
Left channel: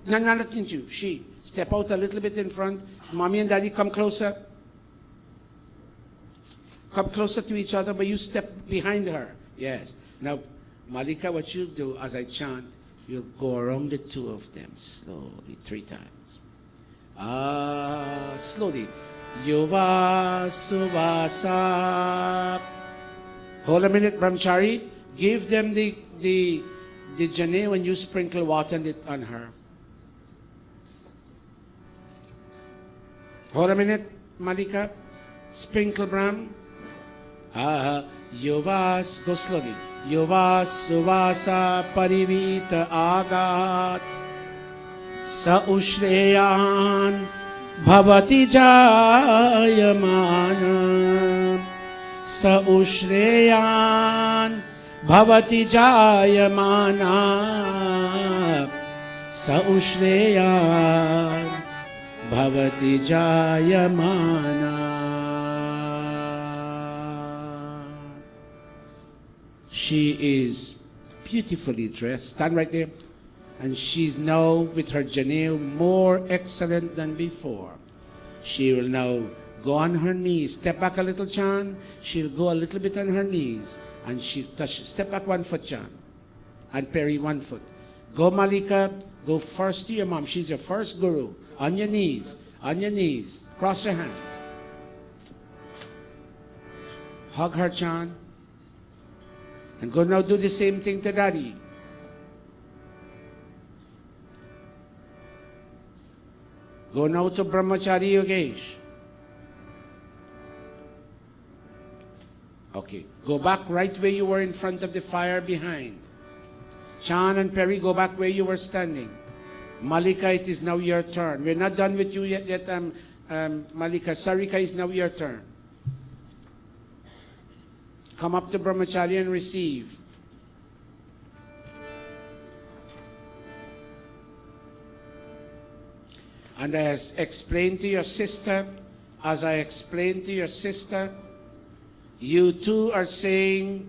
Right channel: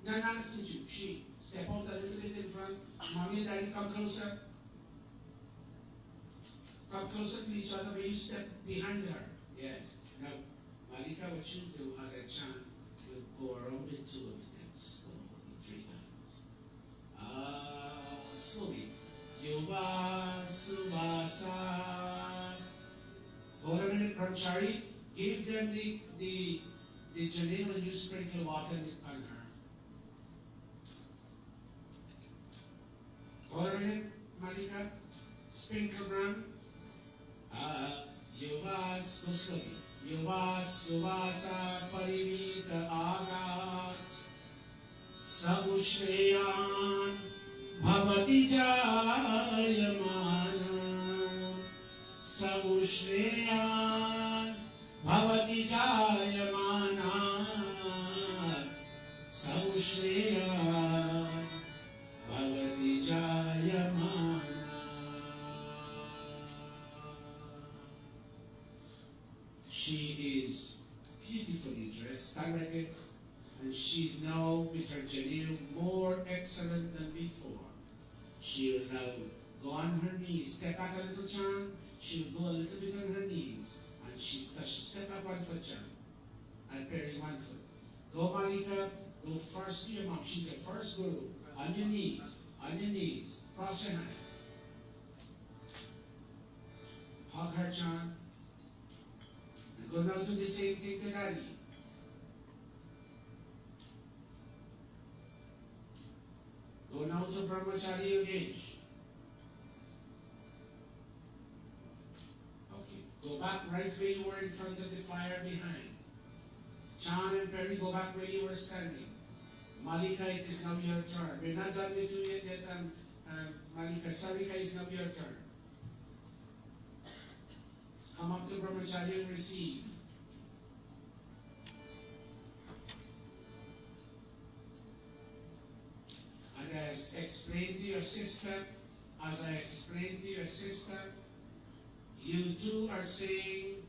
No, not you. She. Step out a little bit in front. Mommy and Daddy, come closer. Come closer to each other, but you step behind her. Yes. Now, Malika, what you do as I chant, you'll go around the two of them slowly 3 times. Slowly. Yuva Subasa. Hold a minute, Brahmachari. Give them the jane when you sprinkle water on her. Hold a minute, Malika. Sprinkle Brahm. Yuvas, go slowly. Yuvas Suvasa Parivita Agat Sa Ushreyan Bhavati Jayamana Sa Ushreyan Bhavati Jayamana Sa Ushreyan Bhavati Jayamana. She is beautifully dressed. Stand right there. And she's now, with her janeu, more excellent than before. She will now go on her knees. Step back a little, Chan. She'll go a little bit on her knees. And she'll touch. Step back 1 foot, Chan. And Perry 1 foot. Go, Malika. Go first to your mom. She's your first guru. On your knees. On your knees. Cross your hands. Hug her, Chan. And go now do the same thing to Daddy. Go now to Brahmachari Yogesh. Okay. Go back right where you were in front of the fire behind. Chan and Perry, go back where you were standing. Malika, it is now your turn. We're not done with you yet, Malika. Sarika, is now your turn. Come up to Brahmachari and receive. And as I explained to your sister, you too are saying,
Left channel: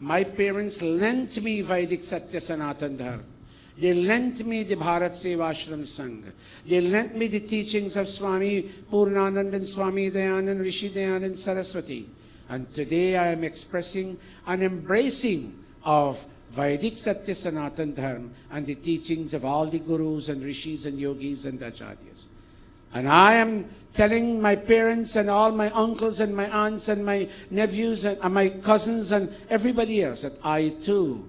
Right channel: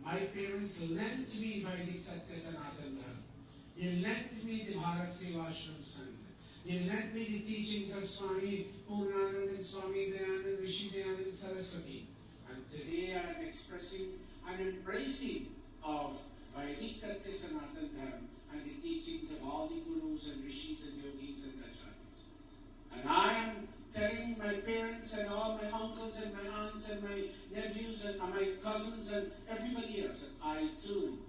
my parents lent me Vedic Satya Sanatan Dharma. They lent me the Bharat Sevashram Sangha. They lent me the teachings of Swami Purnanand and Swami Dayananda, Rishi Dayananda Saraswati. And today I am expressing an embracing of Vedic Satya Sanatan Dharma and the teachings of all the gurus and rishis and yogis and acharyas. And I am telling my parents and all my uncles and my aunts and my nephews and my cousins and everybody else that I too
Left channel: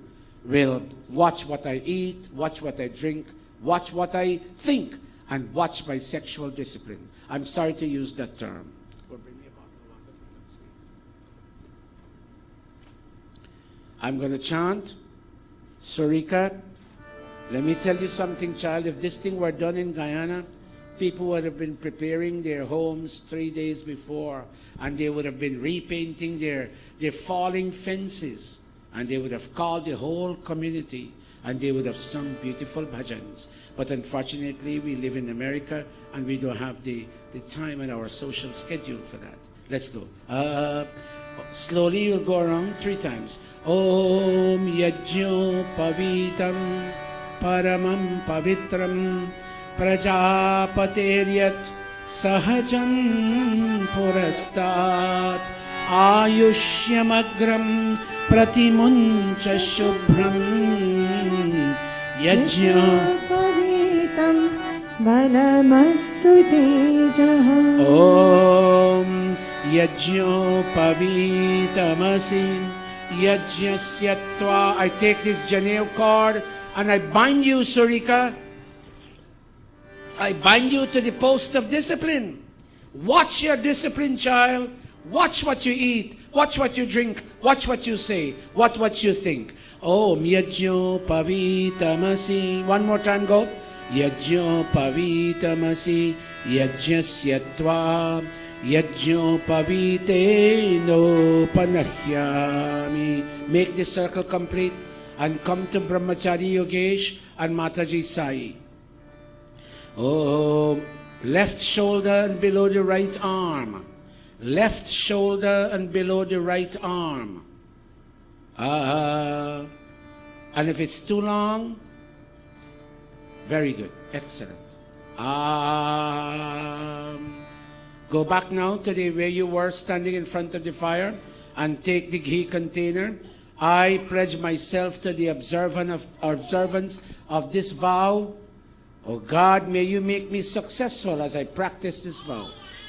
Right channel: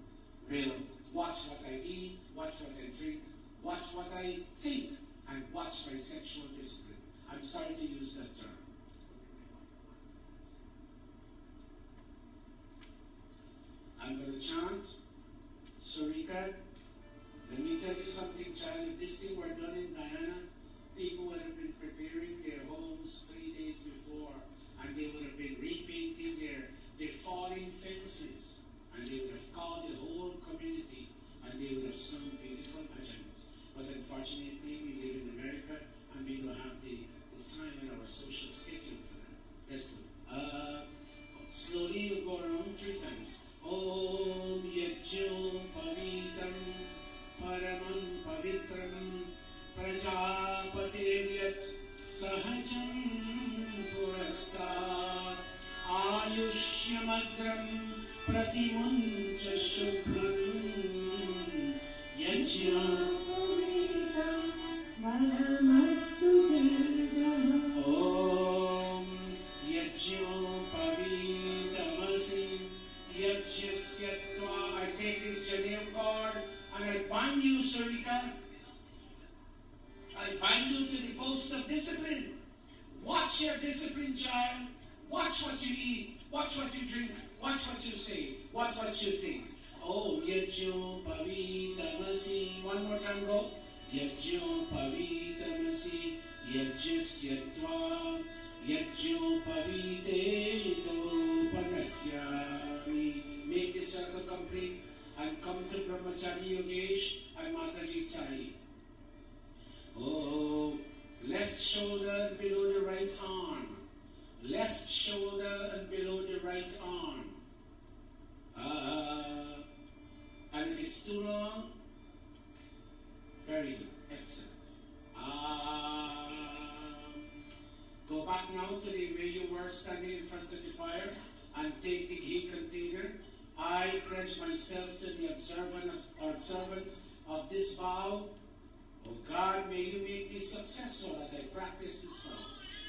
will watch what I eat, watch what I drink, watch what I think, and watch my sexual discipline. I'm sorry to use that term. I'm going to chant. Surika, let me tell you something, child. If this thing were done in Guyana, people would have been preparing their homes 3 days before, and they would have been repainting their falling fences, and they would have called the whole community, and they would have sung beautiful bhajans. But unfortunately, we live in America, and we don't have the time in our social schedule for that. Let's go. Slowly, you'll go around 3 times. Om Yajño Pavitam Paramam Pavitram Prajapateryat Sahajam Purastat Ayushyamagram Pratimuncha Shubhram Yajño Paritam Balamastu Tejaha. Om Yajñopavitamasi Yajñasyatva. I take this Janeo cord and I bind you, Surika. I bind you to the post of discipline. Watch your discipline, child. Watch what you eat. Watch what you drink. Watch what you say. What you think. Om Yajñopavitamasi. One more time, go. Yajñopavitamasi Yajñasyatva Yajñopaviteno Panahyami. Make this circle complete and come to Brahmachari Yogesh and Mataji Sai. Oh, left shoulder and below the right arm. Left shoulder and below the right arm. And if it's too long, very good. Excellent. Go back now to where you were standing in front of the fire and take the ghee container. I pledge myself to the observance of this vow. Oh God, may you make me successful as I practice this vow.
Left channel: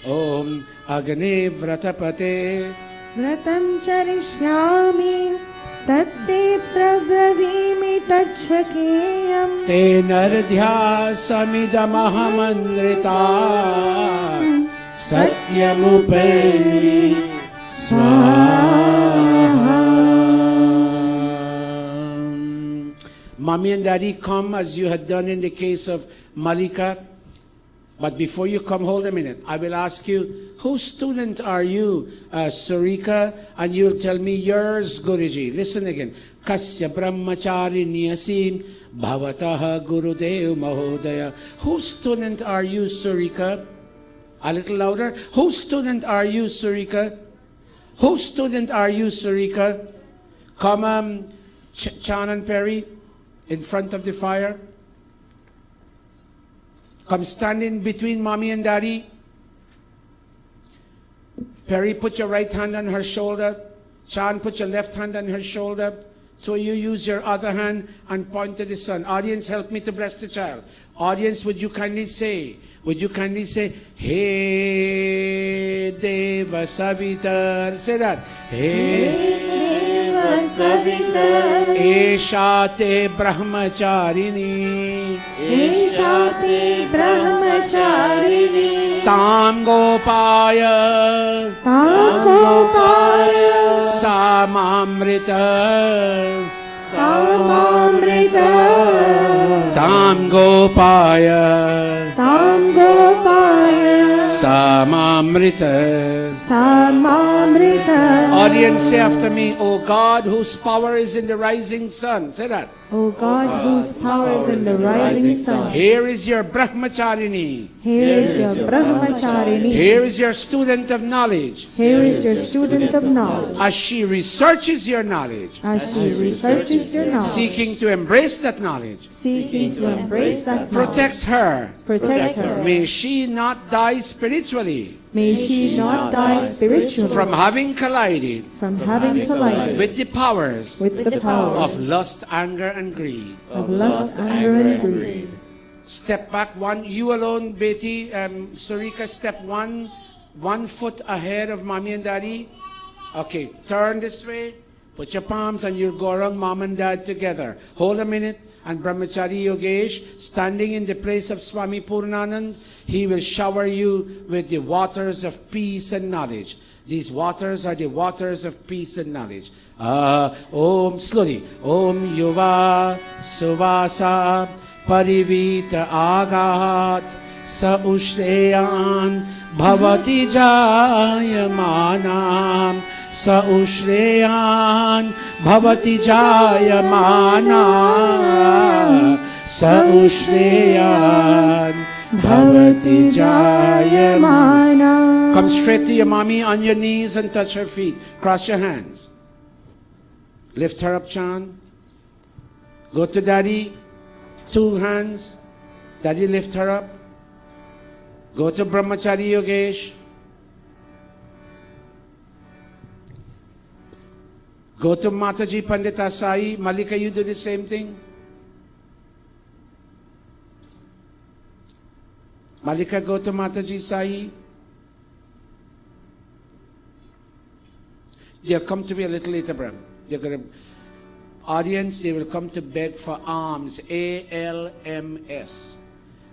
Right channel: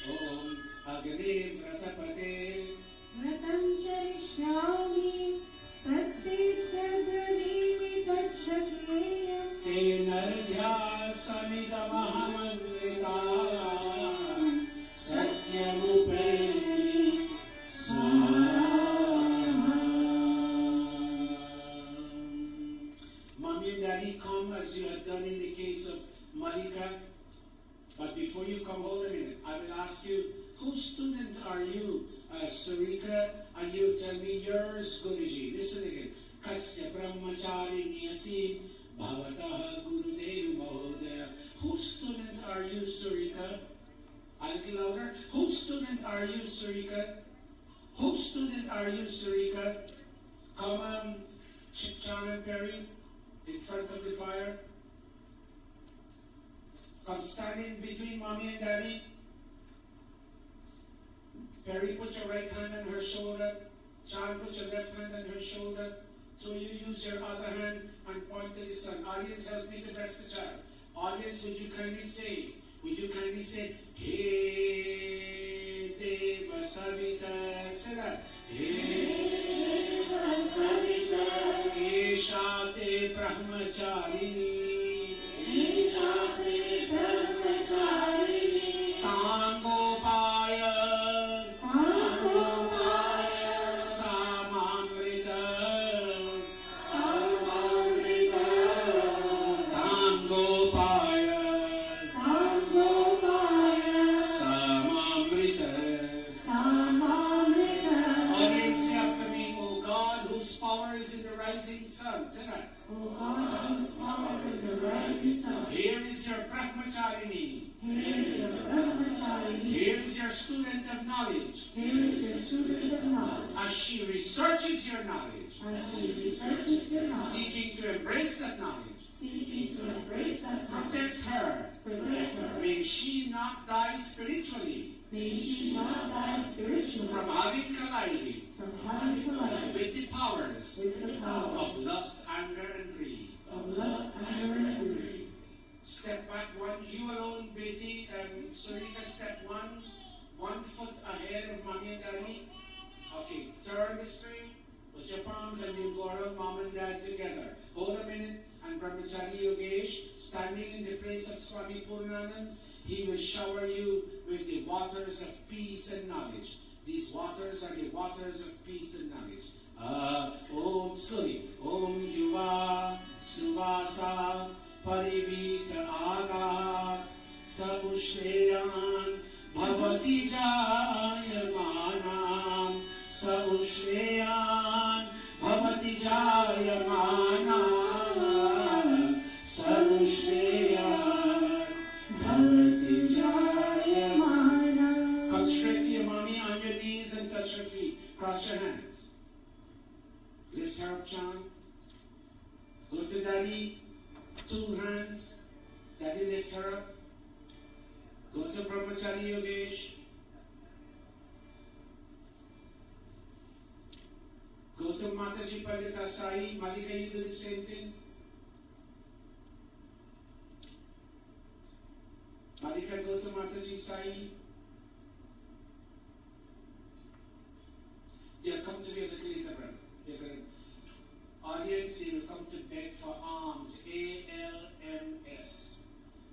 Om Agane Vratapate Vratam charishyami tatte prabravimi tachakeyam Te Nardhya Samidamahamandrita Satyamuperi Swaha. Mommy and Daddy, come as you had done in the case of Malika. But before you come, hold a minute. I will ask you, whose student are you, Surika? And you'll tell me yours, Guruji. Listen again. Kasya brahmachari niyasim bhavataha gurudev mahodaya. Whose student are you, Surika? A little louder. Whose student are you, Surika? Whose student are you, Surika? Come, Chan and Perry, in front of the fire. Come stand in between Mommy and Daddy. Perry, put your right hand on her shoulder. Chan, put your left hand on her shoulder. So you use your other hand and point to the sun. Audience, help me to bless the child. Audience, would you kindly say, Hey Deva Savitar. Say that. Hey Deva Savitar Eshate Brahmacharini Eshate Brahmacharini Tam Gopaya Samamrita Tam Gopaya Samamrita. Audience, say after me, O God, whose power is in the rising sun. Say that. O God, whose power is in the rising sun. Here is your Brahmacharini. Here is your Brahmacharini. Here is your student of knowledge. Here is your student of knowledge. As she researches your knowledge, As she researches your knowledge, seeking to embrace that knowledge, seeking to embrace that knowledge, protect her. protect her. May she not die spiritually May she not die spiritually from having collided from having collided with the powers with the power of lust, anger, and greed. of lust, anger, and greed. Step back one. You alone, Betty, Surika, step one foot ahead of Mommy and Daddy. Okay, turn this way. Put your palms and you'll go around Mom and Dad together. Hold a minute. And Brahmachari Yogesh, standing in the place of Swami Purnanand, he will shower you with the waters of peace and knowledge. These waters are the waters of peace and knowledge. Om, slowly. Om Yuva Suvasa Parivita Agat Sa Ushreyan Bhavati Jayamanam Sa Ushreyan Bhavati Jayamana Sa Ushreyan Bhavati Jayamana. Come straight to your mommy on your knees and touch her feet. Cross your hands. Lift her up, Chan. Go to Daddy. 2 hands. Daddy, lift her up. Go to Brahmachari Yogesh. Go to Mataji Pandita Sai. Malika, you do the same thing. Malika, go to Mataji Sai. They'll come to me a little later, Bram. They're going to, audience, they will come to beg for alms, ALMS.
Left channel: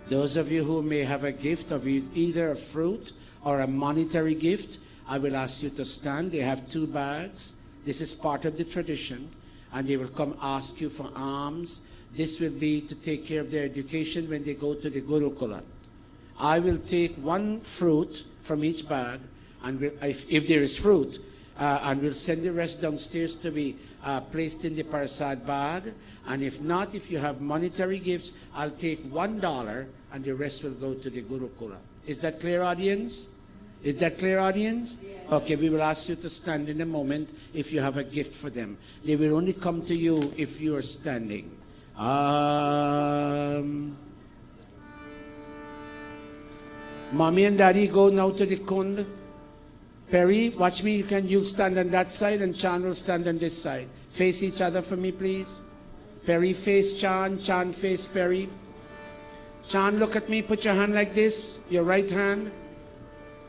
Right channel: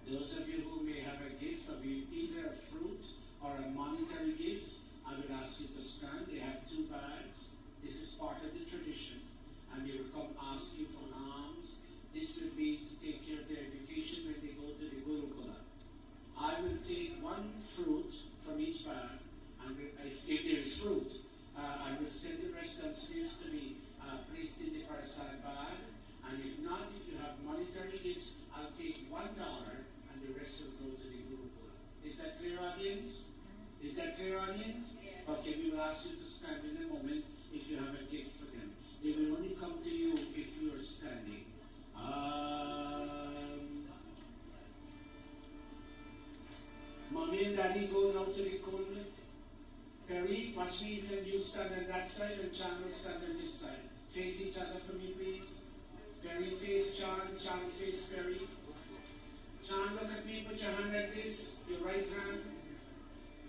Those of you who may have a gift of either a fruit or a monetary gift, I will ask you to stand. They have 2 bags. This is part of the tradition. And they will come ask you for alms. This will be to take care of their education when they go to the Gurukula. I will take 1 fruit from each bag, and if there is fruit, and we'll send the rest downstairs to be placed in the Parasad bag. And if not, if you have monetary gifts, I'll take $1 and the rest will go to the Gurukula. Is that clear, audience? Is that clear, audience? Okay, we will ask you to stand in a moment if you have a gift for them. They will only come to you if you are standing. Mommy and Daddy, go now to the Kund. Perry, watch me. You stand on that side and Chan will stand on this side. Face each other for me, please. Perry face Chan, Chan face Perry. Chan, look at me. Put your hand like this. Your right hand.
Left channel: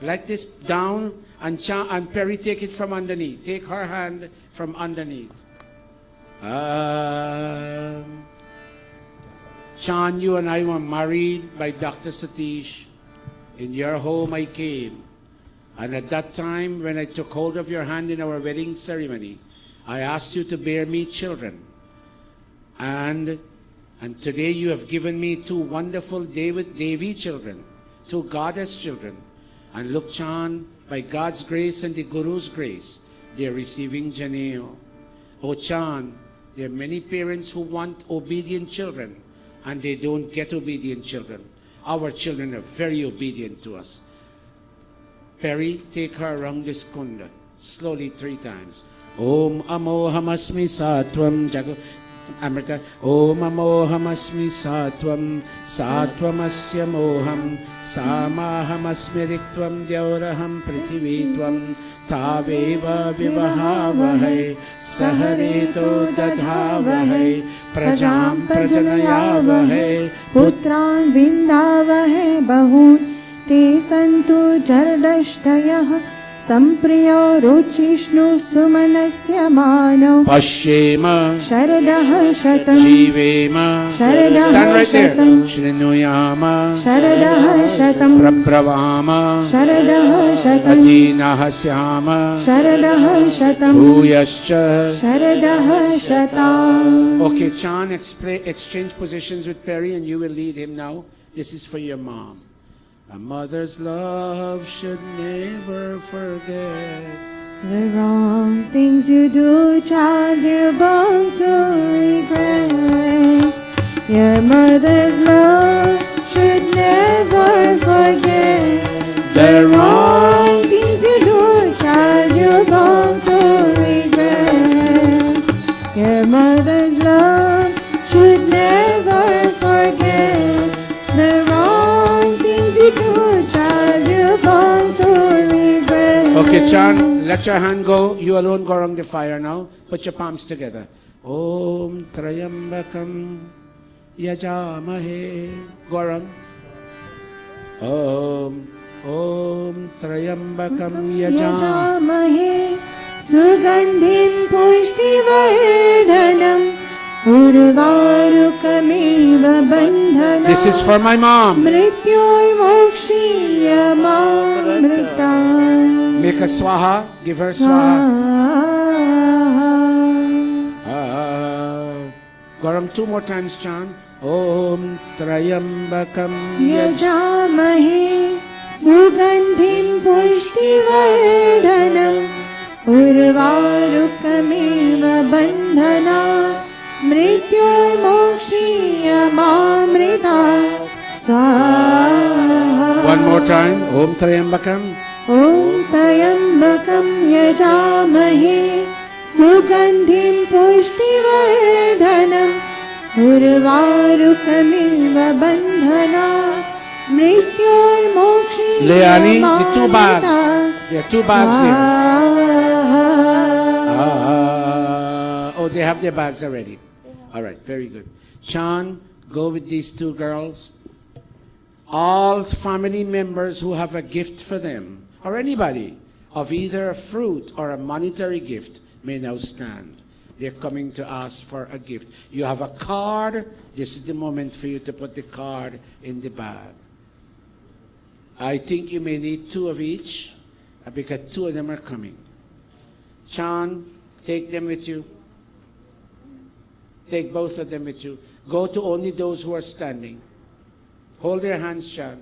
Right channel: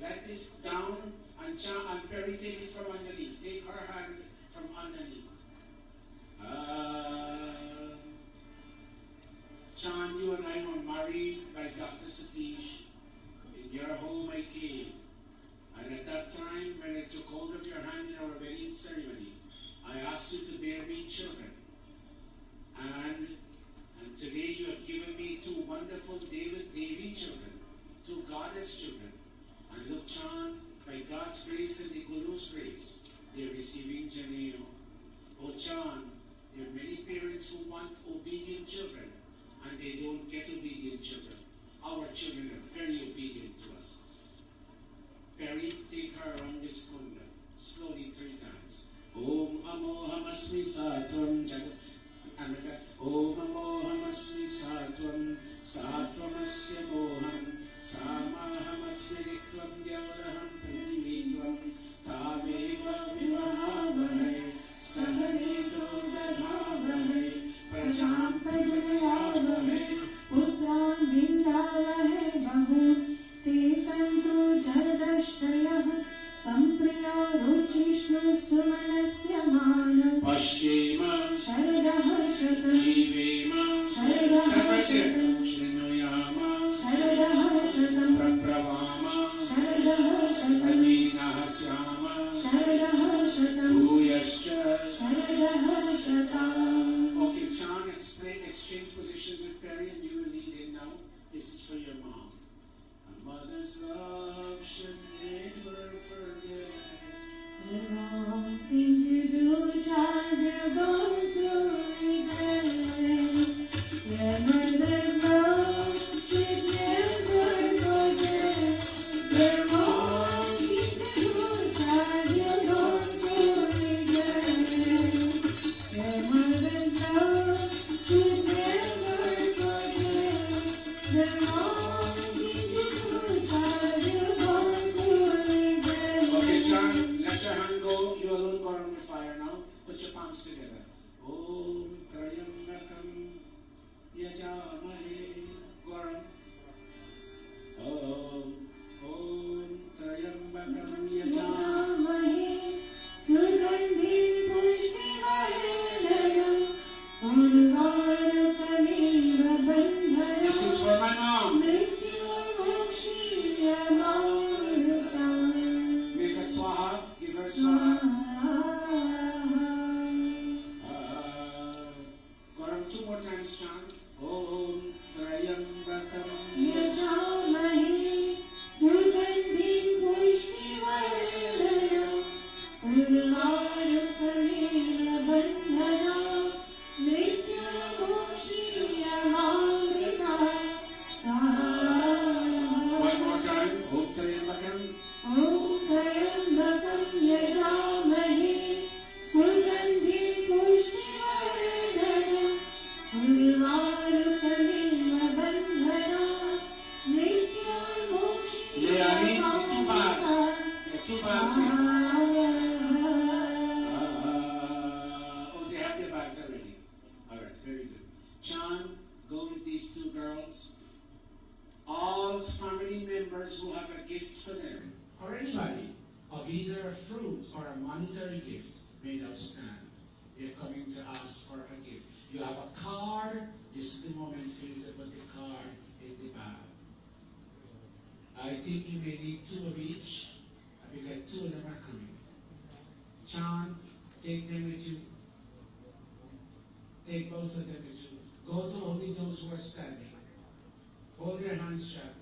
Like this, down. And Chan and Perry, take it from underneath. Take her hand from underneath. Chan, you and I were married by Dr. Satish. In your home I came. And at that time, when I took hold of your hand in our wedding ceremony, I asked you to bear me children. And today you have given me 2 wonderful Devi children, 2 goddess children. And look, Chan, by God's grace and the Guru's grace, they are receiving Janeo. Oh, Chan, there are many parents who want obedient children, and they don't get obedient children. Our children are very obedient to us. Perry, take her around this kunda, slowly 3 times. Om amohamasmi satvam jago. Amrita. Om amohamasmi satvam satvamasya moham samahamasmi riktvam dyauraham prithivitvam taveva vivahavahai sahareto dadhavahai prajam prajanayavahai पुत्रान् विन्दावहे बहून् ते सन्तु जरदष्टयः सम्प्रियो रुचिष्णु सुमनस्य मानव Pashema शरदः शतं Jivema. शरदः Stand right there. शतं Shrinuyama शरदः शतं Prabhavama शरदः शतं Adinahasyama शरदः शतं Bhuyascha. शरदः शताम्. Okay, Chan, exchange positions with Perry and you will lead him now. This is for your mom. A mother's love should never forget. The wrong things you do, child, you're bound to regret. Your mother's love should never forget. The wrong things you do, child, you're bound to regret. Your mother's love should never forget. The wrong things you do, child, you're bound to regret. Okay, Chan, let your hand go. You alone go around the fire now. Put your palms together. Om Trayambakam Yajamahe. Go around. Om Trayambakam Yajamahe. यजामहे सुगन्धिं पुष्टिवर्धनम् उर्वारुकमेव बन्धनात् This is for my mom. मृत्योर्मोक्षीयमामृतात् Make a swaha. Give her swaha. Go around 2 more times, Chan. Om Trayambakam यजामहे सुगन्धिं पुष्टिवर्धनम् उर्वारुकमेव बन्धनात् मृत्योर्मोक्षीयमामृतात् स्वाहा. One more time. Om Trayambakam. ॐ त्र्यम्बकं यजामहे सुगन्धिं पुष्टिवर्धनम् उर्वारुकमेव बन्धनात् Leani, the 2 bags. There are 2 bags here. Oh, they have their bags already. All right, very good. Chan, go with these 2 girls. All family members who have a gift for them, or anybody, of either a fruit or a monetary gift may now stand. They're coming to ask for a gift. You have a card. This is the moment for you to put the card in the bag. I think you may need 2 of each because 2 of them are coming. Chan, take them with you. Take both of them with you. Go to only those who are standing. Hold their hands, Chan.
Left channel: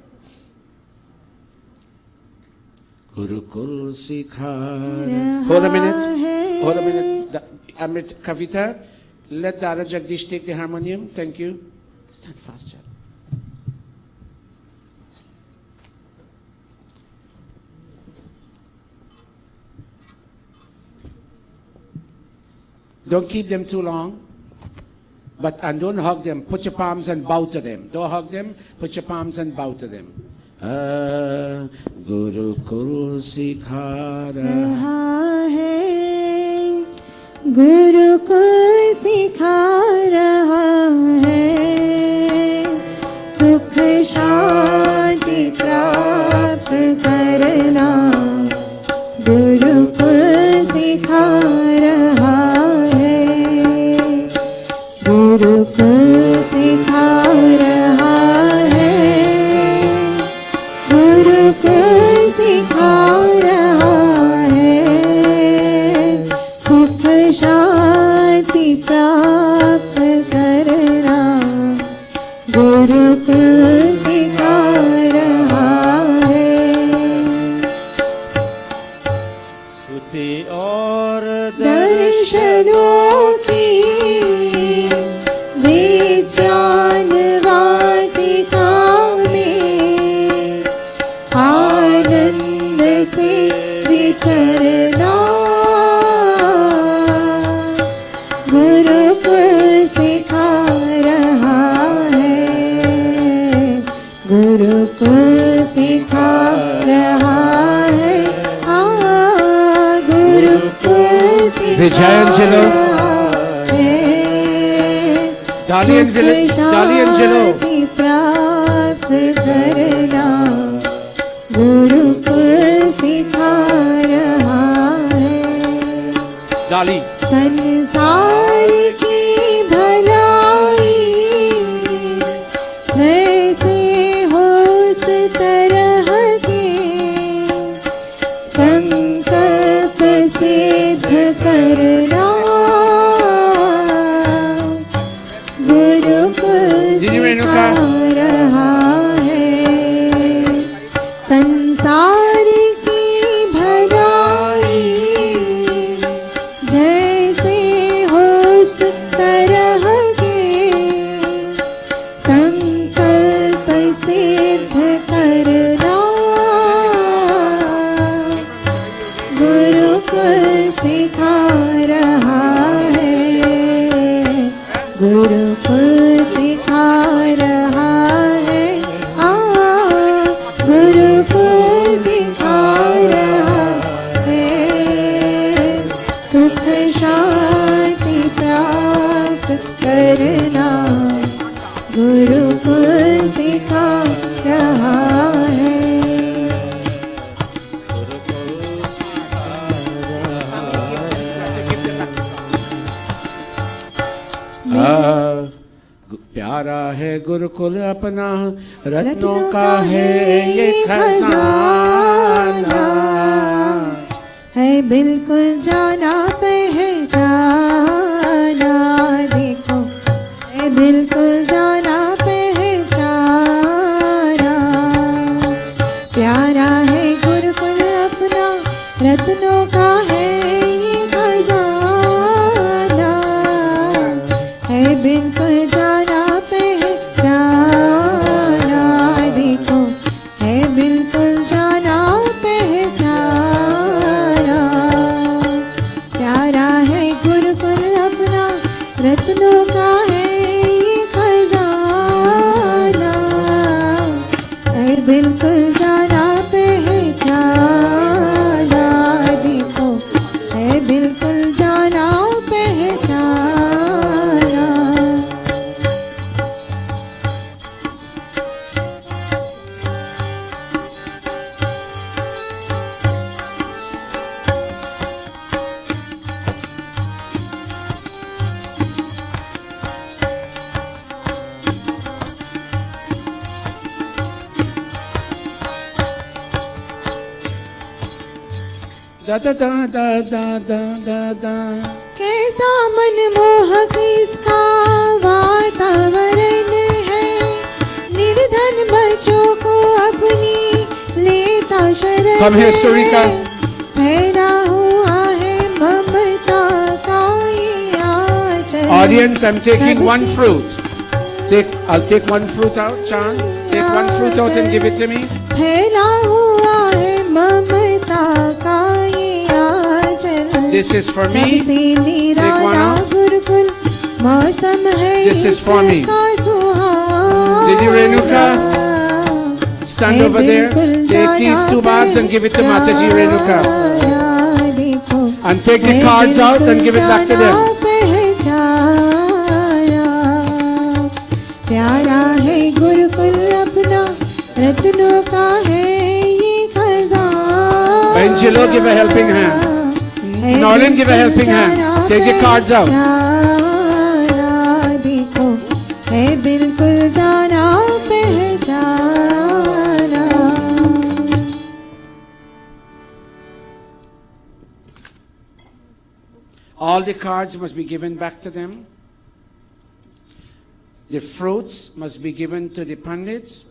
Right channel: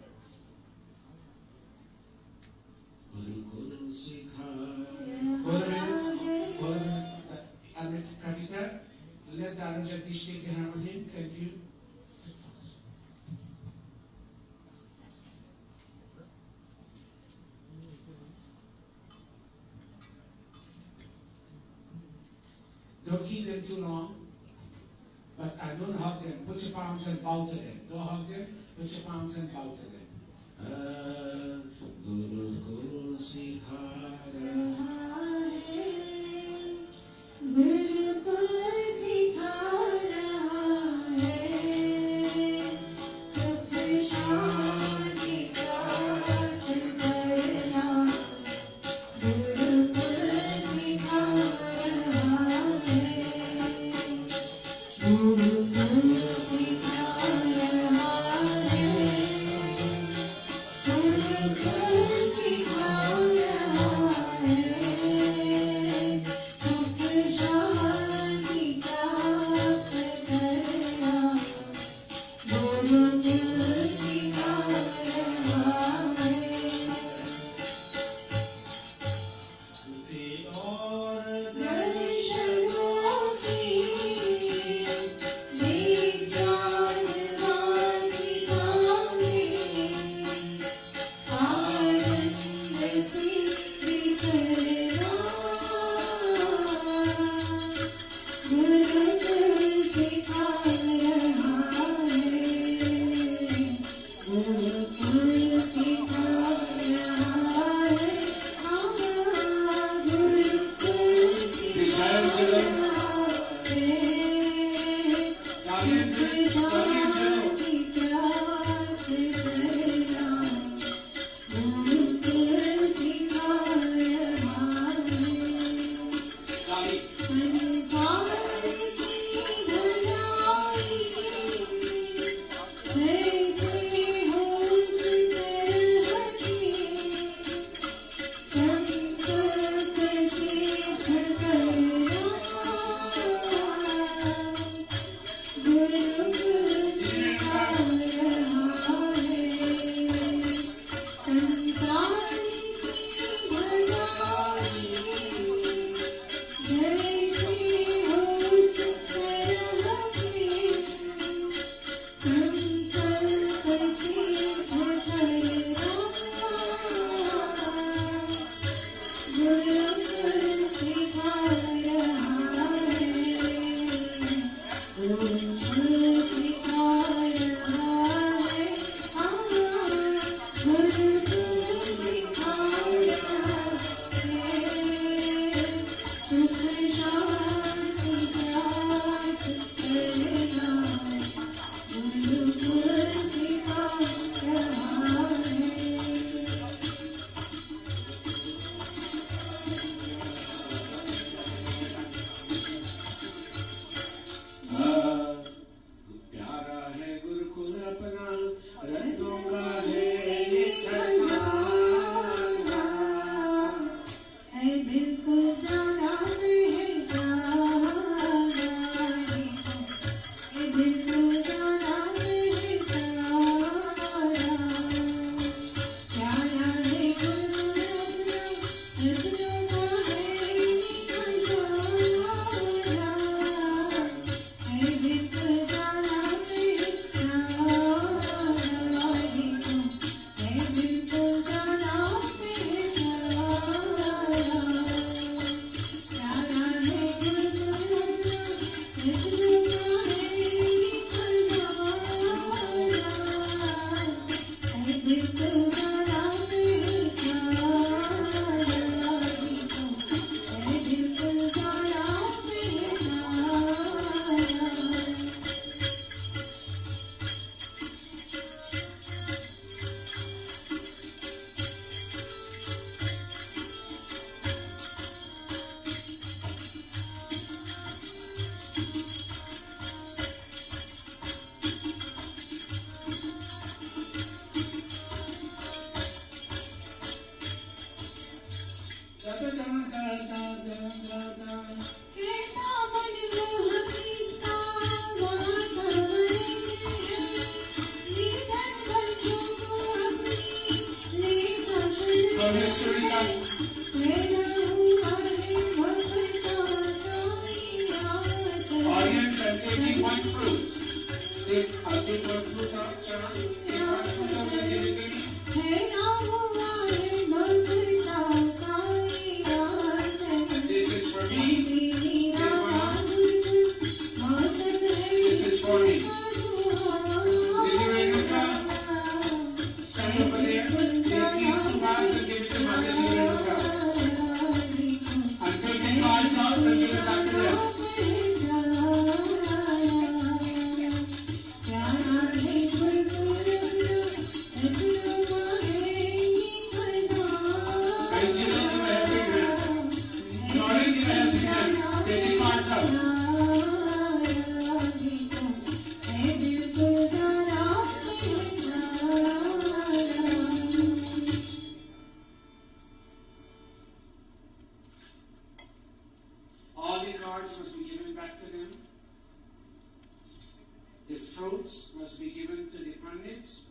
Gurukul Sikhar. Hold a minute. Hold a minute. Amrit Kavita, let Dada Jagdish take the harmonium. Thank you. Stand fast, Chan. Don't keep them too long. And don't hug them. Put your palms and bow to them. Don't hug them. Put your palms and bow to them. Gurukul Sikhara. Gurukul सिखा रहा है सुख शांति प्राप्त करना गुरुकुल सिखा रहा है गुरुकुल सिखा रहा है गुरुकुल सिखा रहा है सुख शांति प्राप्त करना गुरुकुल सिखा रहा है स्तुति और दर्शनों की विज्ञान वाटिका में आनंद से विचरना गुरुकुल सिखा रहा है गुरुकुल सिखा रहा है गुरुकुल सिखा Vijayangelo. Daliangelo. Daliangelo. प्राप्त करना गुरुकुल सिखा रहा है Dali. संसार की भलाई जैसे हो उस तरह के संकल्प सिद्ध करना गुरुकुल Didi Renuka. सिखा रहा है संसार की भलाई जैसे हो उस तरह के संकल्प सिद्ध करना गुरुकुल सिखा रहा है गुरुकुल सिखा रहा है गुरुकुल सिखा रहा है सुख शांति प्राप्त करना गुरुकुल सिखा रहा है प्यारा है गुरुकुल अपना रत्नों का है ये खजाना है बिल्कुल जाना पहचाना देखो है बिल्कुल जाना पहचाना प्यारा है गुरुकुल अपना रत्नों का है ये खजाना है बिल्कुल जाना पहचाना देखो है बिल्कुल जाना पहचाना प्यारा है गुरुकुल अपना रत्नों का है ये खजाना है बिल्कुल जाना पहचाना देखो है बिल्कुल जाना पहचाना da da da da da da da da. कैसा मनमोहक इसका वातावरण है, निर्धन बच्चों को अपनी लेता शरण Come here, Sarika. पैदा हुआ है ममता का ये आचरण। Audience, I'm taking one fruit. I'll take one fruit out, Chan. Take one fruit out and give it to me. पैदा हुआ है ममता का ये आचरण। This is for me. Take one out. Gurukul मौसम है This is for me. इसका सुहाना। Lady Renuka, stand over there. Take these 2 bags and give it to Mataji Renuka. And take the cards out and give it back to them. प्यारा है गुरुकुल अपना, रत्नों का है ये खजाना। Angelo, give a helping hand. Nolan, give a helping hand. Take the cards out. देखो है बिल्कुल जाना पहचाना। All the cards must be given back to them. The fruits must be given to the pandits.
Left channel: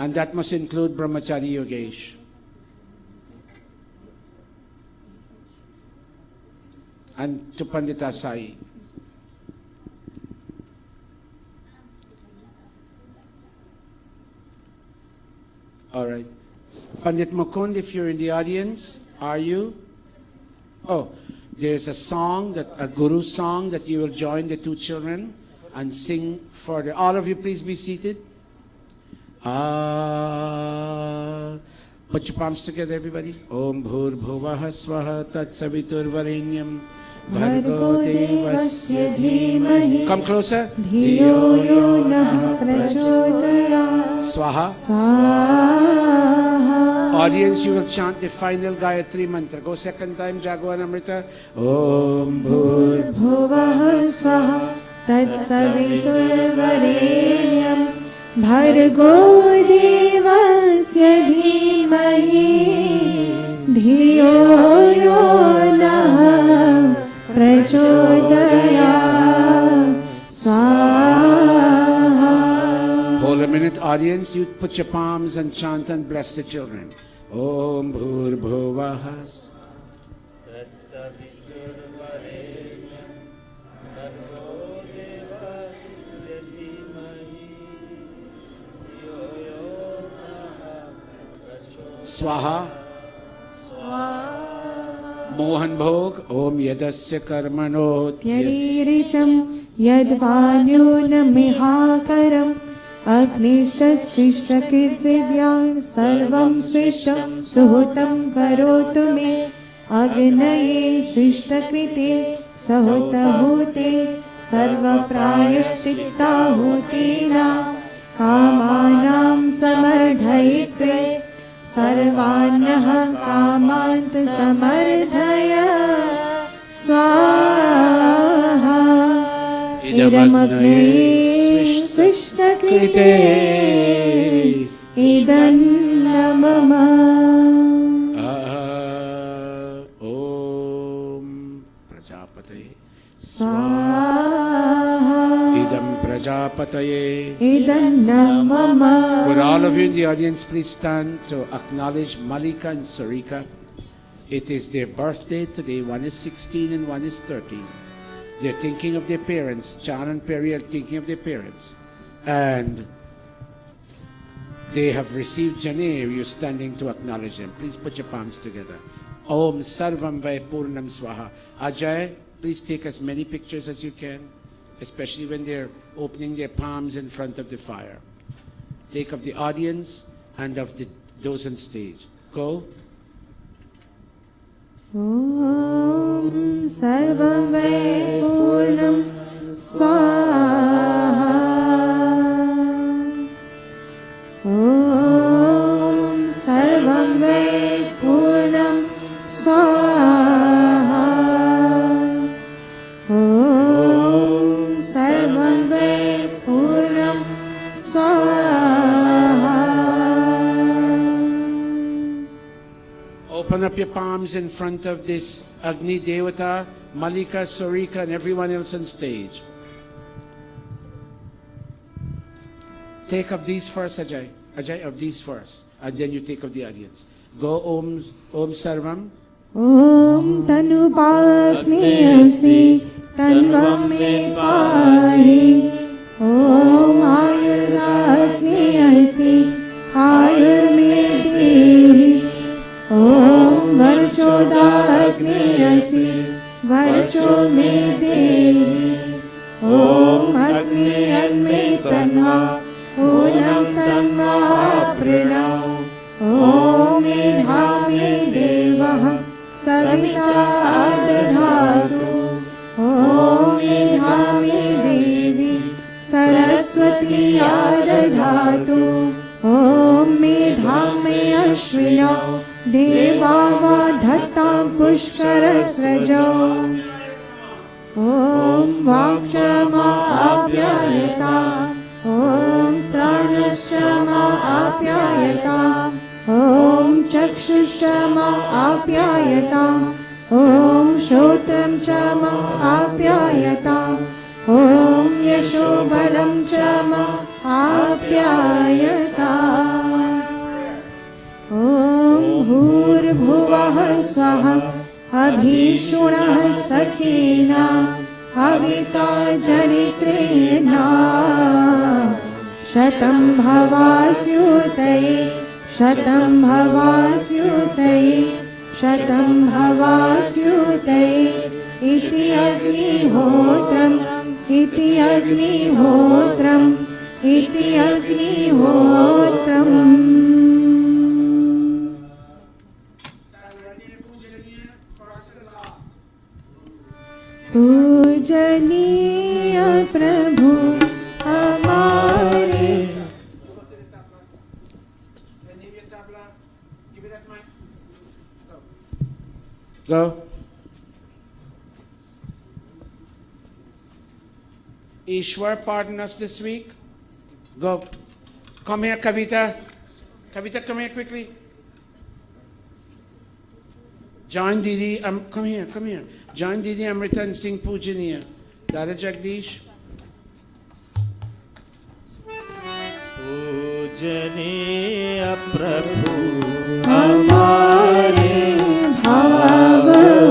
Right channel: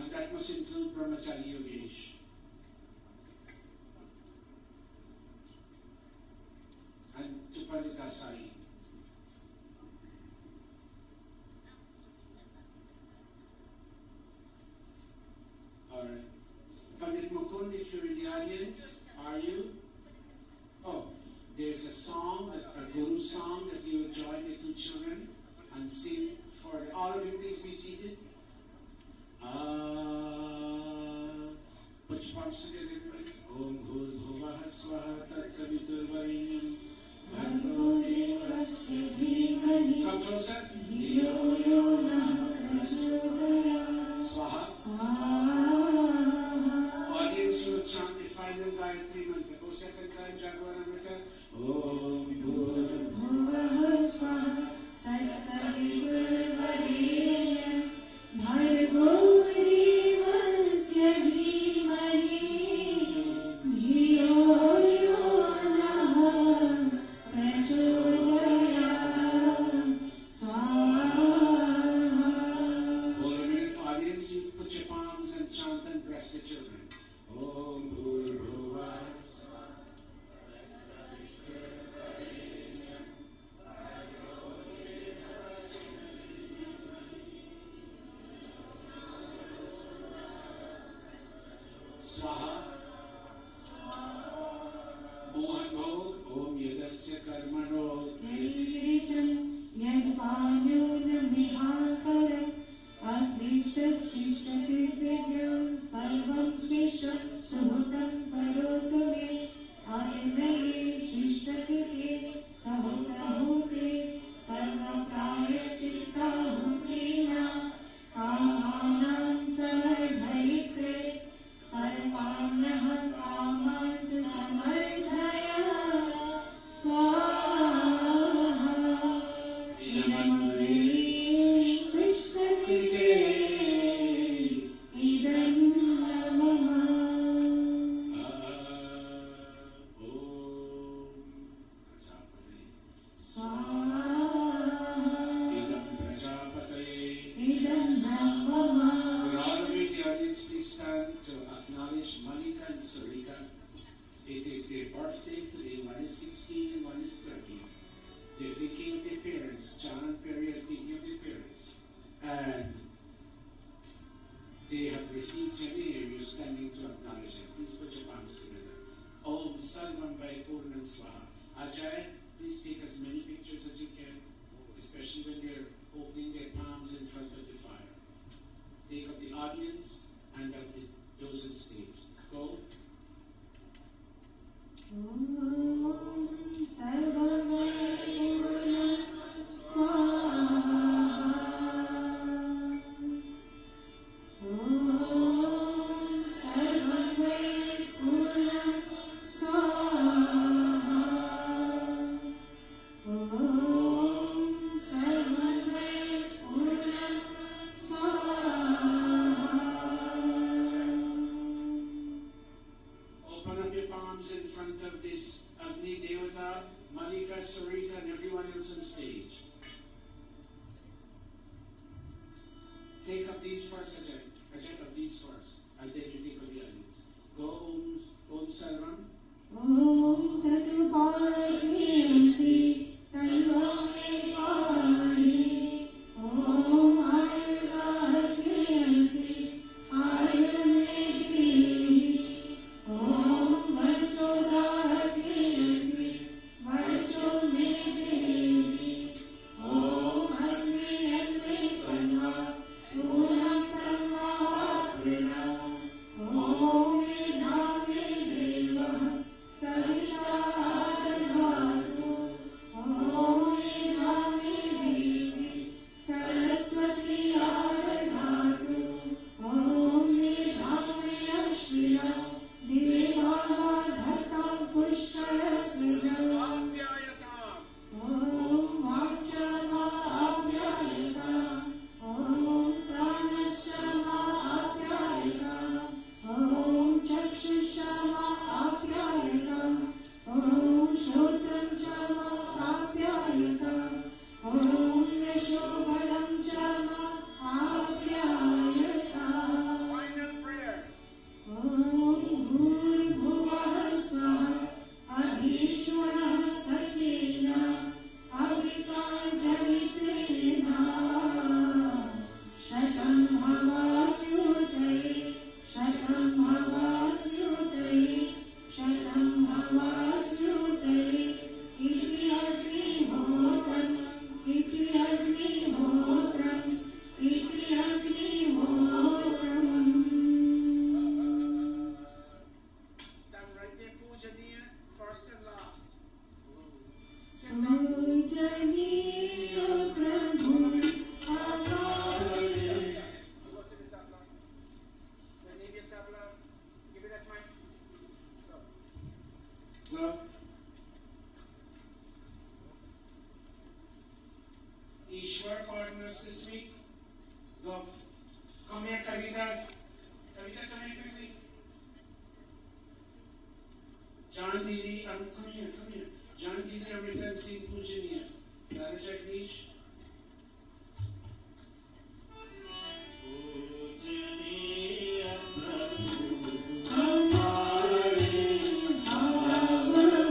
And that must include Brahmachari Yogesh. And to Pandita Sai. All right. Pandit Mukund, if you're in the audience, are you? Oh, there's a song, a guru song that you will join the 2 children and sing for the. All of you, please be seated. Put your palms together, everybody. Om Bhur Bhuvaha Swaha Tat Savitur Varenyam Bhargo Devasya Dhimahi. Come closer. Dhiyo yo nah prachodaya. Swaha. Audience, you will chant the final Gayatri mantra. Go second time, Jagwan Amrita. Om Bhur भुवः स्वः तत्सवितुर्वरेण्यं भर्गो देवस्य धीमहि धियो यो नः प्रचोदयात् स्वाहा। Hold a minute, audience. You put your palms and chant and bless the children. Om Bhur Bhuvah. Swaha. Mohan Bhog. Om Yadasya Karmano. त्यरीरिचं यद्वान्यूनमिहाकरम् अग्निष्टशिष्टकृद्विद्यां सर्वं सृष्टं सुहृतं करोतु मे अग्नये सृष्टकृते सहुतहूते सर्वप्रायश्चित्ताहुतीना कामानां समर्धयित्रे सर्वान्नः कामान् समर्धय स्वाहा। इदमग्नये कृष्णकृते इदन्नमः। Om Prajapataye स्वाहा Idam Prajapataye. इदन्नमः। Would all of you in the audience please stand to acknowledge Malika and Sarika? It is their birthday today. One is 16 and one is 13. They're thinking of their parents. Chan and Perry are thinking of their parents. And they have received Janeer. You're standing to acknowledge them. Please put your palms together. Om Sarvam Vai Purnam Swaha. Ajay, please take as many pictures as you can, especially when they're opening their palms in front of the fire. Take of the audience and of those on stage. Go. ॐ सर्वं वै पूर्णं स्वाहा। ॐ सर्वं वै पूर्णं स्वाहा। ॐ सर्वं वै पूर्णं स्वाहा। open up your palms in front of this Agni Devata, Malika, Sarika, and everyone else on stage. Take of these first, Ajay. Ajay, of these first. And then you take of the audience. Go Om Sarvam. Om Tanu Pagniyasi Tanvam Me Pahi. Om Ayurdagniyasi Ayur Me Dehi. Om Varchodagniyasi Varcho Me Dehi. Om Agniyan Me Tanva Unam Tanva Pranam. Om Idha Me Devah Savita Adadhatu. Om Idha Me Devi Saraswati Adadhatu. Om Idha Me Ashvino Devava Dhattam Pushkarasrajo. Om Vakshama Apyayata. Om Pranashama Apyayata. Om Chakshushtama Apyayata. Om Shotram Chama Apyayata. Om Yashobalam Chama Apyayata. Om Bhurbhuvah Swaha Abhishunah Sakhina Avita Janitrena Shatam Bhavasyutaye Shatam Bhavasyutaye Shatam Bhavasyutaye Iti Agnihotram Iti Agnihotram Iti Agnihotram. पूजनीय प्रभु हमारे. Go. Ishwar, pardon us this week. Go. Come here, Kavita. Kavita, come here quickly. John Didi, come here, come here. John Didi Amritan Singh Pujaniya. Dada Jagdish. पूजनीय प्रभु हमारे भाव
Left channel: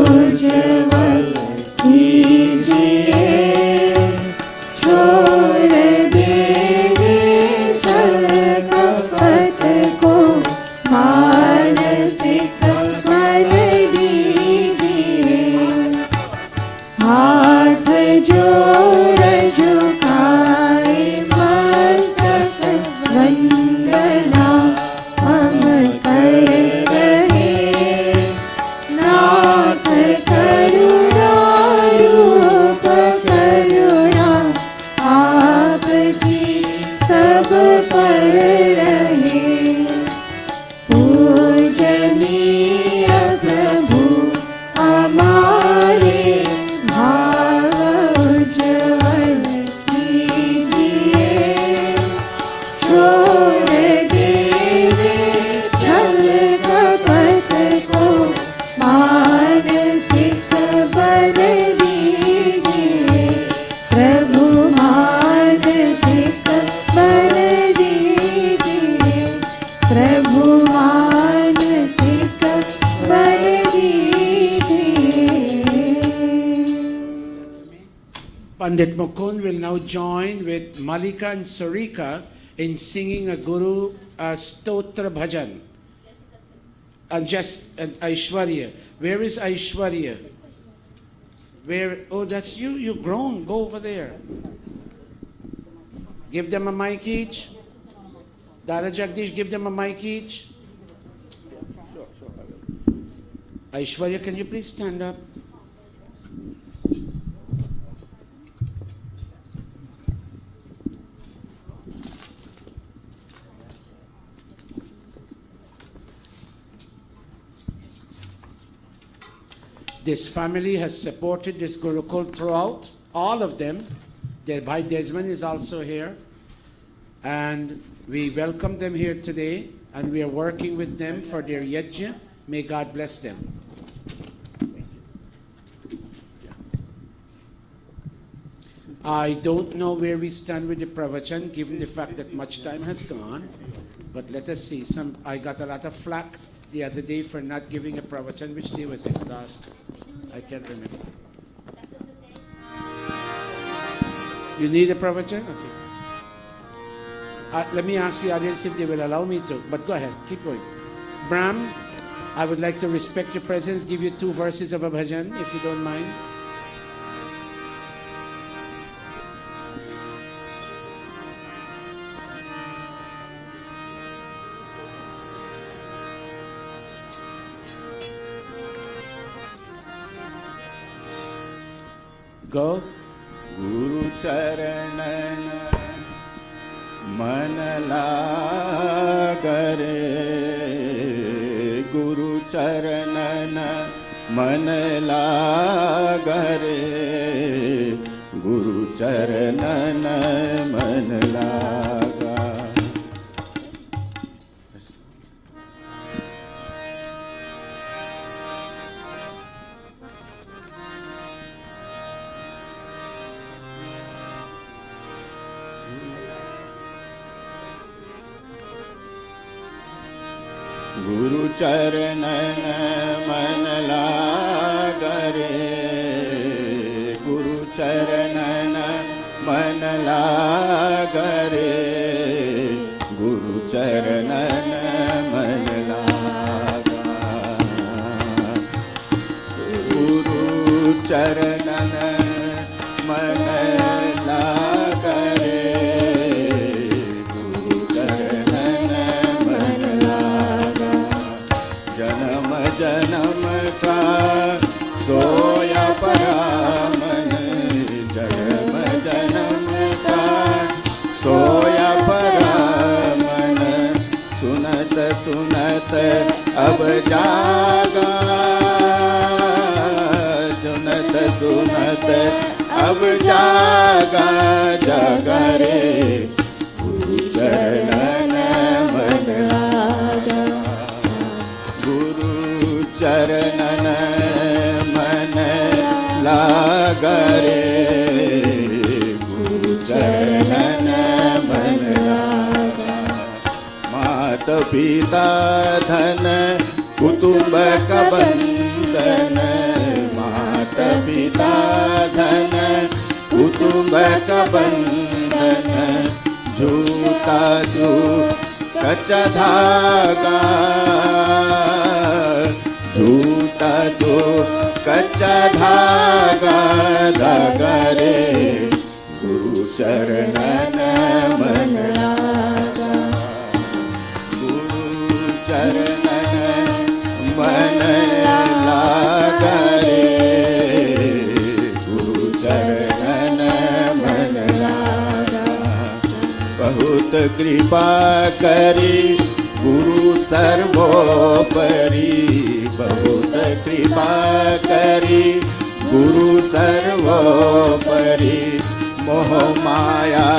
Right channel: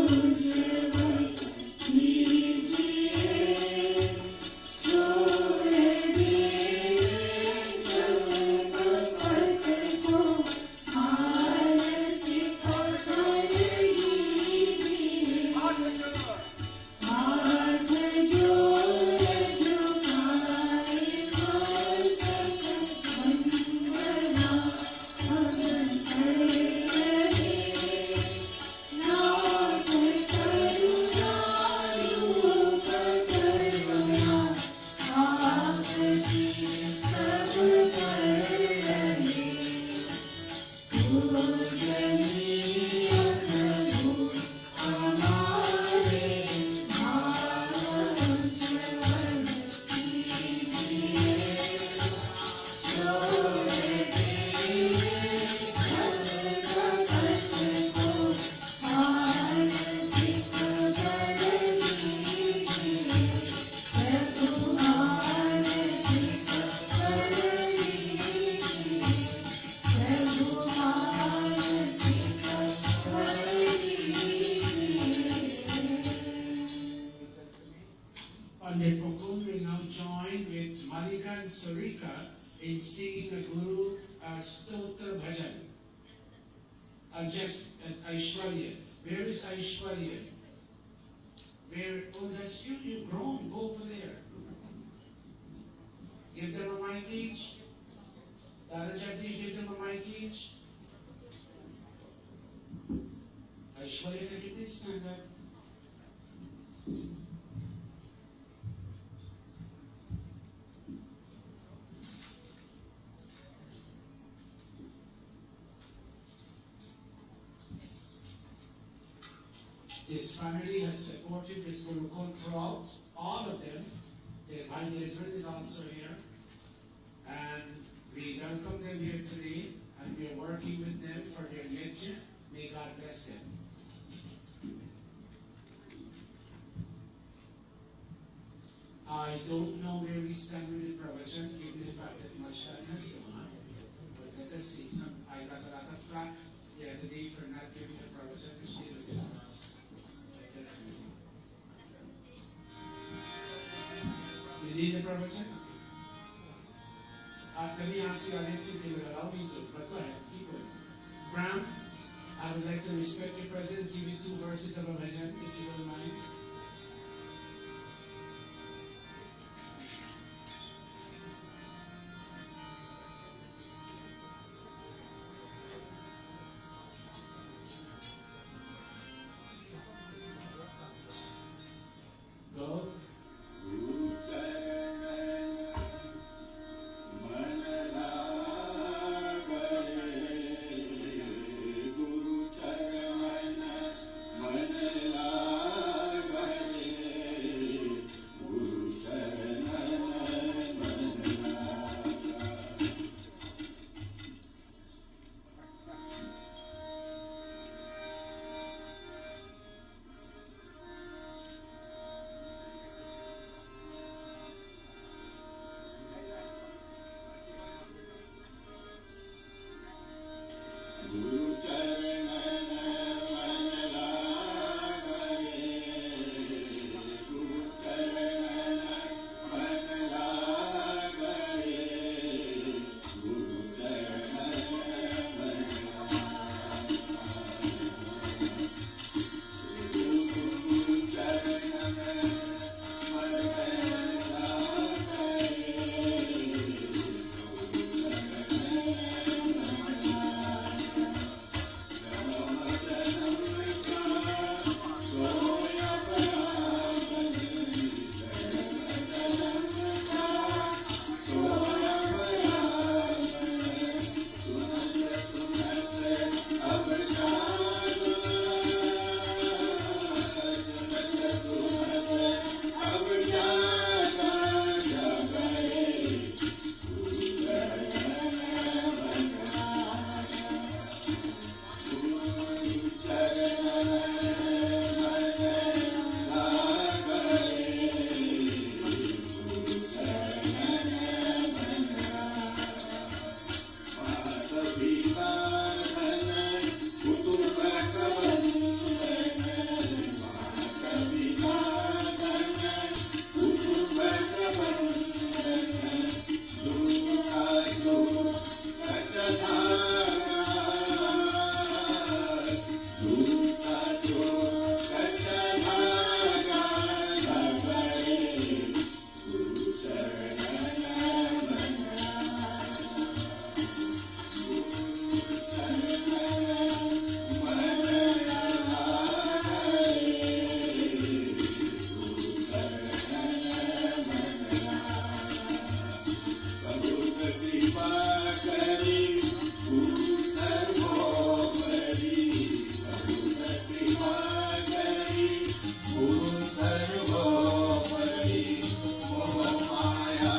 उज्ज्वल कीजिए. छोड़ देंगे चल कपट को मानसिक मन दीजिए. हाथ जोड़ झुकाए मस्तक वंदना हम कर रहे. नाथ करुणा रूप करुणा आपकी सब पर रहे. पूजनीय प्रभु हमारे भाव उज्ज्वल कीजिए. छोड़ देंगे छल कपट को मानसिक बल दीजिए. प्रभु मानसिक बल दीजिए. प्रभु मानसिक बल दीजिए. Pandit Mukund will now join with Malika and Sarika in singing a Guru Stotra Bhajan. And Aishwarya. Where is Aishwarya? Where? Oh, that's you. You've grown. Go over there. Give them a mic each. Dada Jagdish, give them a mic each. Aishwarya, can you please stand up? This family has supported this Gurukul throughout, all of them. Their Bhai Desmond is also here. And we welcome them here today, and we are working with them for their yajna, May God bless them. I don't know where we stand with the pravachan, given the fact that much time has gone. But let us see. I got a lot of flack the other day for not giving a pravachan. Which day was it? Last? I can't remember. You need a pravachan? Okay. Let me ask the audience if they will allow me to. But go ahead. Keep going. Brahm, I would like to respect your presence, give you 2 verses of a bhajan, if you don't mind. Go. Guru Charanan Man Lagare, Guru Charanan Man Lagare, Guru Charanan Man Laga. Guru Charanan Man Lagare, Guru Charanan Man Lagare, Guru Charanan Man Laga, Guru Charanan Man Lagare, Guru Charanan Man Laga. जन्म जन्म का सोया परामन, जन्म जन्म का सोया परामन, सुनत सुनत अब जागा, सुनत सुनत अब जागा, जागा रे गुरु चरण मन लागा, गुरु चरणन मन लागरे, गुरु चरणन मन लागा। मात पिता धन कुटुंब का बंधन, मात पिता धन कुटुंब का बंधन, झूठा कच्चा धागा, झूठा जो कच्चा धागा, धागा रे गुरु चरणन मन लागा, गुरु चरणन मन लागा रे, गुरु चरणन मन लागा। बहुत कृपा करी गुरु सर्वोपरि, बहुत कृपा करी गुरु सर्वोपरि, मोह माया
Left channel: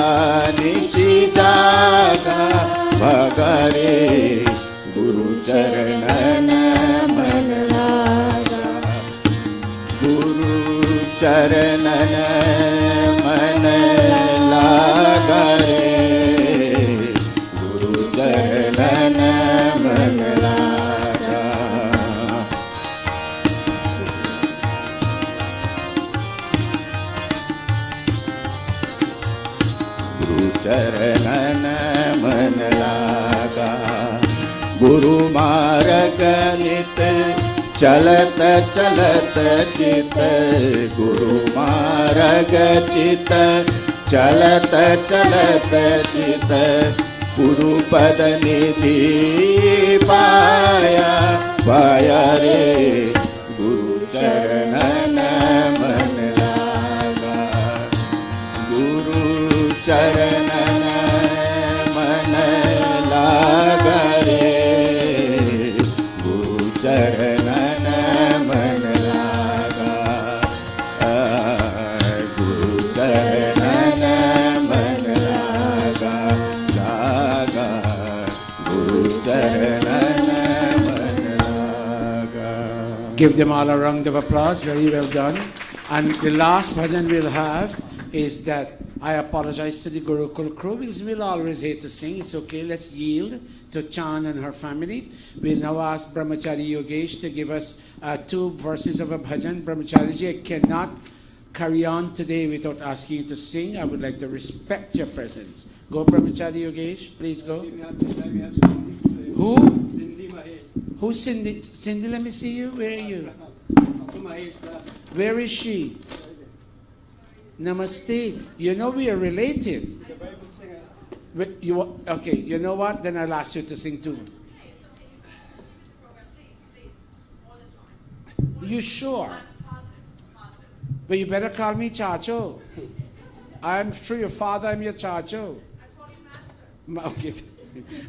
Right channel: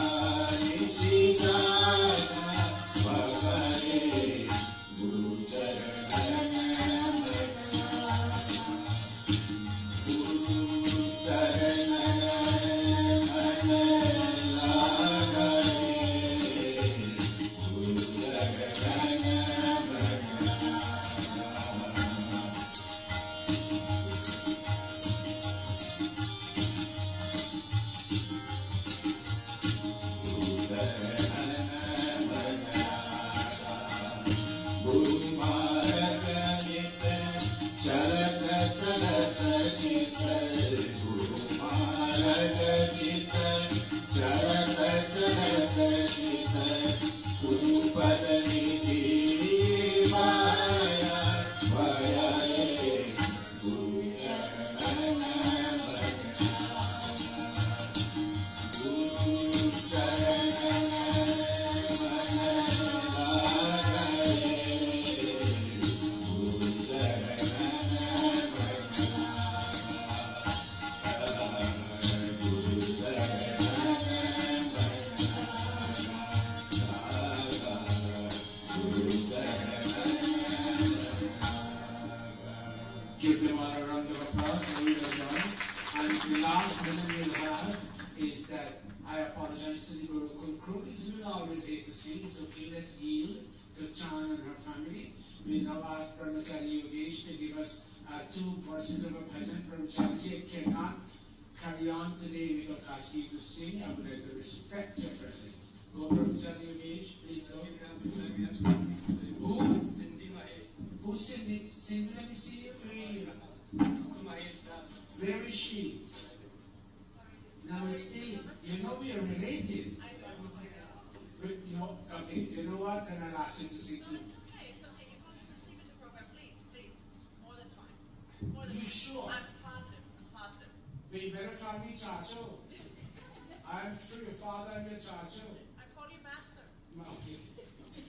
निशि जागा, भगरे गुरु चरणन मन लागा, गुरु चरणन मन लागा रे, गुरु चरणन मन लागा। गुरु चरणन मन लागा, गुरु मार्ग नित चलत चलत चित, गुरु मार्ग चित चलत चलत चित, गुरु पद निधि पाया, पाया रे गुरु चरणन मन लागा, गुरु चरणन मन लागा रे, गुरु चरणन मन लागा, गुरु चरणन मन लागा, लागा गुरु Give them all a round of applause. Very well done. And the last bhajan we'll have is that I apologize to the Gurukul crew because we'll always hate to sing. It's okay. Let's yield to Chan and her family. We'll now ask Brahmachari Yogesh to give us 2 verses of a bhajan. Brahmachari ji, I cannot carry on today without asking you to sing. I would like to respect your presence. Go, Brahmachari Yogesh. Please go. Who? Who's Cindy? Cindy, let me see you. Where are you? Where is she? Namaste. You know we are related. Okay, you know what? Then I'll ask you to sing too. You sure? But you better call me Chacho. I'm through your father, I'm your Chacho. Okay.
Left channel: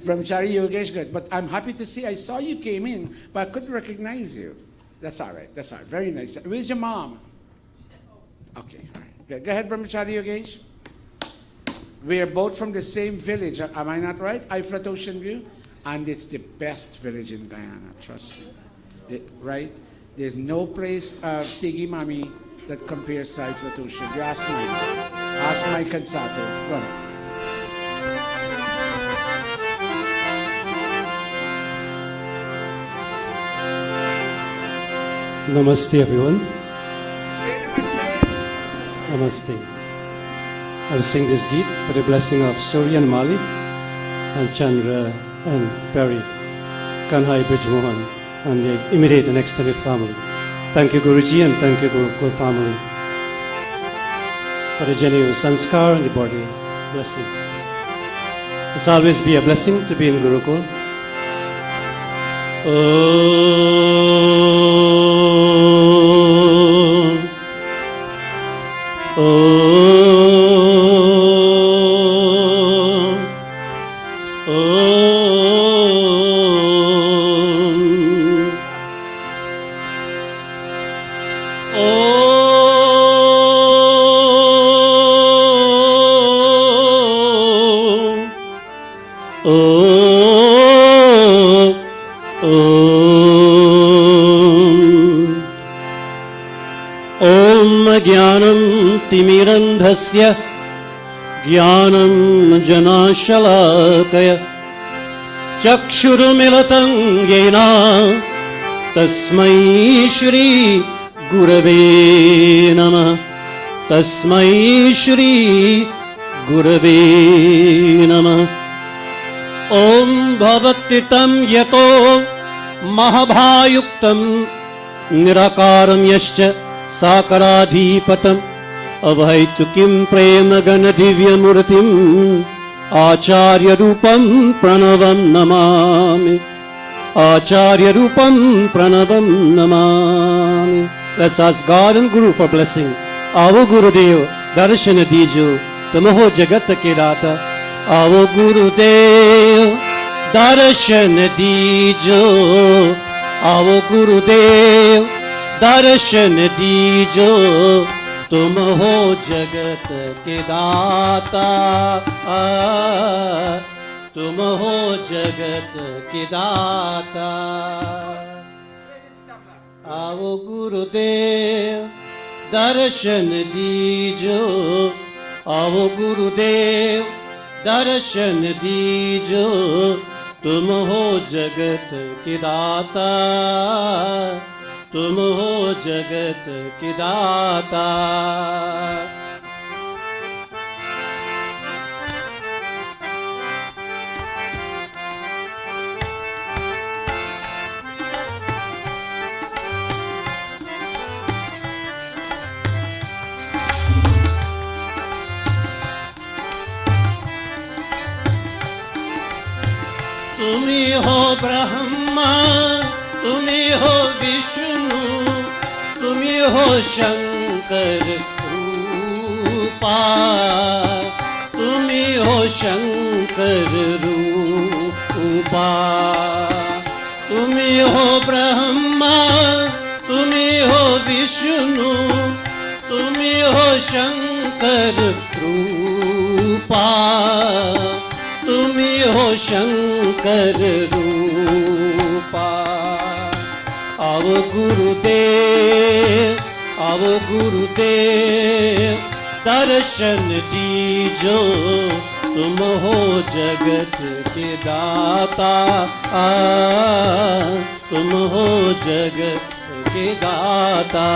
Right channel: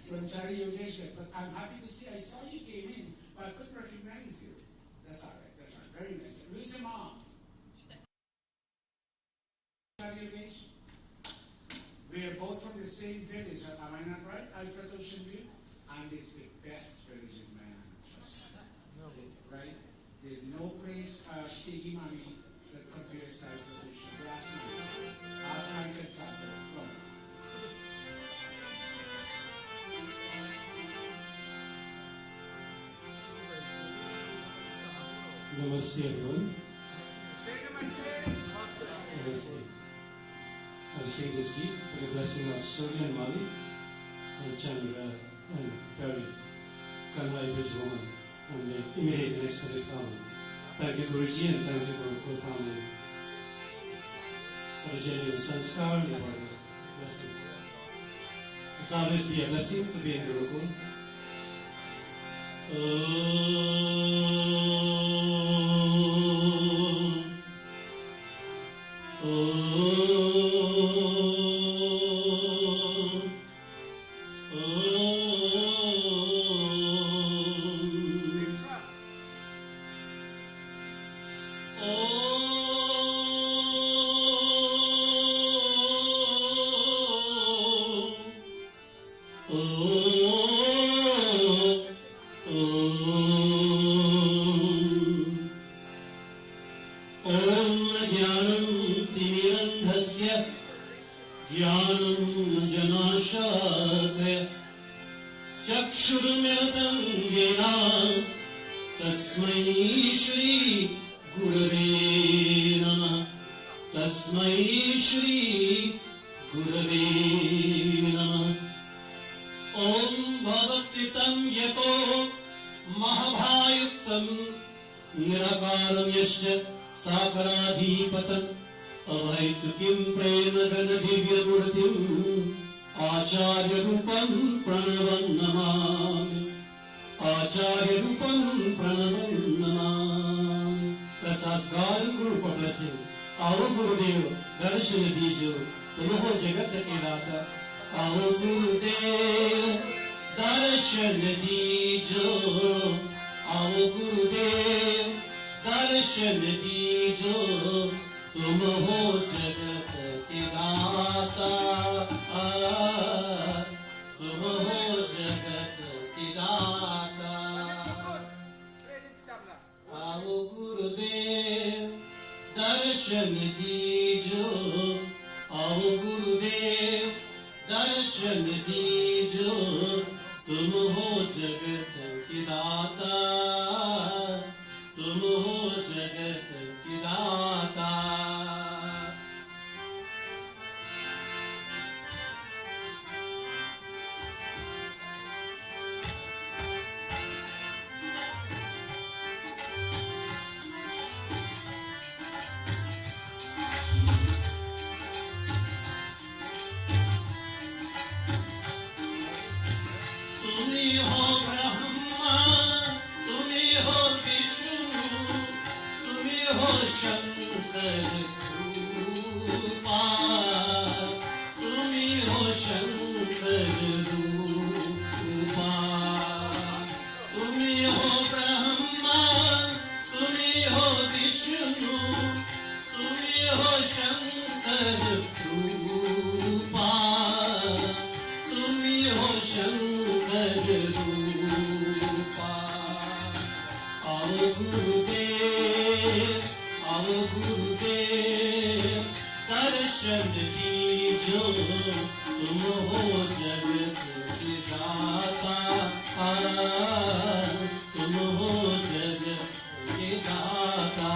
Brahmachari Yogesh, good. But I'm happy to see, I saw you came in, but I couldn't recognize you. That's all right. That's all right. Very nice. Where's your mom? Okay. All right. Good. Go ahead, Brahmachari Yogesh. We are both from the same village. Am I not right? Iflat Ocean View. And it's the best village in Guyana. Trust me. Right? There's no place, Sigi Mami, that compares to Iflat Ocean. You ask me. Ask Mike and Sato. Go on. Namaste everyone. Namaste. I will sing this Geet for the blessing of Surya and Mali and Chandra and Perry, Kanhai Brijmohan and the immediate and extended family. Thank you Guruji and thank you Gurukul family for the genuine sanskar and the body blessing. It's always be a blessing to be in Gurukul. ज्ञानं जनाशलाकय चक्षुरुमिलितं येन तस्मै श्री गुरवे नमः तस्मै श्री गुरवे नमः ॐ भवत्तितं यतो महाभायुक्तं निराकारं यश्च साकराधिपतम् अभैतुकीं प्रेम गण दिव्य मूर्तिं आचार्य रूपं प्रणवं नमामि आचार्य रूपं प्रणवं Namami. Let's ask God and Guru for blessing. आओ गुरुदेव दर्शन दीजो तुम हो जगत के दाता. आओ गुरुदेव दर्शन दीजो. आओ गुरुदेव दर्शन दीजो तुम हो जगत के दाता. तुम हो जगत के दाता. आओ गुरुदेव दर्शन दीजो. आओ गुरुदेव दर्शन दीजो तुम हो जगत के दाता. तुम हो जगत के दाता. तुम्ही हो ब्रह्मा तुम्ही हो विष्णु तुम्ही हो शंकर रूपा. तुम्ही हो शंकर रूपा. तुम्ही हो ब्रह्मा तुम्ही हो विष्णु तुम्ही हो शंकर रूपा. तुम्ही हो शंकर रूपा. आओ गुरुदेव दर्शन दीजो तुम हो जगत के दाता तुम हो जगत के दाता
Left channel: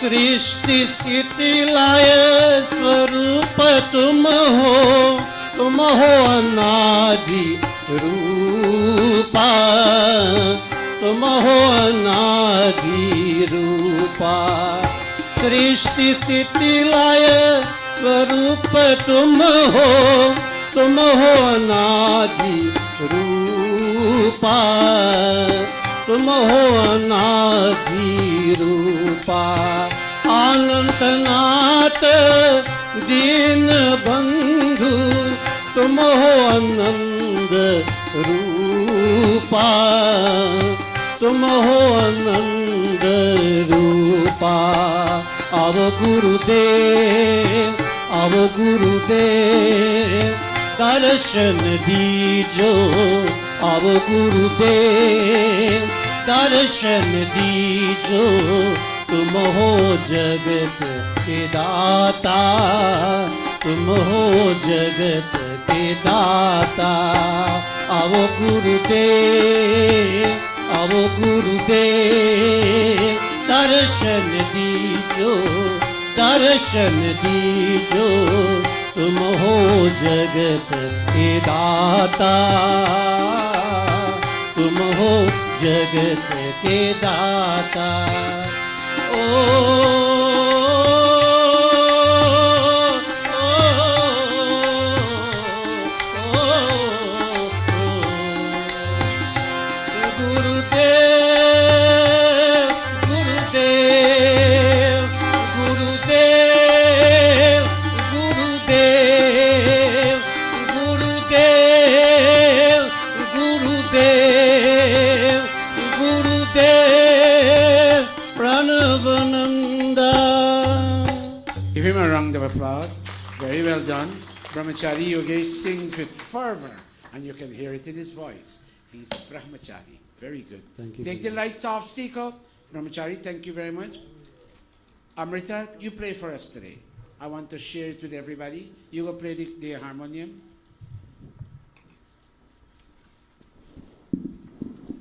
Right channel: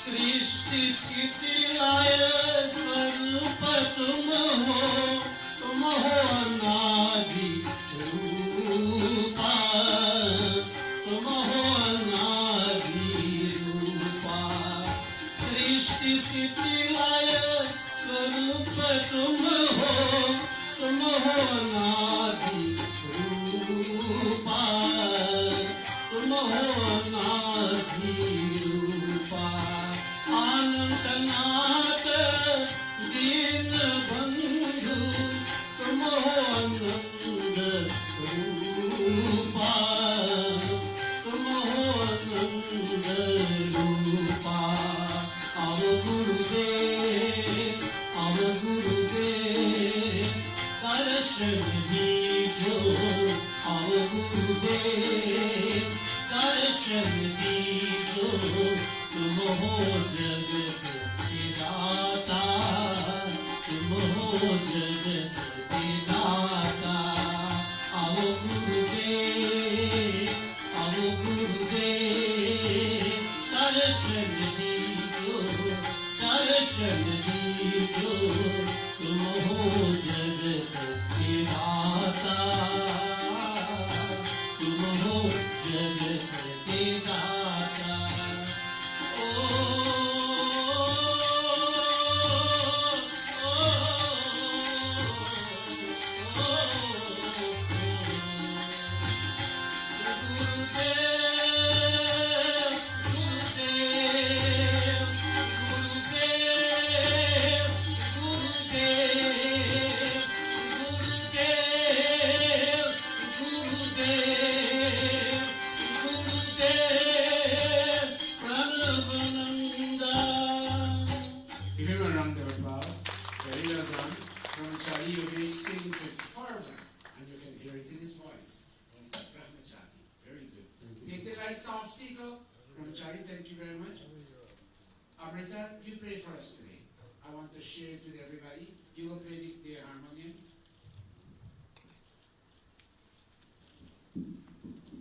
सृष्टि स्थिति लय स्वरूप तुम हो अनादि रूपा तुम हो अनादि रूपा सृष्टि स्थिति लय स्वरूप तुम हो अनादि रूपा तुम हो अनादि रूपा अनंतनाथ दीन बंधु तुम हो आनंद रूपा तुम हो आनंद रूपा अब गुरुदेव दर्शन दीजो अब गुरुदेव दर्शन दीजो तुम हो जगत के दाता तुम हो जगत के दाता अब गुरुदेव दर्शन दीजो तुम हो जगत के दाता तुम हो जगत के दाता Brahmachari Yogesh sings with fervor, and you can hear it in his voice. He's a Brahmachari. Very good. Thank you. Take the lights off, Siko. Brahmachari, thank you very much. Amrita, you play for us today. I want to share it with everybody. You will play the harmonium.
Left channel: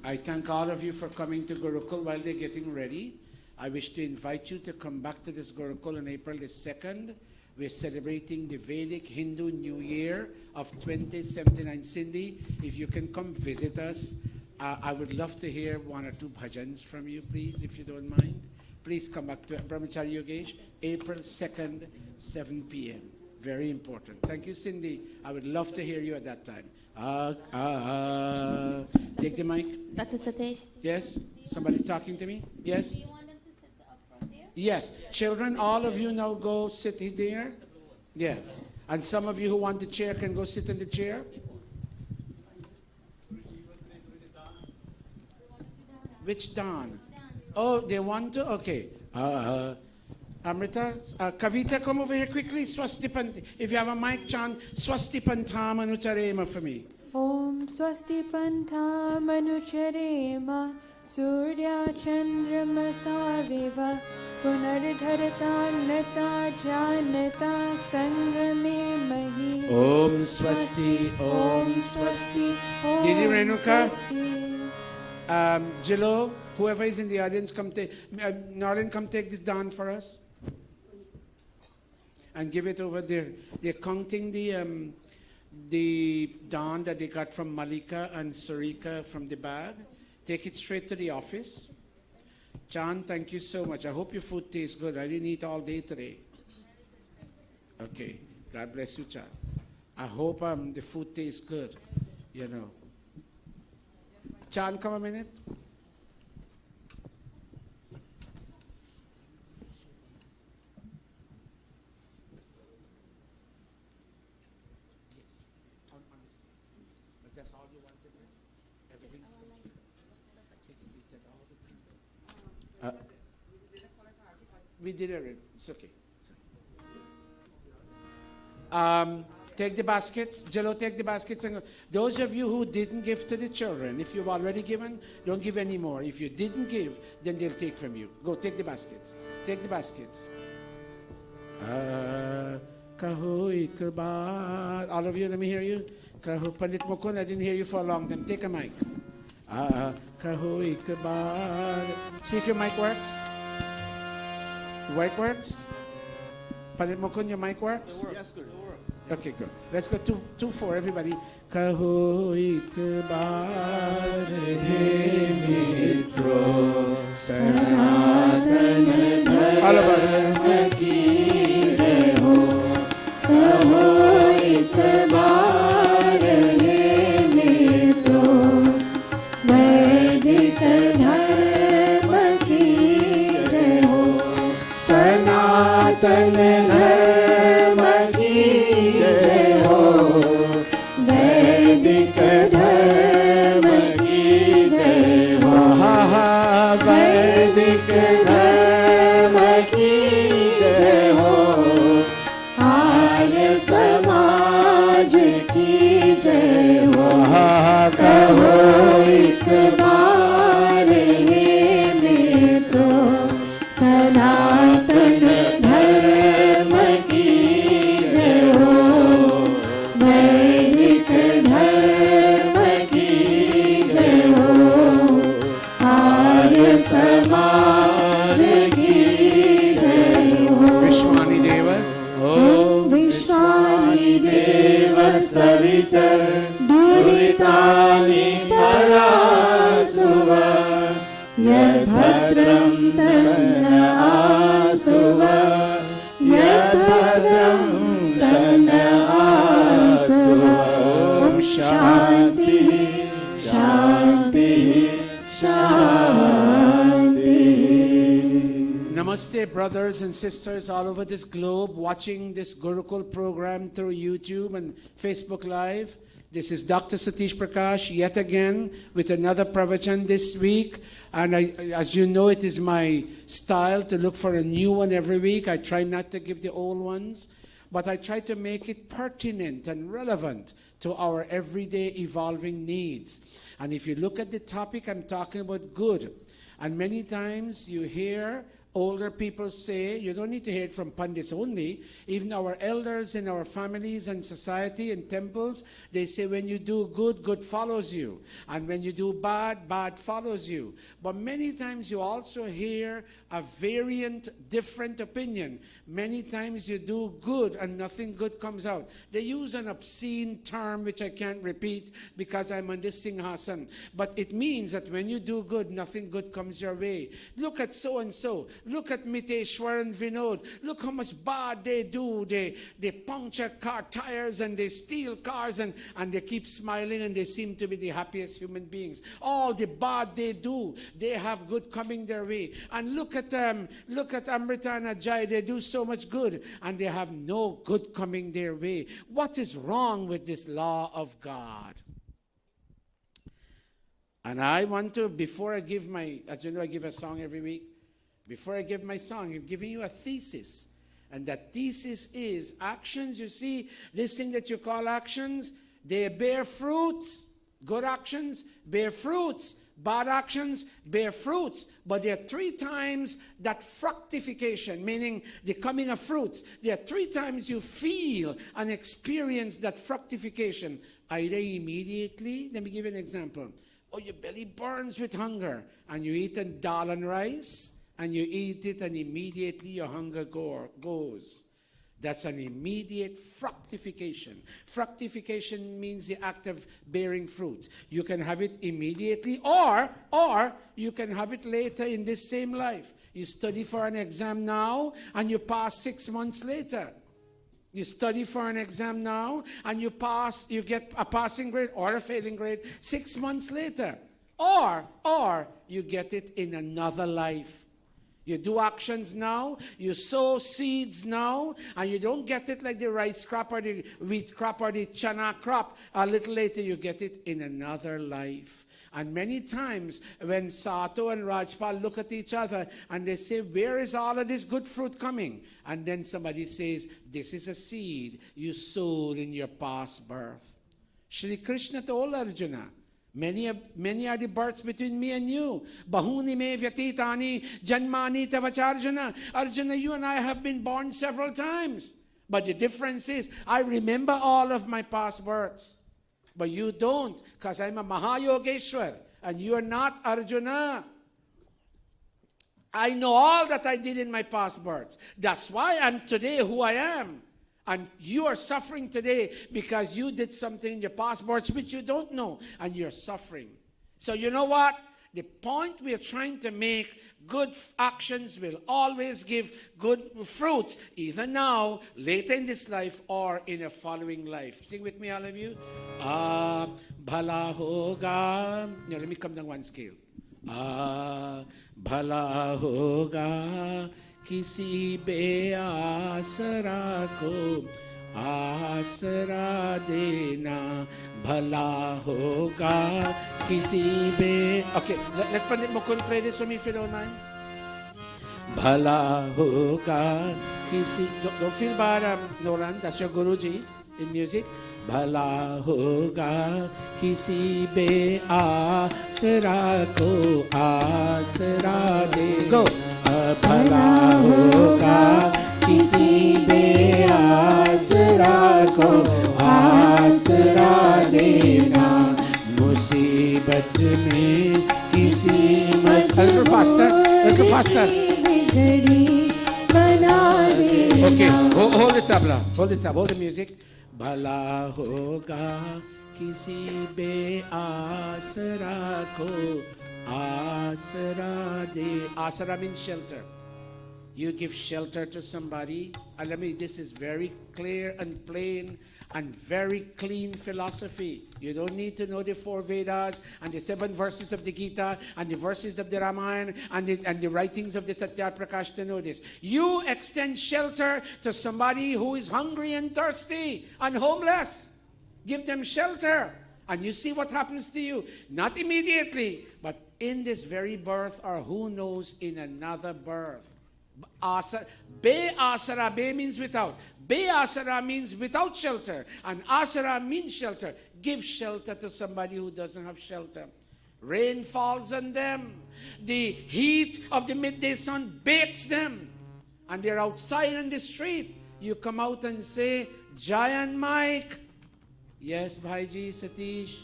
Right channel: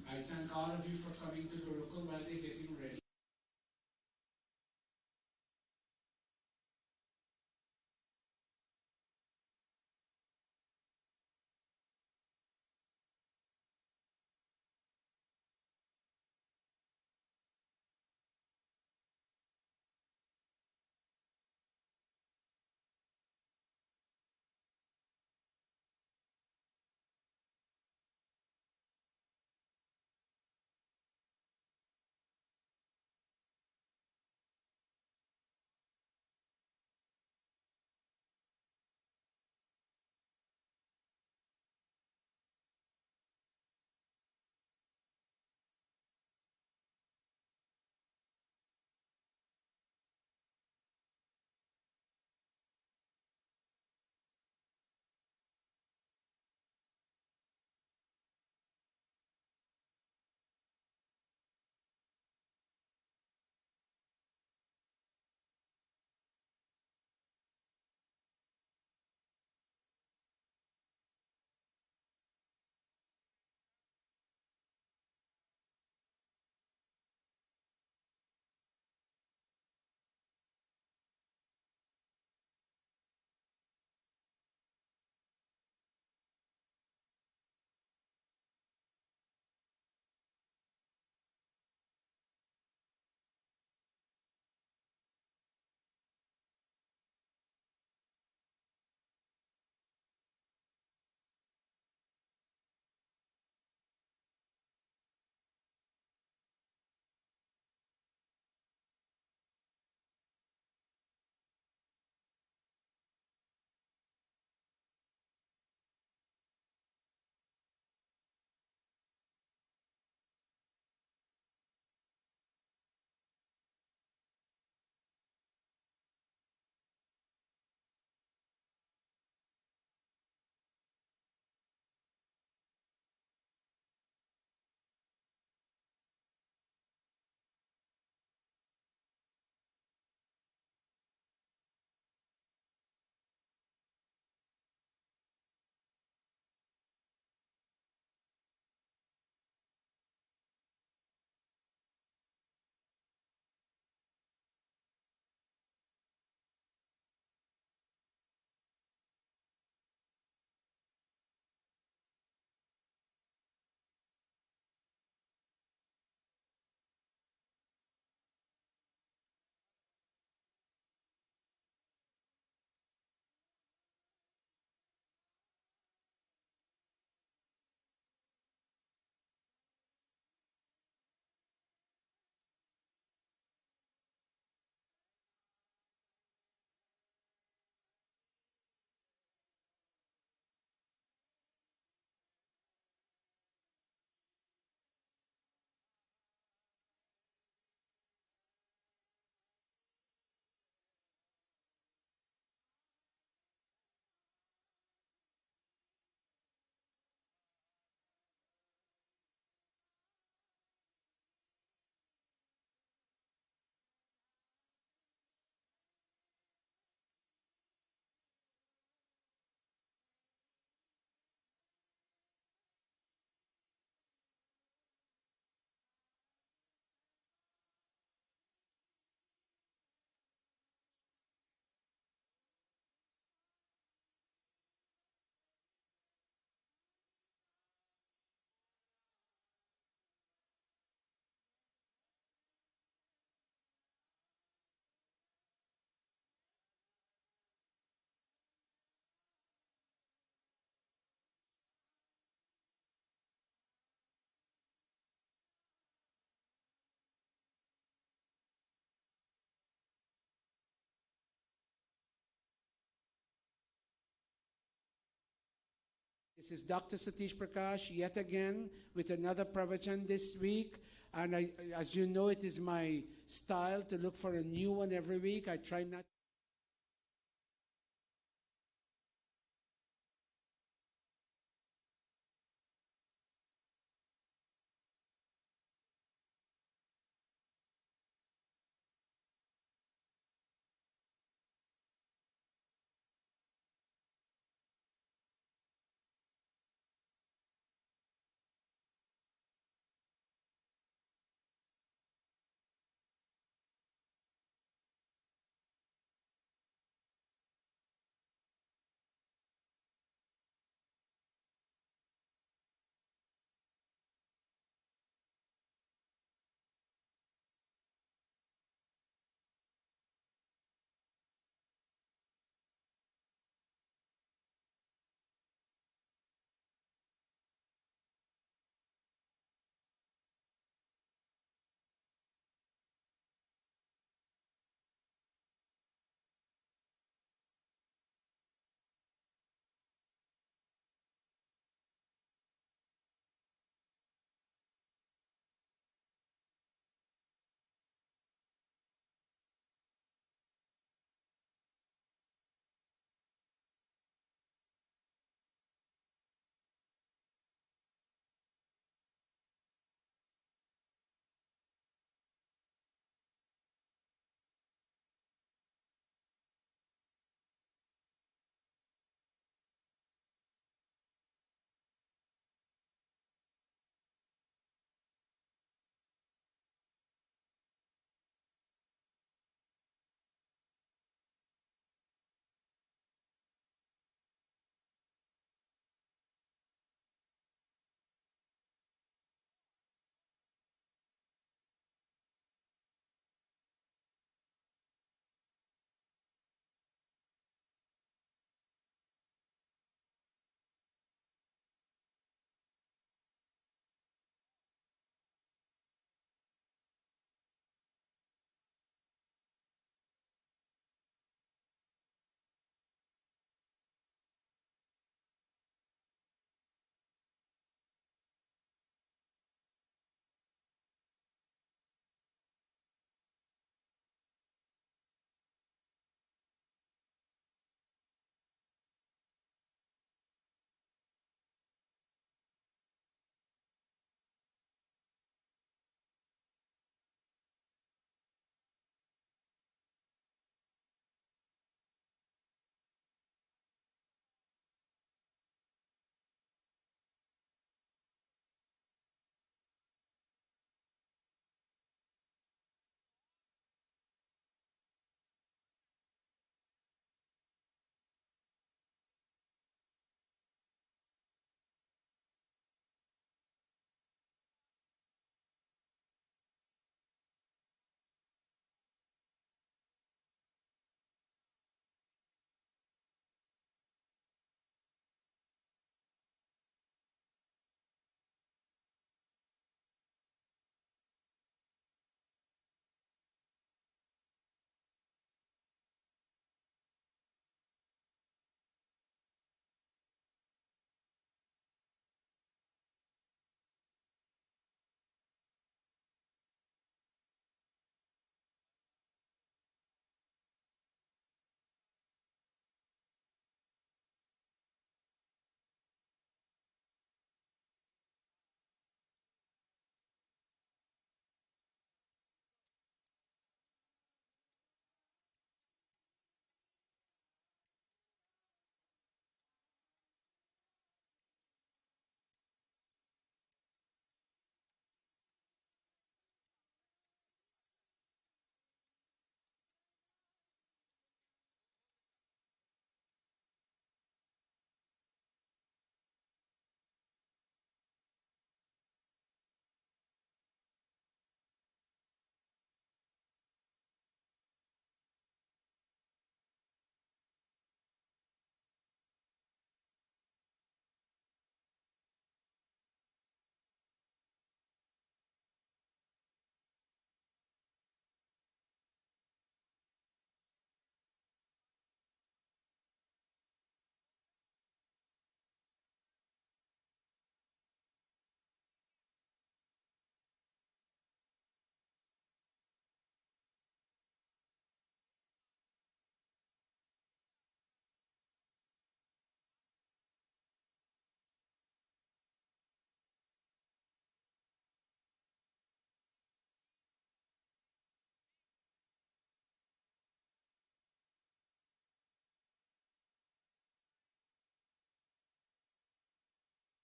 I thank all of you for coming to Gurukul while they're getting ready. I wish to invite you to come back to this Gurukul on April the 2nd. We're celebrating the Vedic Hindu New Year of 2079. Cindy, if you can come visit us, I would love to hear one or two bhajans from you, please, if you don't mind. Please come back to Brahmachari Yogesh, April 2nd, 7 p.m. Very important. Thank you, Cindy. I would love to hear you at that time. Take the mic. Dr. Satish? Yes? Somebody's talking to me? Yes? Do you want them to sit up front there? Yes. Children, all of you now go sit there. Yes. And some of you who want the chair can go sit in the chair. Which Dan? Oh, they want to? Okay. Amrita, Kavita, come over here quickly. Swastipant. If you have a mic, chant Swastipantam Anucharema for me. Om Swasti Panta Manucharema Surya Chandrama Saviva Punardharata Nata Janata Sangame Mahi Om Swasti, Om Swasti. Didi Renuka, Jilo, whoever is in the audience, come take, Norlin, come take this down for us. And give it over there. They're counting the dawn that they got from Malika and Sarika from the bag. Take it straight to the office. Chan, thank you so much. I hope your food tastes good. I didn't eat all day today. Okay. God bless you, Chan. I hope the food tastes good. You know. Chan, come a minute. We did it. It's okay. Take the baskets. Jello, take the baskets. And those of you who didn't give to the children, if you've already given, don't give any more. If you didn't give, then they'll take from you. Go, take the baskets. Take the baskets. Kahoy kabad. All of you, let me hear you. Pandit Mukund, I didn't hear you for a long time. Take a mic. Kahoy kabad. See if your mic works. Your mic works? Pandit Mukund, your mic works? Yes, good. Okay, good. Let's go 2-4, everybody. Kahoy kabad mitro sanatana. All of us. Namaste, brothers and sisters all over this globe watching this Gurukul program through YouTube and Facebook Live. This is Dr. Satish Prakash yet again with another pravachan this week. And as you know, it is my style to look for a new one every week. I try not to give the old ones, but I try to make it pertinent and relevant to our everyday evolving needs. And if you look at the topic, I'm talking about good. And many times you hear older people say, you don't need to hear it from pundits only, even our elders in our families and society and temples, they say when you do good, good follows you. And when you do bad, bad follows you. But many times you also hear a variant, different opinion. Many times you do good and nothing good comes out. They use an obscene term which I can't repeat because I'm on this Singhasan. But it means that when you do good, nothing good comes your way. Look at so-and-so. Look at Miteshwar and Vinod. Look how much bad they do. They puncture car tires and they steal cars and they keep smiling and they seem to be the happiest human beings. All the bad they do, they have good coming their way. And look at Amrita and Ajay. They do so much good and they have no good coming their way. What is wrong with this law of God? And I want to, before I give my, as you know, I give a song every week. Before I give my song, I'm giving you a thesis. And that thesis is actions. You see, this thing that you call actions, they bear fruits. Good actions bear fruits. Bad actions bear fruits. But there are 3 times that fructification, meaning the coming of fruits. There are 3 times you feel and experience that fructification. Either immediately, let me give you an example. Oh, your belly burns with hunger and you eat a dal and rice and you eat it and immediately your hunger goes. That's an immediate fructification. Fructification means the act of bearing fruit. You can have it immediately or you can have it later in this same life. You study for an exam now and you pass 6 months later. You study for an exam now and you pass, you get a passing grade or a failing grade 6 months later. Or you get it in another life. You do actions now, you sow seeds now, and you don't get it like the rice crop or the wheat crop or the chana crop. A little later you get it in another life. And many times when Sato and Rajpal look at each other and they say, where is all of this good fruit coming? And then somebody says, this is a seed you sowed in your past birth. Shri Krishna told Arjuna, many are the births between me and you. Bahuni me vyatitani janmani tavacharjuna. Arjuna, you and I have been born several times. But the difference is, I remember all of my past births. But you don't, because I'm a Mahayogeshwar, and you are not, Arjuna. I know all that I did in my past births. That's why I'm today who I am. And you are suffering today because you did something in your past births which you don't know, and you're suffering. So you know what? The point we are trying to make, good actions will always give good fruits, either now, later in this life, or in a following life. Sing with me, all of you. Bhala hoga. Now let me come down one scale. Bhala hoga kisi be asara ko आसरा देना भला होगा किसी बे. Okay, let Pandit Mukund play this for me if you don't mind. भला होगा किसी, don't feel bad, Nolan, that's your Guruji in music. भला होगा किसी बे आसरा को आसरा दे. Go. भला होगा किसी बे आसरा को आसरा देना मुसीबत में किसी मत. A little faster. Okay, hold it up, hold it up, hold the music. भला होगा किसी बे आसरा को आसरा दे. Asara means shelter. You give shelter to somebody. And let me, this is very clear and plain and very clean philosophy. You don't need to know the 4 Vedas and the 7 verses of the Gita and the verses of the Ramayana and the writings of the Satya Prakash to know this. You extend shelter to somebody who is hungry and thirsty and homeless. Give them shelter. And you see what happens to you. Not immediately, but in this very birth, or who knows, in another birth. Be asara, be means without. Be asara means without shelter. And asara means shelter. Give shelter to somebody who doesn't have shelter. Rain falls on them. The heat of the midday sun bakes them. And they're outside in the street. You come out and say, Giant Mike. Yes, Bhaiji, Satish.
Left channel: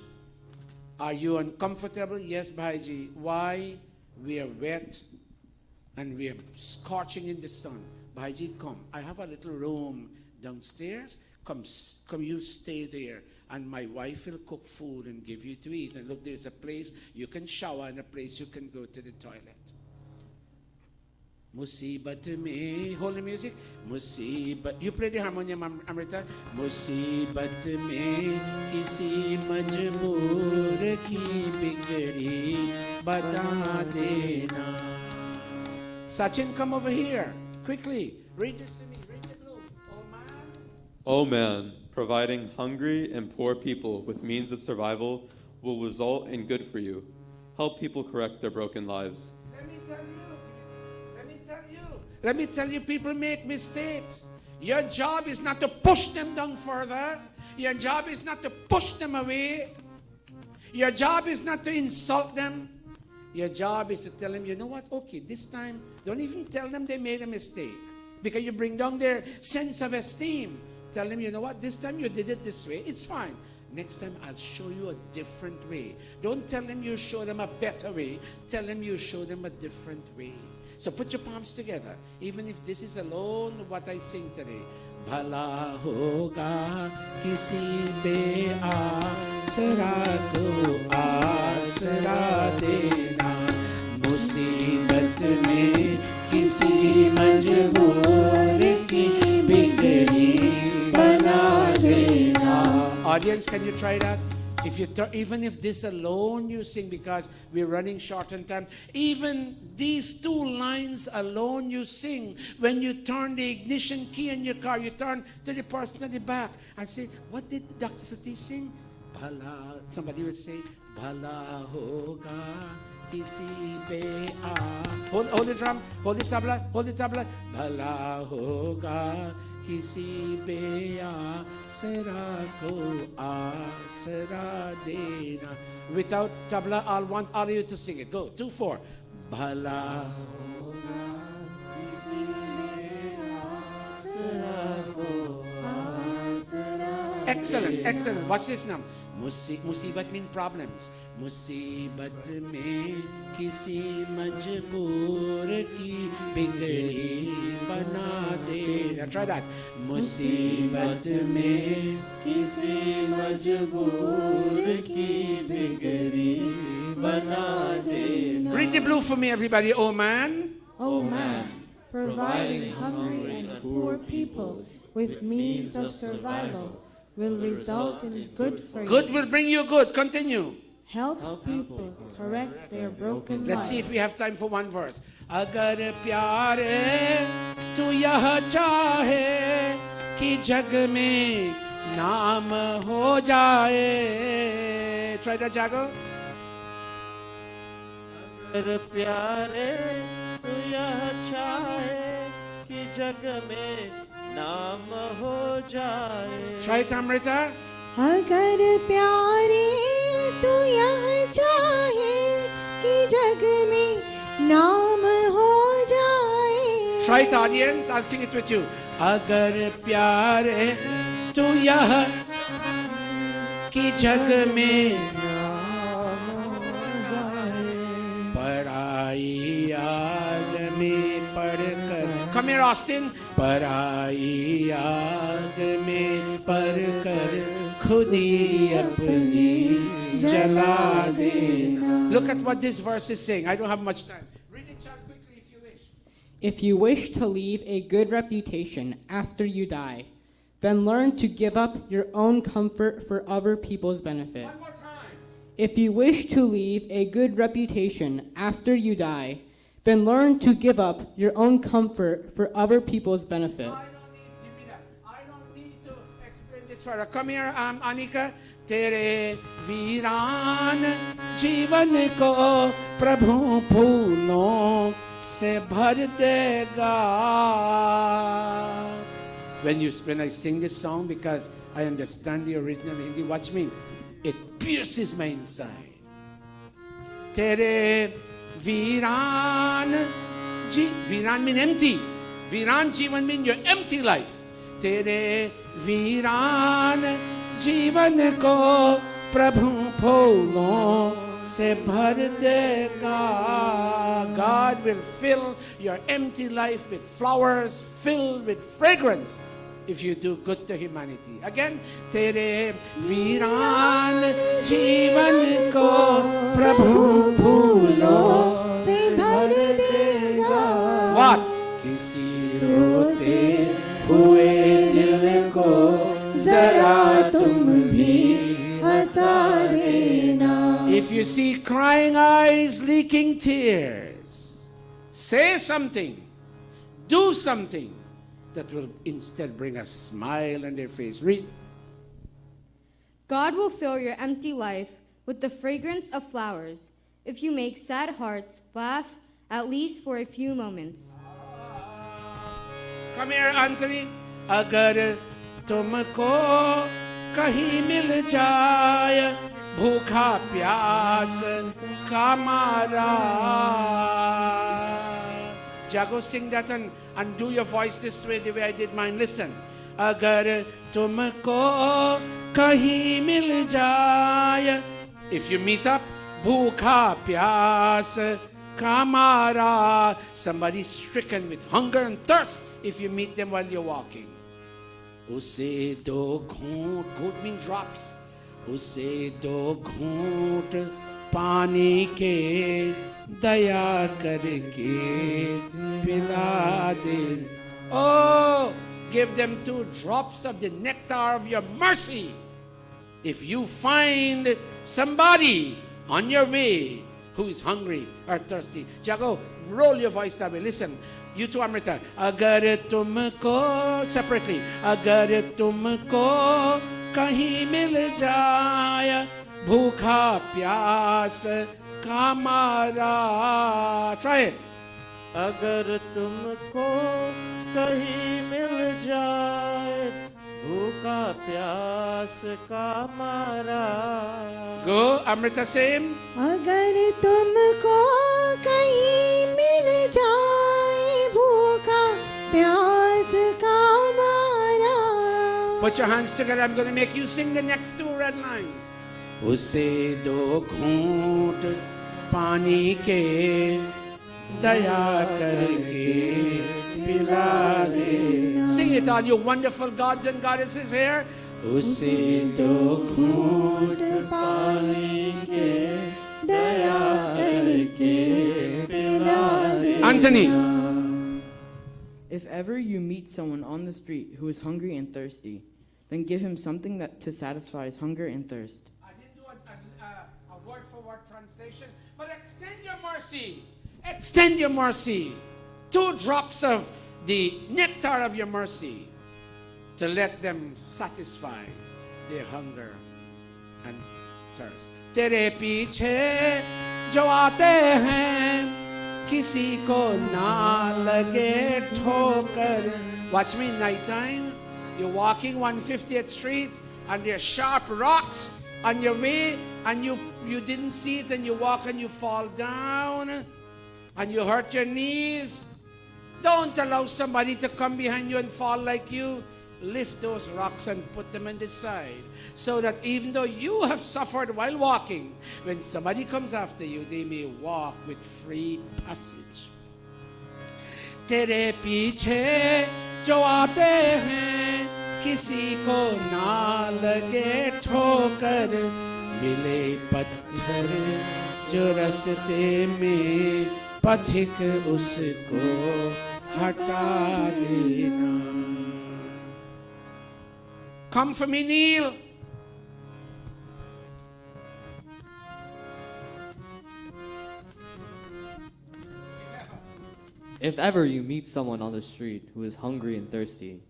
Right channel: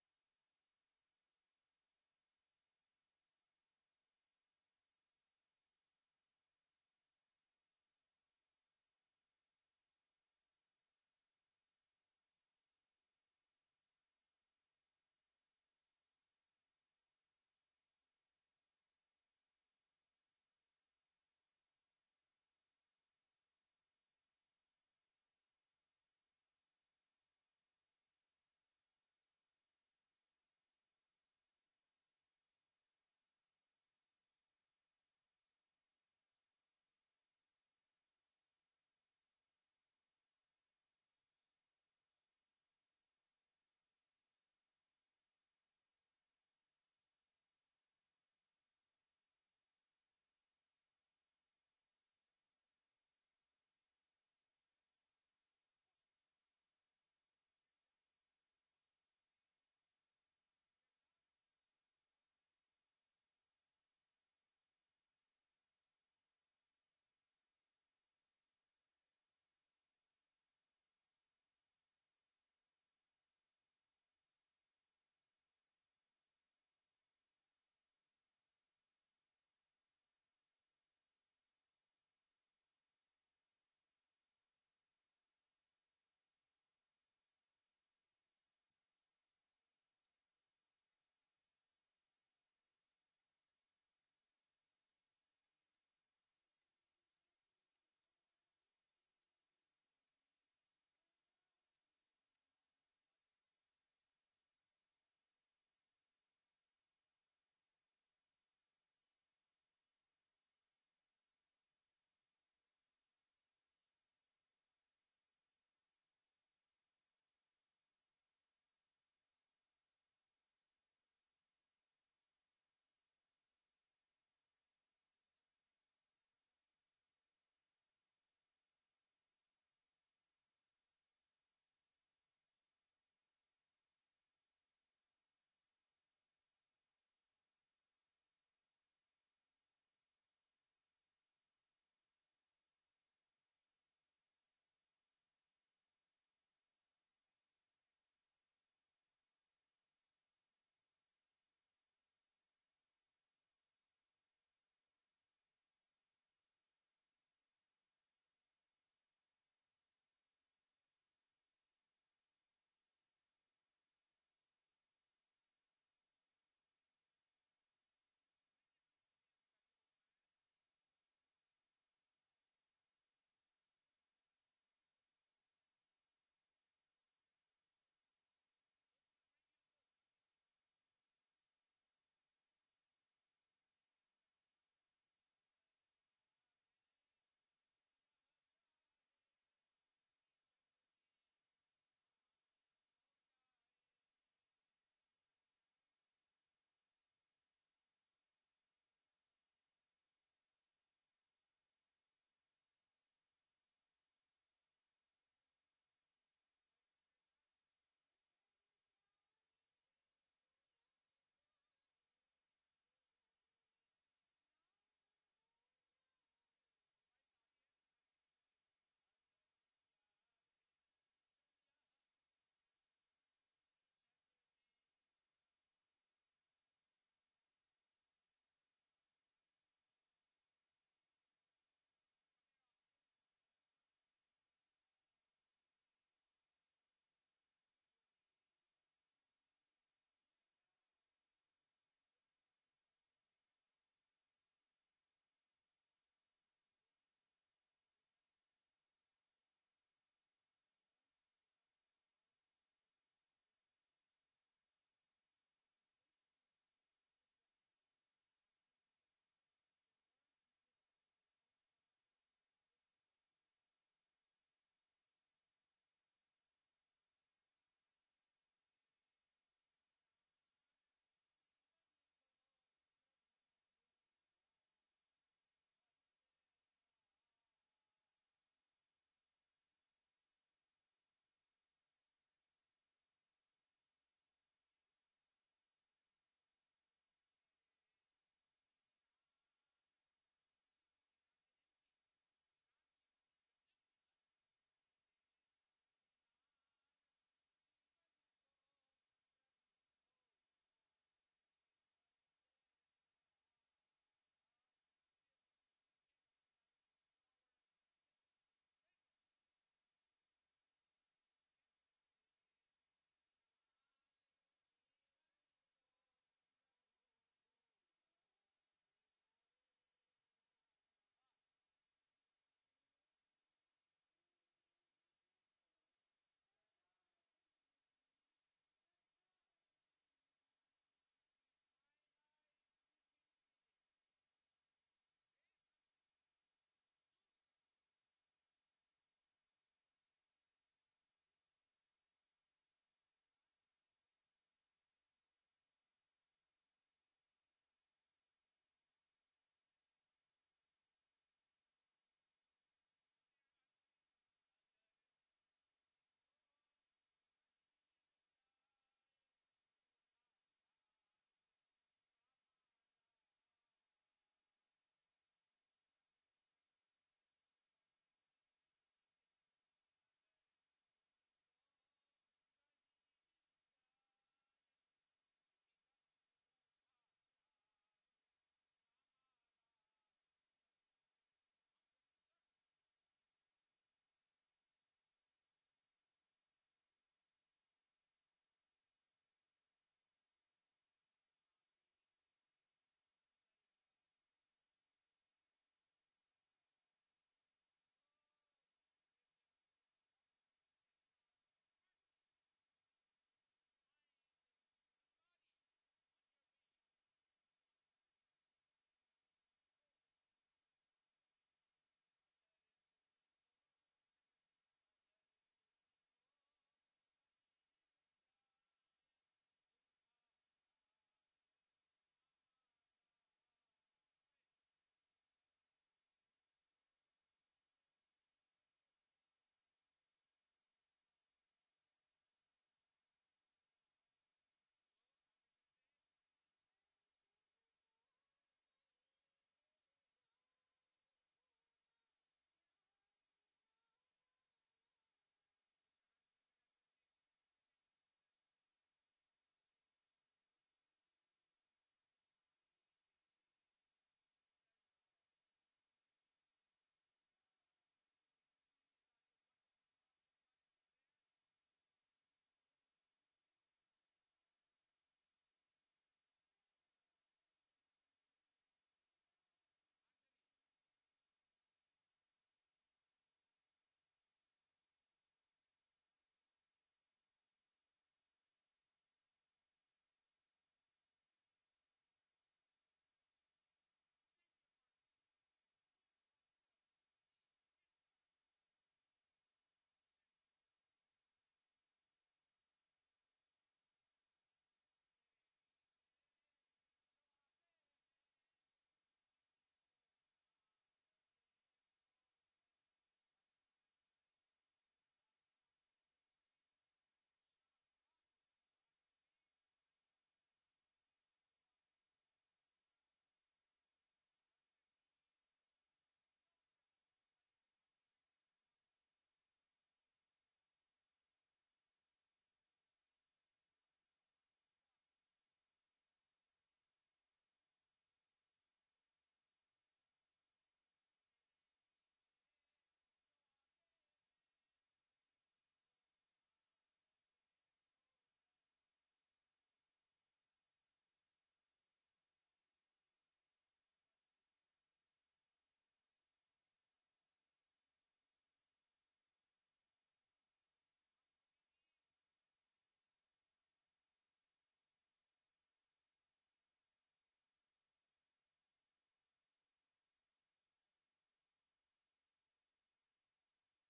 Are you uncomfortable? Yes, Bhaiji. Why? We are wet. And we are scorching in the sun. Bhaiji, come. I have a little room downstairs. Come, you stay there. And my wife will cook food and give you to eat. And look, there's a place you can shower and a place you can go to the toilet. Musibat mein, hold the music. Musibat, you play the harmonium, Amrita. Musibat mein kisi majboor ki bigadi bata dena. Sachin, come over here. Quickly. Read this to me. Read the blue. Oh man, providing hungry and poor people with means of survival will result in good for you. Help people correct their broken lives. Let me tell you, people make mistakes. Your job is not to push them down further. Your job is not to push them away. Your job is not to insult them. Your job is to tell them, you know what, okay, this time, don't even tell them they made a mistake. Because you bring down their sense of esteem. Tell them, you know what, this time you did it this way, it's fine. Next time I'll show you a different way. Don't tell them you show them a better way. Tell them you show them a different way. So put your palms together. Even if this is alone what I sing today. Bhala hoga kisi be asara ko asara dena musibat mein kisi majboor ki bigadi bana dena. Audience, can you try that? If you even if this alone you sing, because we're running short on time, even these 2 lines alone you sing, when you turn the ignition key in your car, you turn to the person at the back and say, what did Dr. Satish sing? Bhala. Somebody would say, bhala hoga kisi pe hold the drum, hold the tabla, bhala hoga kisi pe asra ko asra dena. Without tabla, I'll want all of you to sing it. Go, 2-4. Bhala hoga kisi pe asra ko asra. Excellent. Watch this now. Musibat mean problems. मुसीबत में किसी मजबूर की बिगड़ी बना दे. Now try that. मुसीबत में किसी मजबूर की बिगड़ी बना दे. Read the blue for me, everybody. Oh man. O man, providing hungry and poor people with means of survival will result in good for you. Good will bring you good. Continue. Help people correct their broken Let's see lives. if we have time for one verse. अगर प्यारे तू यह चाहे कि जग में नाम हो जाए. Try that, Jago. अगर प्यारे तू यह चाहे कि जग में नाम हो जाए. Try it, Amrita. अगर प्यारे तू यह चाहे कि जग में नाम हो जाए. Try it, audience. I'll sing it with you. अगर प्यारे तू यह कि जग में पराई आग में पढ़कर. Come here, Austin. पराई आग में पढ़कर खुद ही अपनी जला देना. Look at what this verse is saying. I don't have much time. Read it, Chuck, quickly if you wish. If you wish to leave a good reputation after you die, then learn to give up your own comfort for other people's benefit. One more time. If you wish to leave a good reputation after you die, then learn to give up your own comfort for other people's benefit. Give me that. I don't need to explain this further. Come here, Anika. तेरे वीरान जीवन को प्रभु फूलों से भर देगा. When I sing this song, because I understand the original Hindi, watch me. It pierces my inside. तेरे वीरान वीरान mean empty. वीरान जीवन mean your empty life. तेरे वीरान जीवन को प्रभु फूलों से भर देगा. God will fill your empty life with flowers filled with fragrance if you do good to humanity. Again, तेरे वीरान जीवन को प्रभु फूलों से भर देगा. What? किसी रोते हुए दिल को जरा तुम भी हंसा देना. If you see crying eyes leaking tears, say something, do something that will instead bring a smile on their face. Read. God will fill your empty life with the fragrance of flowers if you make sad hearts laugh at least for a few moments. Come here, Anthony. अगर तुमको कहीं मिल जाए भूखा प्यास का मारा. Jago, sing that and do your voice this way, the way I did mine. Listen. अगर तुमको कहीं मिल जाए. If you meet up, भूखा प्यास का मारा. Somebody stricken with hunger and thirst. If you meet them while you're walking. उसे दो घूंट, घूंट mean drops. उसे दो घूंट पानी के दया करके पिला दे. Oh, give them 2 drops of the nectar of your mercy. If you find somebody on your way who is hungry or thirsty. Jago, roll your voice that way. Listen. You too, Amrita. अगर तुमको separately. अगर तुमको कहीं मिल जाए भूखा प्यास का मारा. Try it. अगर तुमको कहीं मिल जाए भूखा प्यास का मारा. Go, Amrita, same. अगर तुमको कहीं मिल जाए भूखा प्यास का मारा. Put your hands together. I'm going to make you sing the next two red lines. उसे दो घूंट पानी के दया करके पिला दे. Sing it, all you wonderful gods and goddesses here. उसे दो घूंट पानी के दया करके पिला दे. Anthony. If ever you meet someone on the street who is hungry and thirsty, then give him something that to satisfy his hunger and thirst. I didn't do a word-for-word translation, but extend your mercy. Extend your mercy. 2 drops of the nectar of your mercy to let them satisfy their hunger and thirst. तेरे पीछे जो आते हैं किसी को ना लगे ठोकर. Watch me, nighttime. You're walking 150th Street and there are sharp rocks on your way and you didn't see it and you walk and you fall down and you hurt your knees. Don't allow somebody to come behind you and fall like you. Lift those rocks and put them on the side so that even though you have suffered while walking, when somebody comes after you, they may walk with free passage. तेरे पीछे जो आते हैं किसी को ना लगे ठोकर. मिले पत्थर जो रास्ते में पथिक उसको हटा देना. Come for me, Neil. If ever you meet someone on the street who is hungry and thirsty,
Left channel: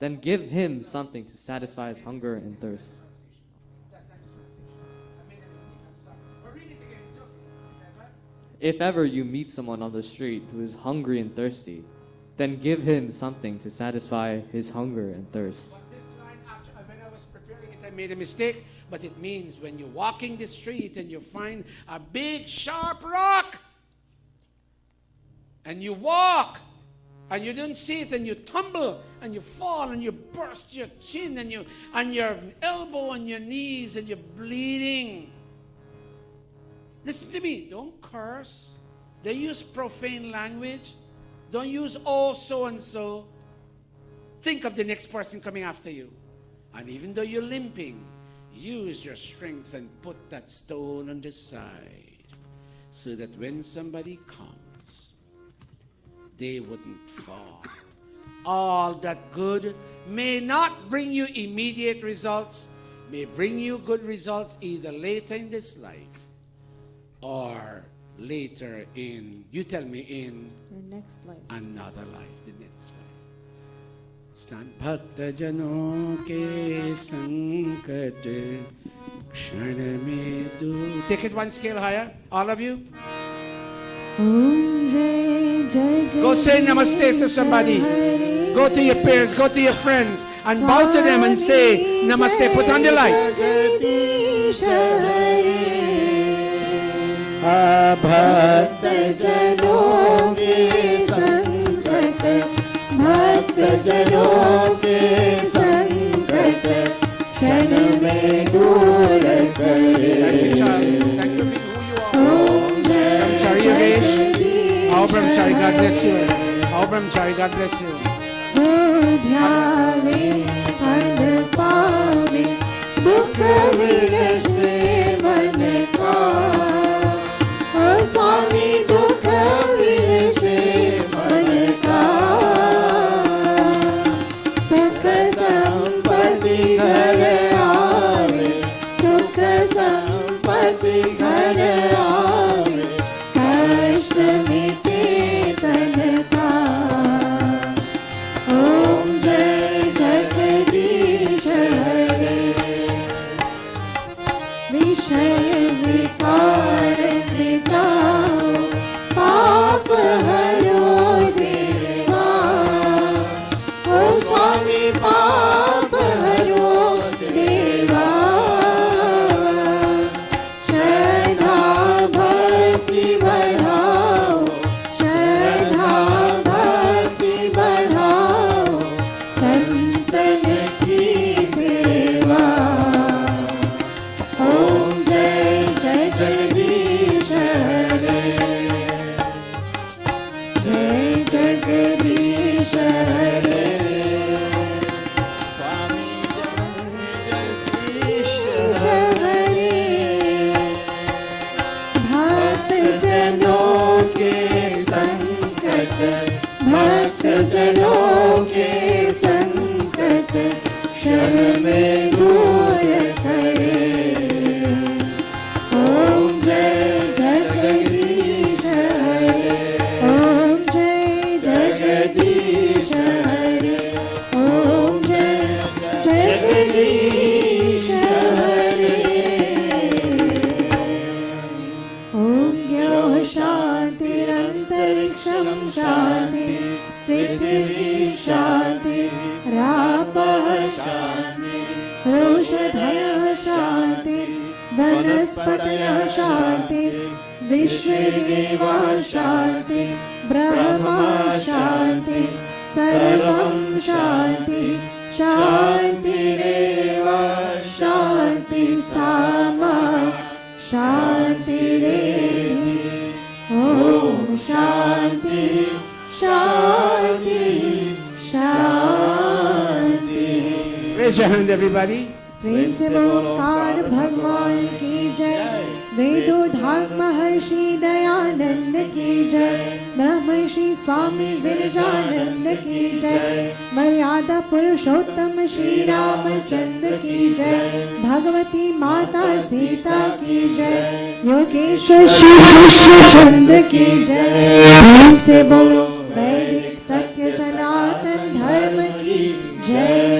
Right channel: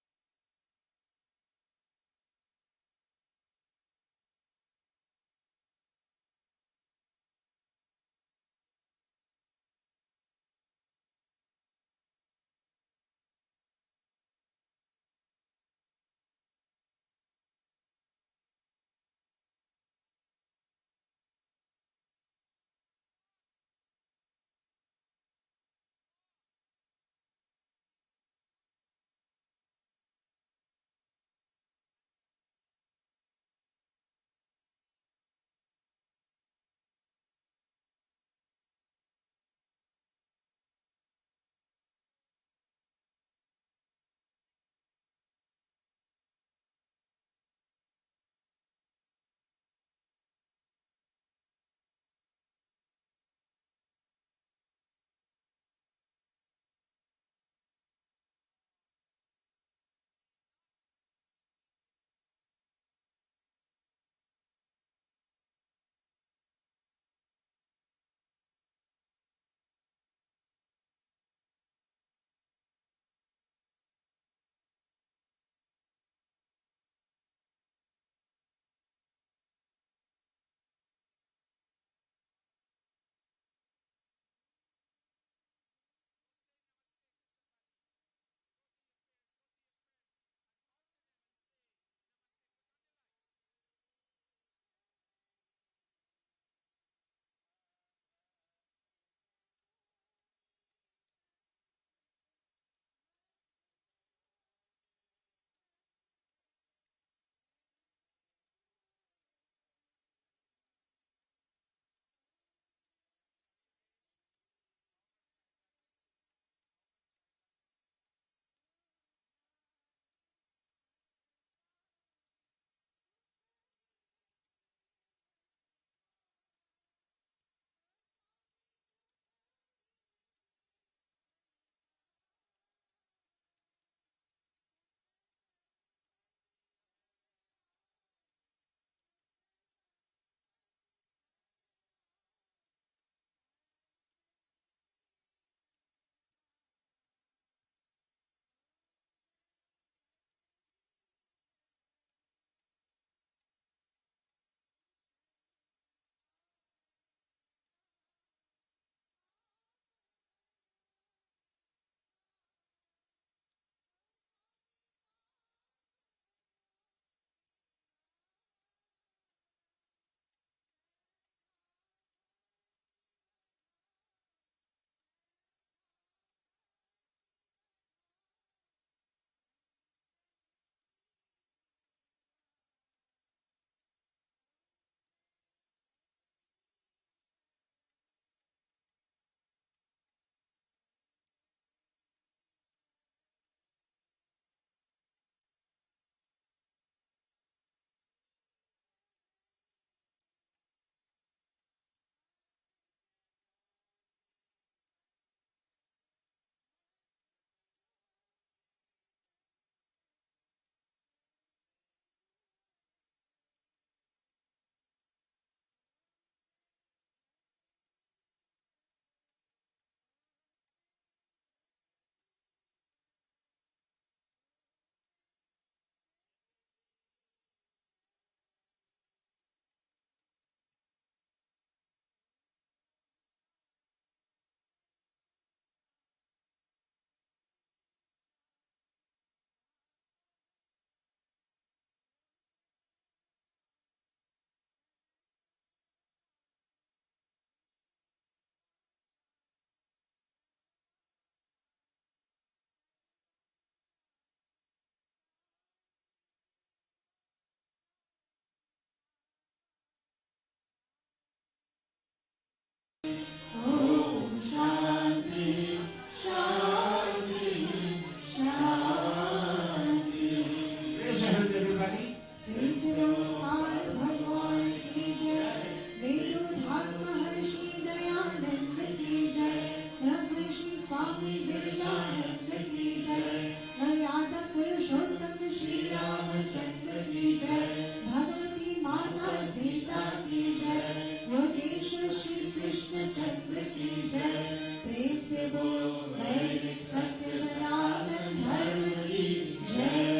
then give him something to satisfy his hunger and thirst. If ever you meet someone on the street who is hungry and thirsty, then give him something to satisfy his hunger and thirst. This line, actually, when I was preparing it, I made a mistake, but it means when you're walking the street and you find a big sharp rock, and you walk, and you don't see it, and you tumble, and you fall, and you burst your chin, and your elbow, and your knees, and you're bleeding. Listen to me. Don't curse. They use profane language. Don't use oh so and so. Think of the next person coming after you, and even though you're limping, use your strength and put that stone on the side, so that when somebody comes, they wouldn't fall. All that good may not bring you immediate results, may bring you good results either later in this life or later in, you tell me, in Your next life. another life, the next life. Stand bhakta jano ke sankat kshan mein du. Take it one scale higher, all of you. Om Jai Jagat. Go say namaste to somebody. Go to your parents, go to your friends, and bow to them and say namaste. Put on the lights. भक्त जनों के संकट भक्त जनों के संकट क्षण में दूर करे. Oh, Brahmachari, God bless you. Oh, Brahmachari, God bless you. जो ध्यावे फल पावे दुख विरसे मन का. ओ स्वामी दुख विरसे मन का. सुख संपत्ति घर आवे सुख संपत्ति घर आवे. कष्ट मिटे तन का. ओम जय जगदीश हरे. Antariksha Shanti, Prithvi Shanti, Rapah Shanti, Roshadhaya Shanti, Vanaspataya Shanti, Vishvedeva Shanti, Brahma Shanti, Sarvam Shanti, Shanti Reva Shanti Sama Shanti Revi. Om Shanti Shanti Shanti. Raise your hand, everybody. प्रेम से ओंकार भगवान की जय, वेदोधात महर्षि दयानंद की जय, ब्रह्मर्षि स्वामी विरजानंद की जय, मर्यादा पुरुषोत्तम श्री रामचंद्र की जय, भगवती माता सीता की जय, योगेश्वर श्री कृष्णचंद्र की जय। प्रेम से बोलो वैदिक सत्य सनातन धर्म की जय।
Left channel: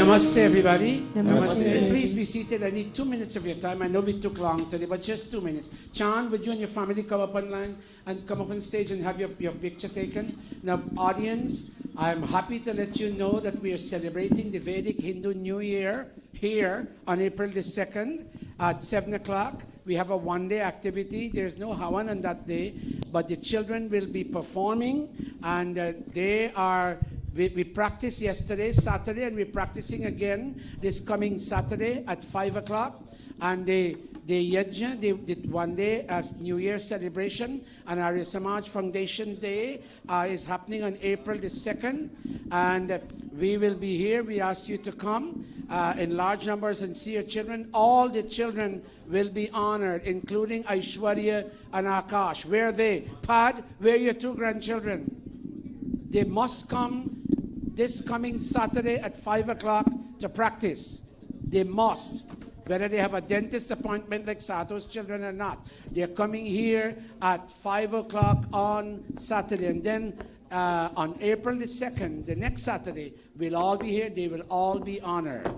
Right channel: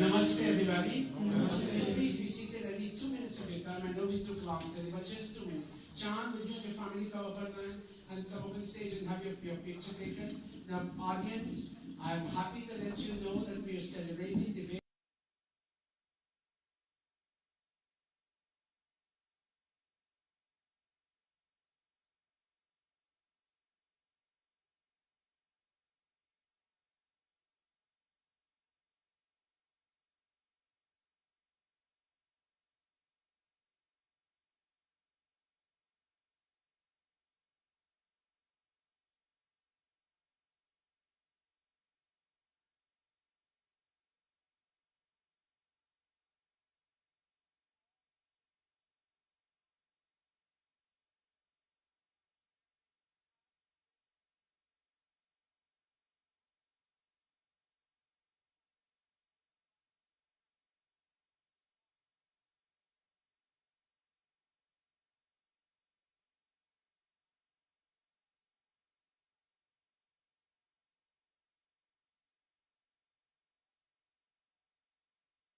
Namaste, everybody. Namaste. Please be seated. I need 2 minutes of your time. I know we took long today, but just 2 minutes. Chand, would you and your family come up online and come up on stage and have your picture taken? Now, audience, I'm happy to let you know that we are celebrating the Vedic Hindu New Year here on April the 2nd at 7 o'clock. We have a one-day activity. There's no Havan on that day, but the children will be performing, and we practiced yesterday, Saturday, and we're practicing again this coming Saturday at 5 o'clock. And the Yajna, the one day New Year celebration, and Arya Samaj Foundation Day is happening on April the 2nd. And we will be here. We ask you to come in large numbers and see your children. All the children will be honored, including Aishwarya and Akash. Where are they? Pad, where are your 2 grandchildren? They must come this coming Saturday at 5 o'clock to practice. They must. Whether they have a dentist appointment like Sato's children or not. They're coming here at 5 o'clock on Saturday. And then on April the 2nd, the next Saturday, we'll all be here. They will all be honored.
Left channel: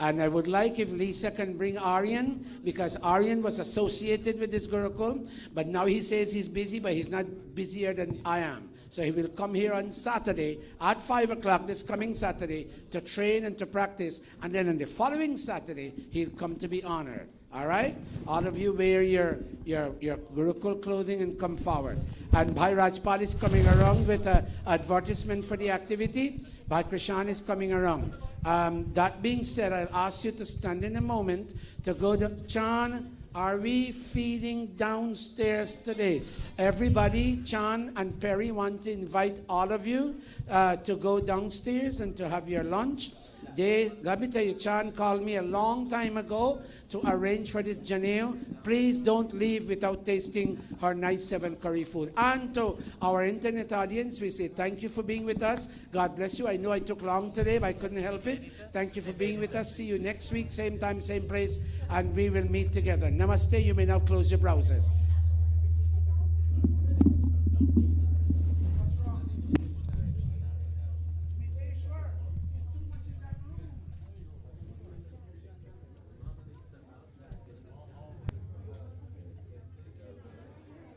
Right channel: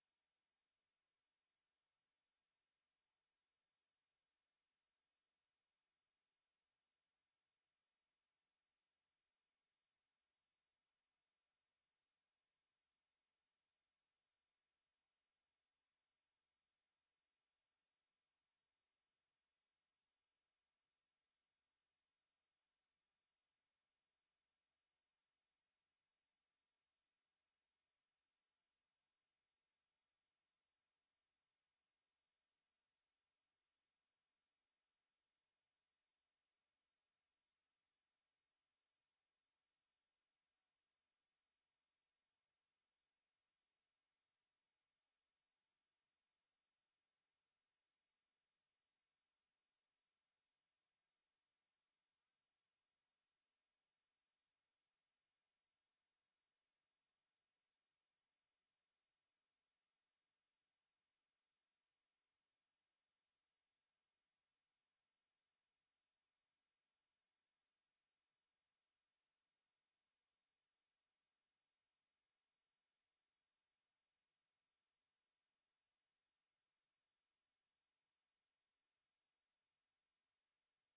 And I would like if Lisa can bring Aryan, because Aryan was associated with this Gurukul, but now he says he's busy, but he's not busier than I am. So he will come here on Saturday at 5 o'clock this coming Saturday to train and to practice. And then on the following Saturday, he'll come to be honored. All right? All of you wear your Gurukul clothing and come forward. And Bhai Rajpal is coming around with an advertisement for the activity. Bhai Krishan is coming around. That being said, I'll ask you to stand in a moment to go to Chan. Are we feeding downstairs today? Everybody, Chan and Perry want to invite all of you to go downstairs and to have your lunch. Let me tell you, Chan called me a long time ago to arrange for this Janeo. Please don't leave without tasting her nice 7 curry food. And to our internet audience, we say thank you for being with us. God bless you. I know I took long today, but I couldn't help it. Thank you for being with us. See you next week, same time, same place, and we will meet together. Namaste. You may now close your browsers.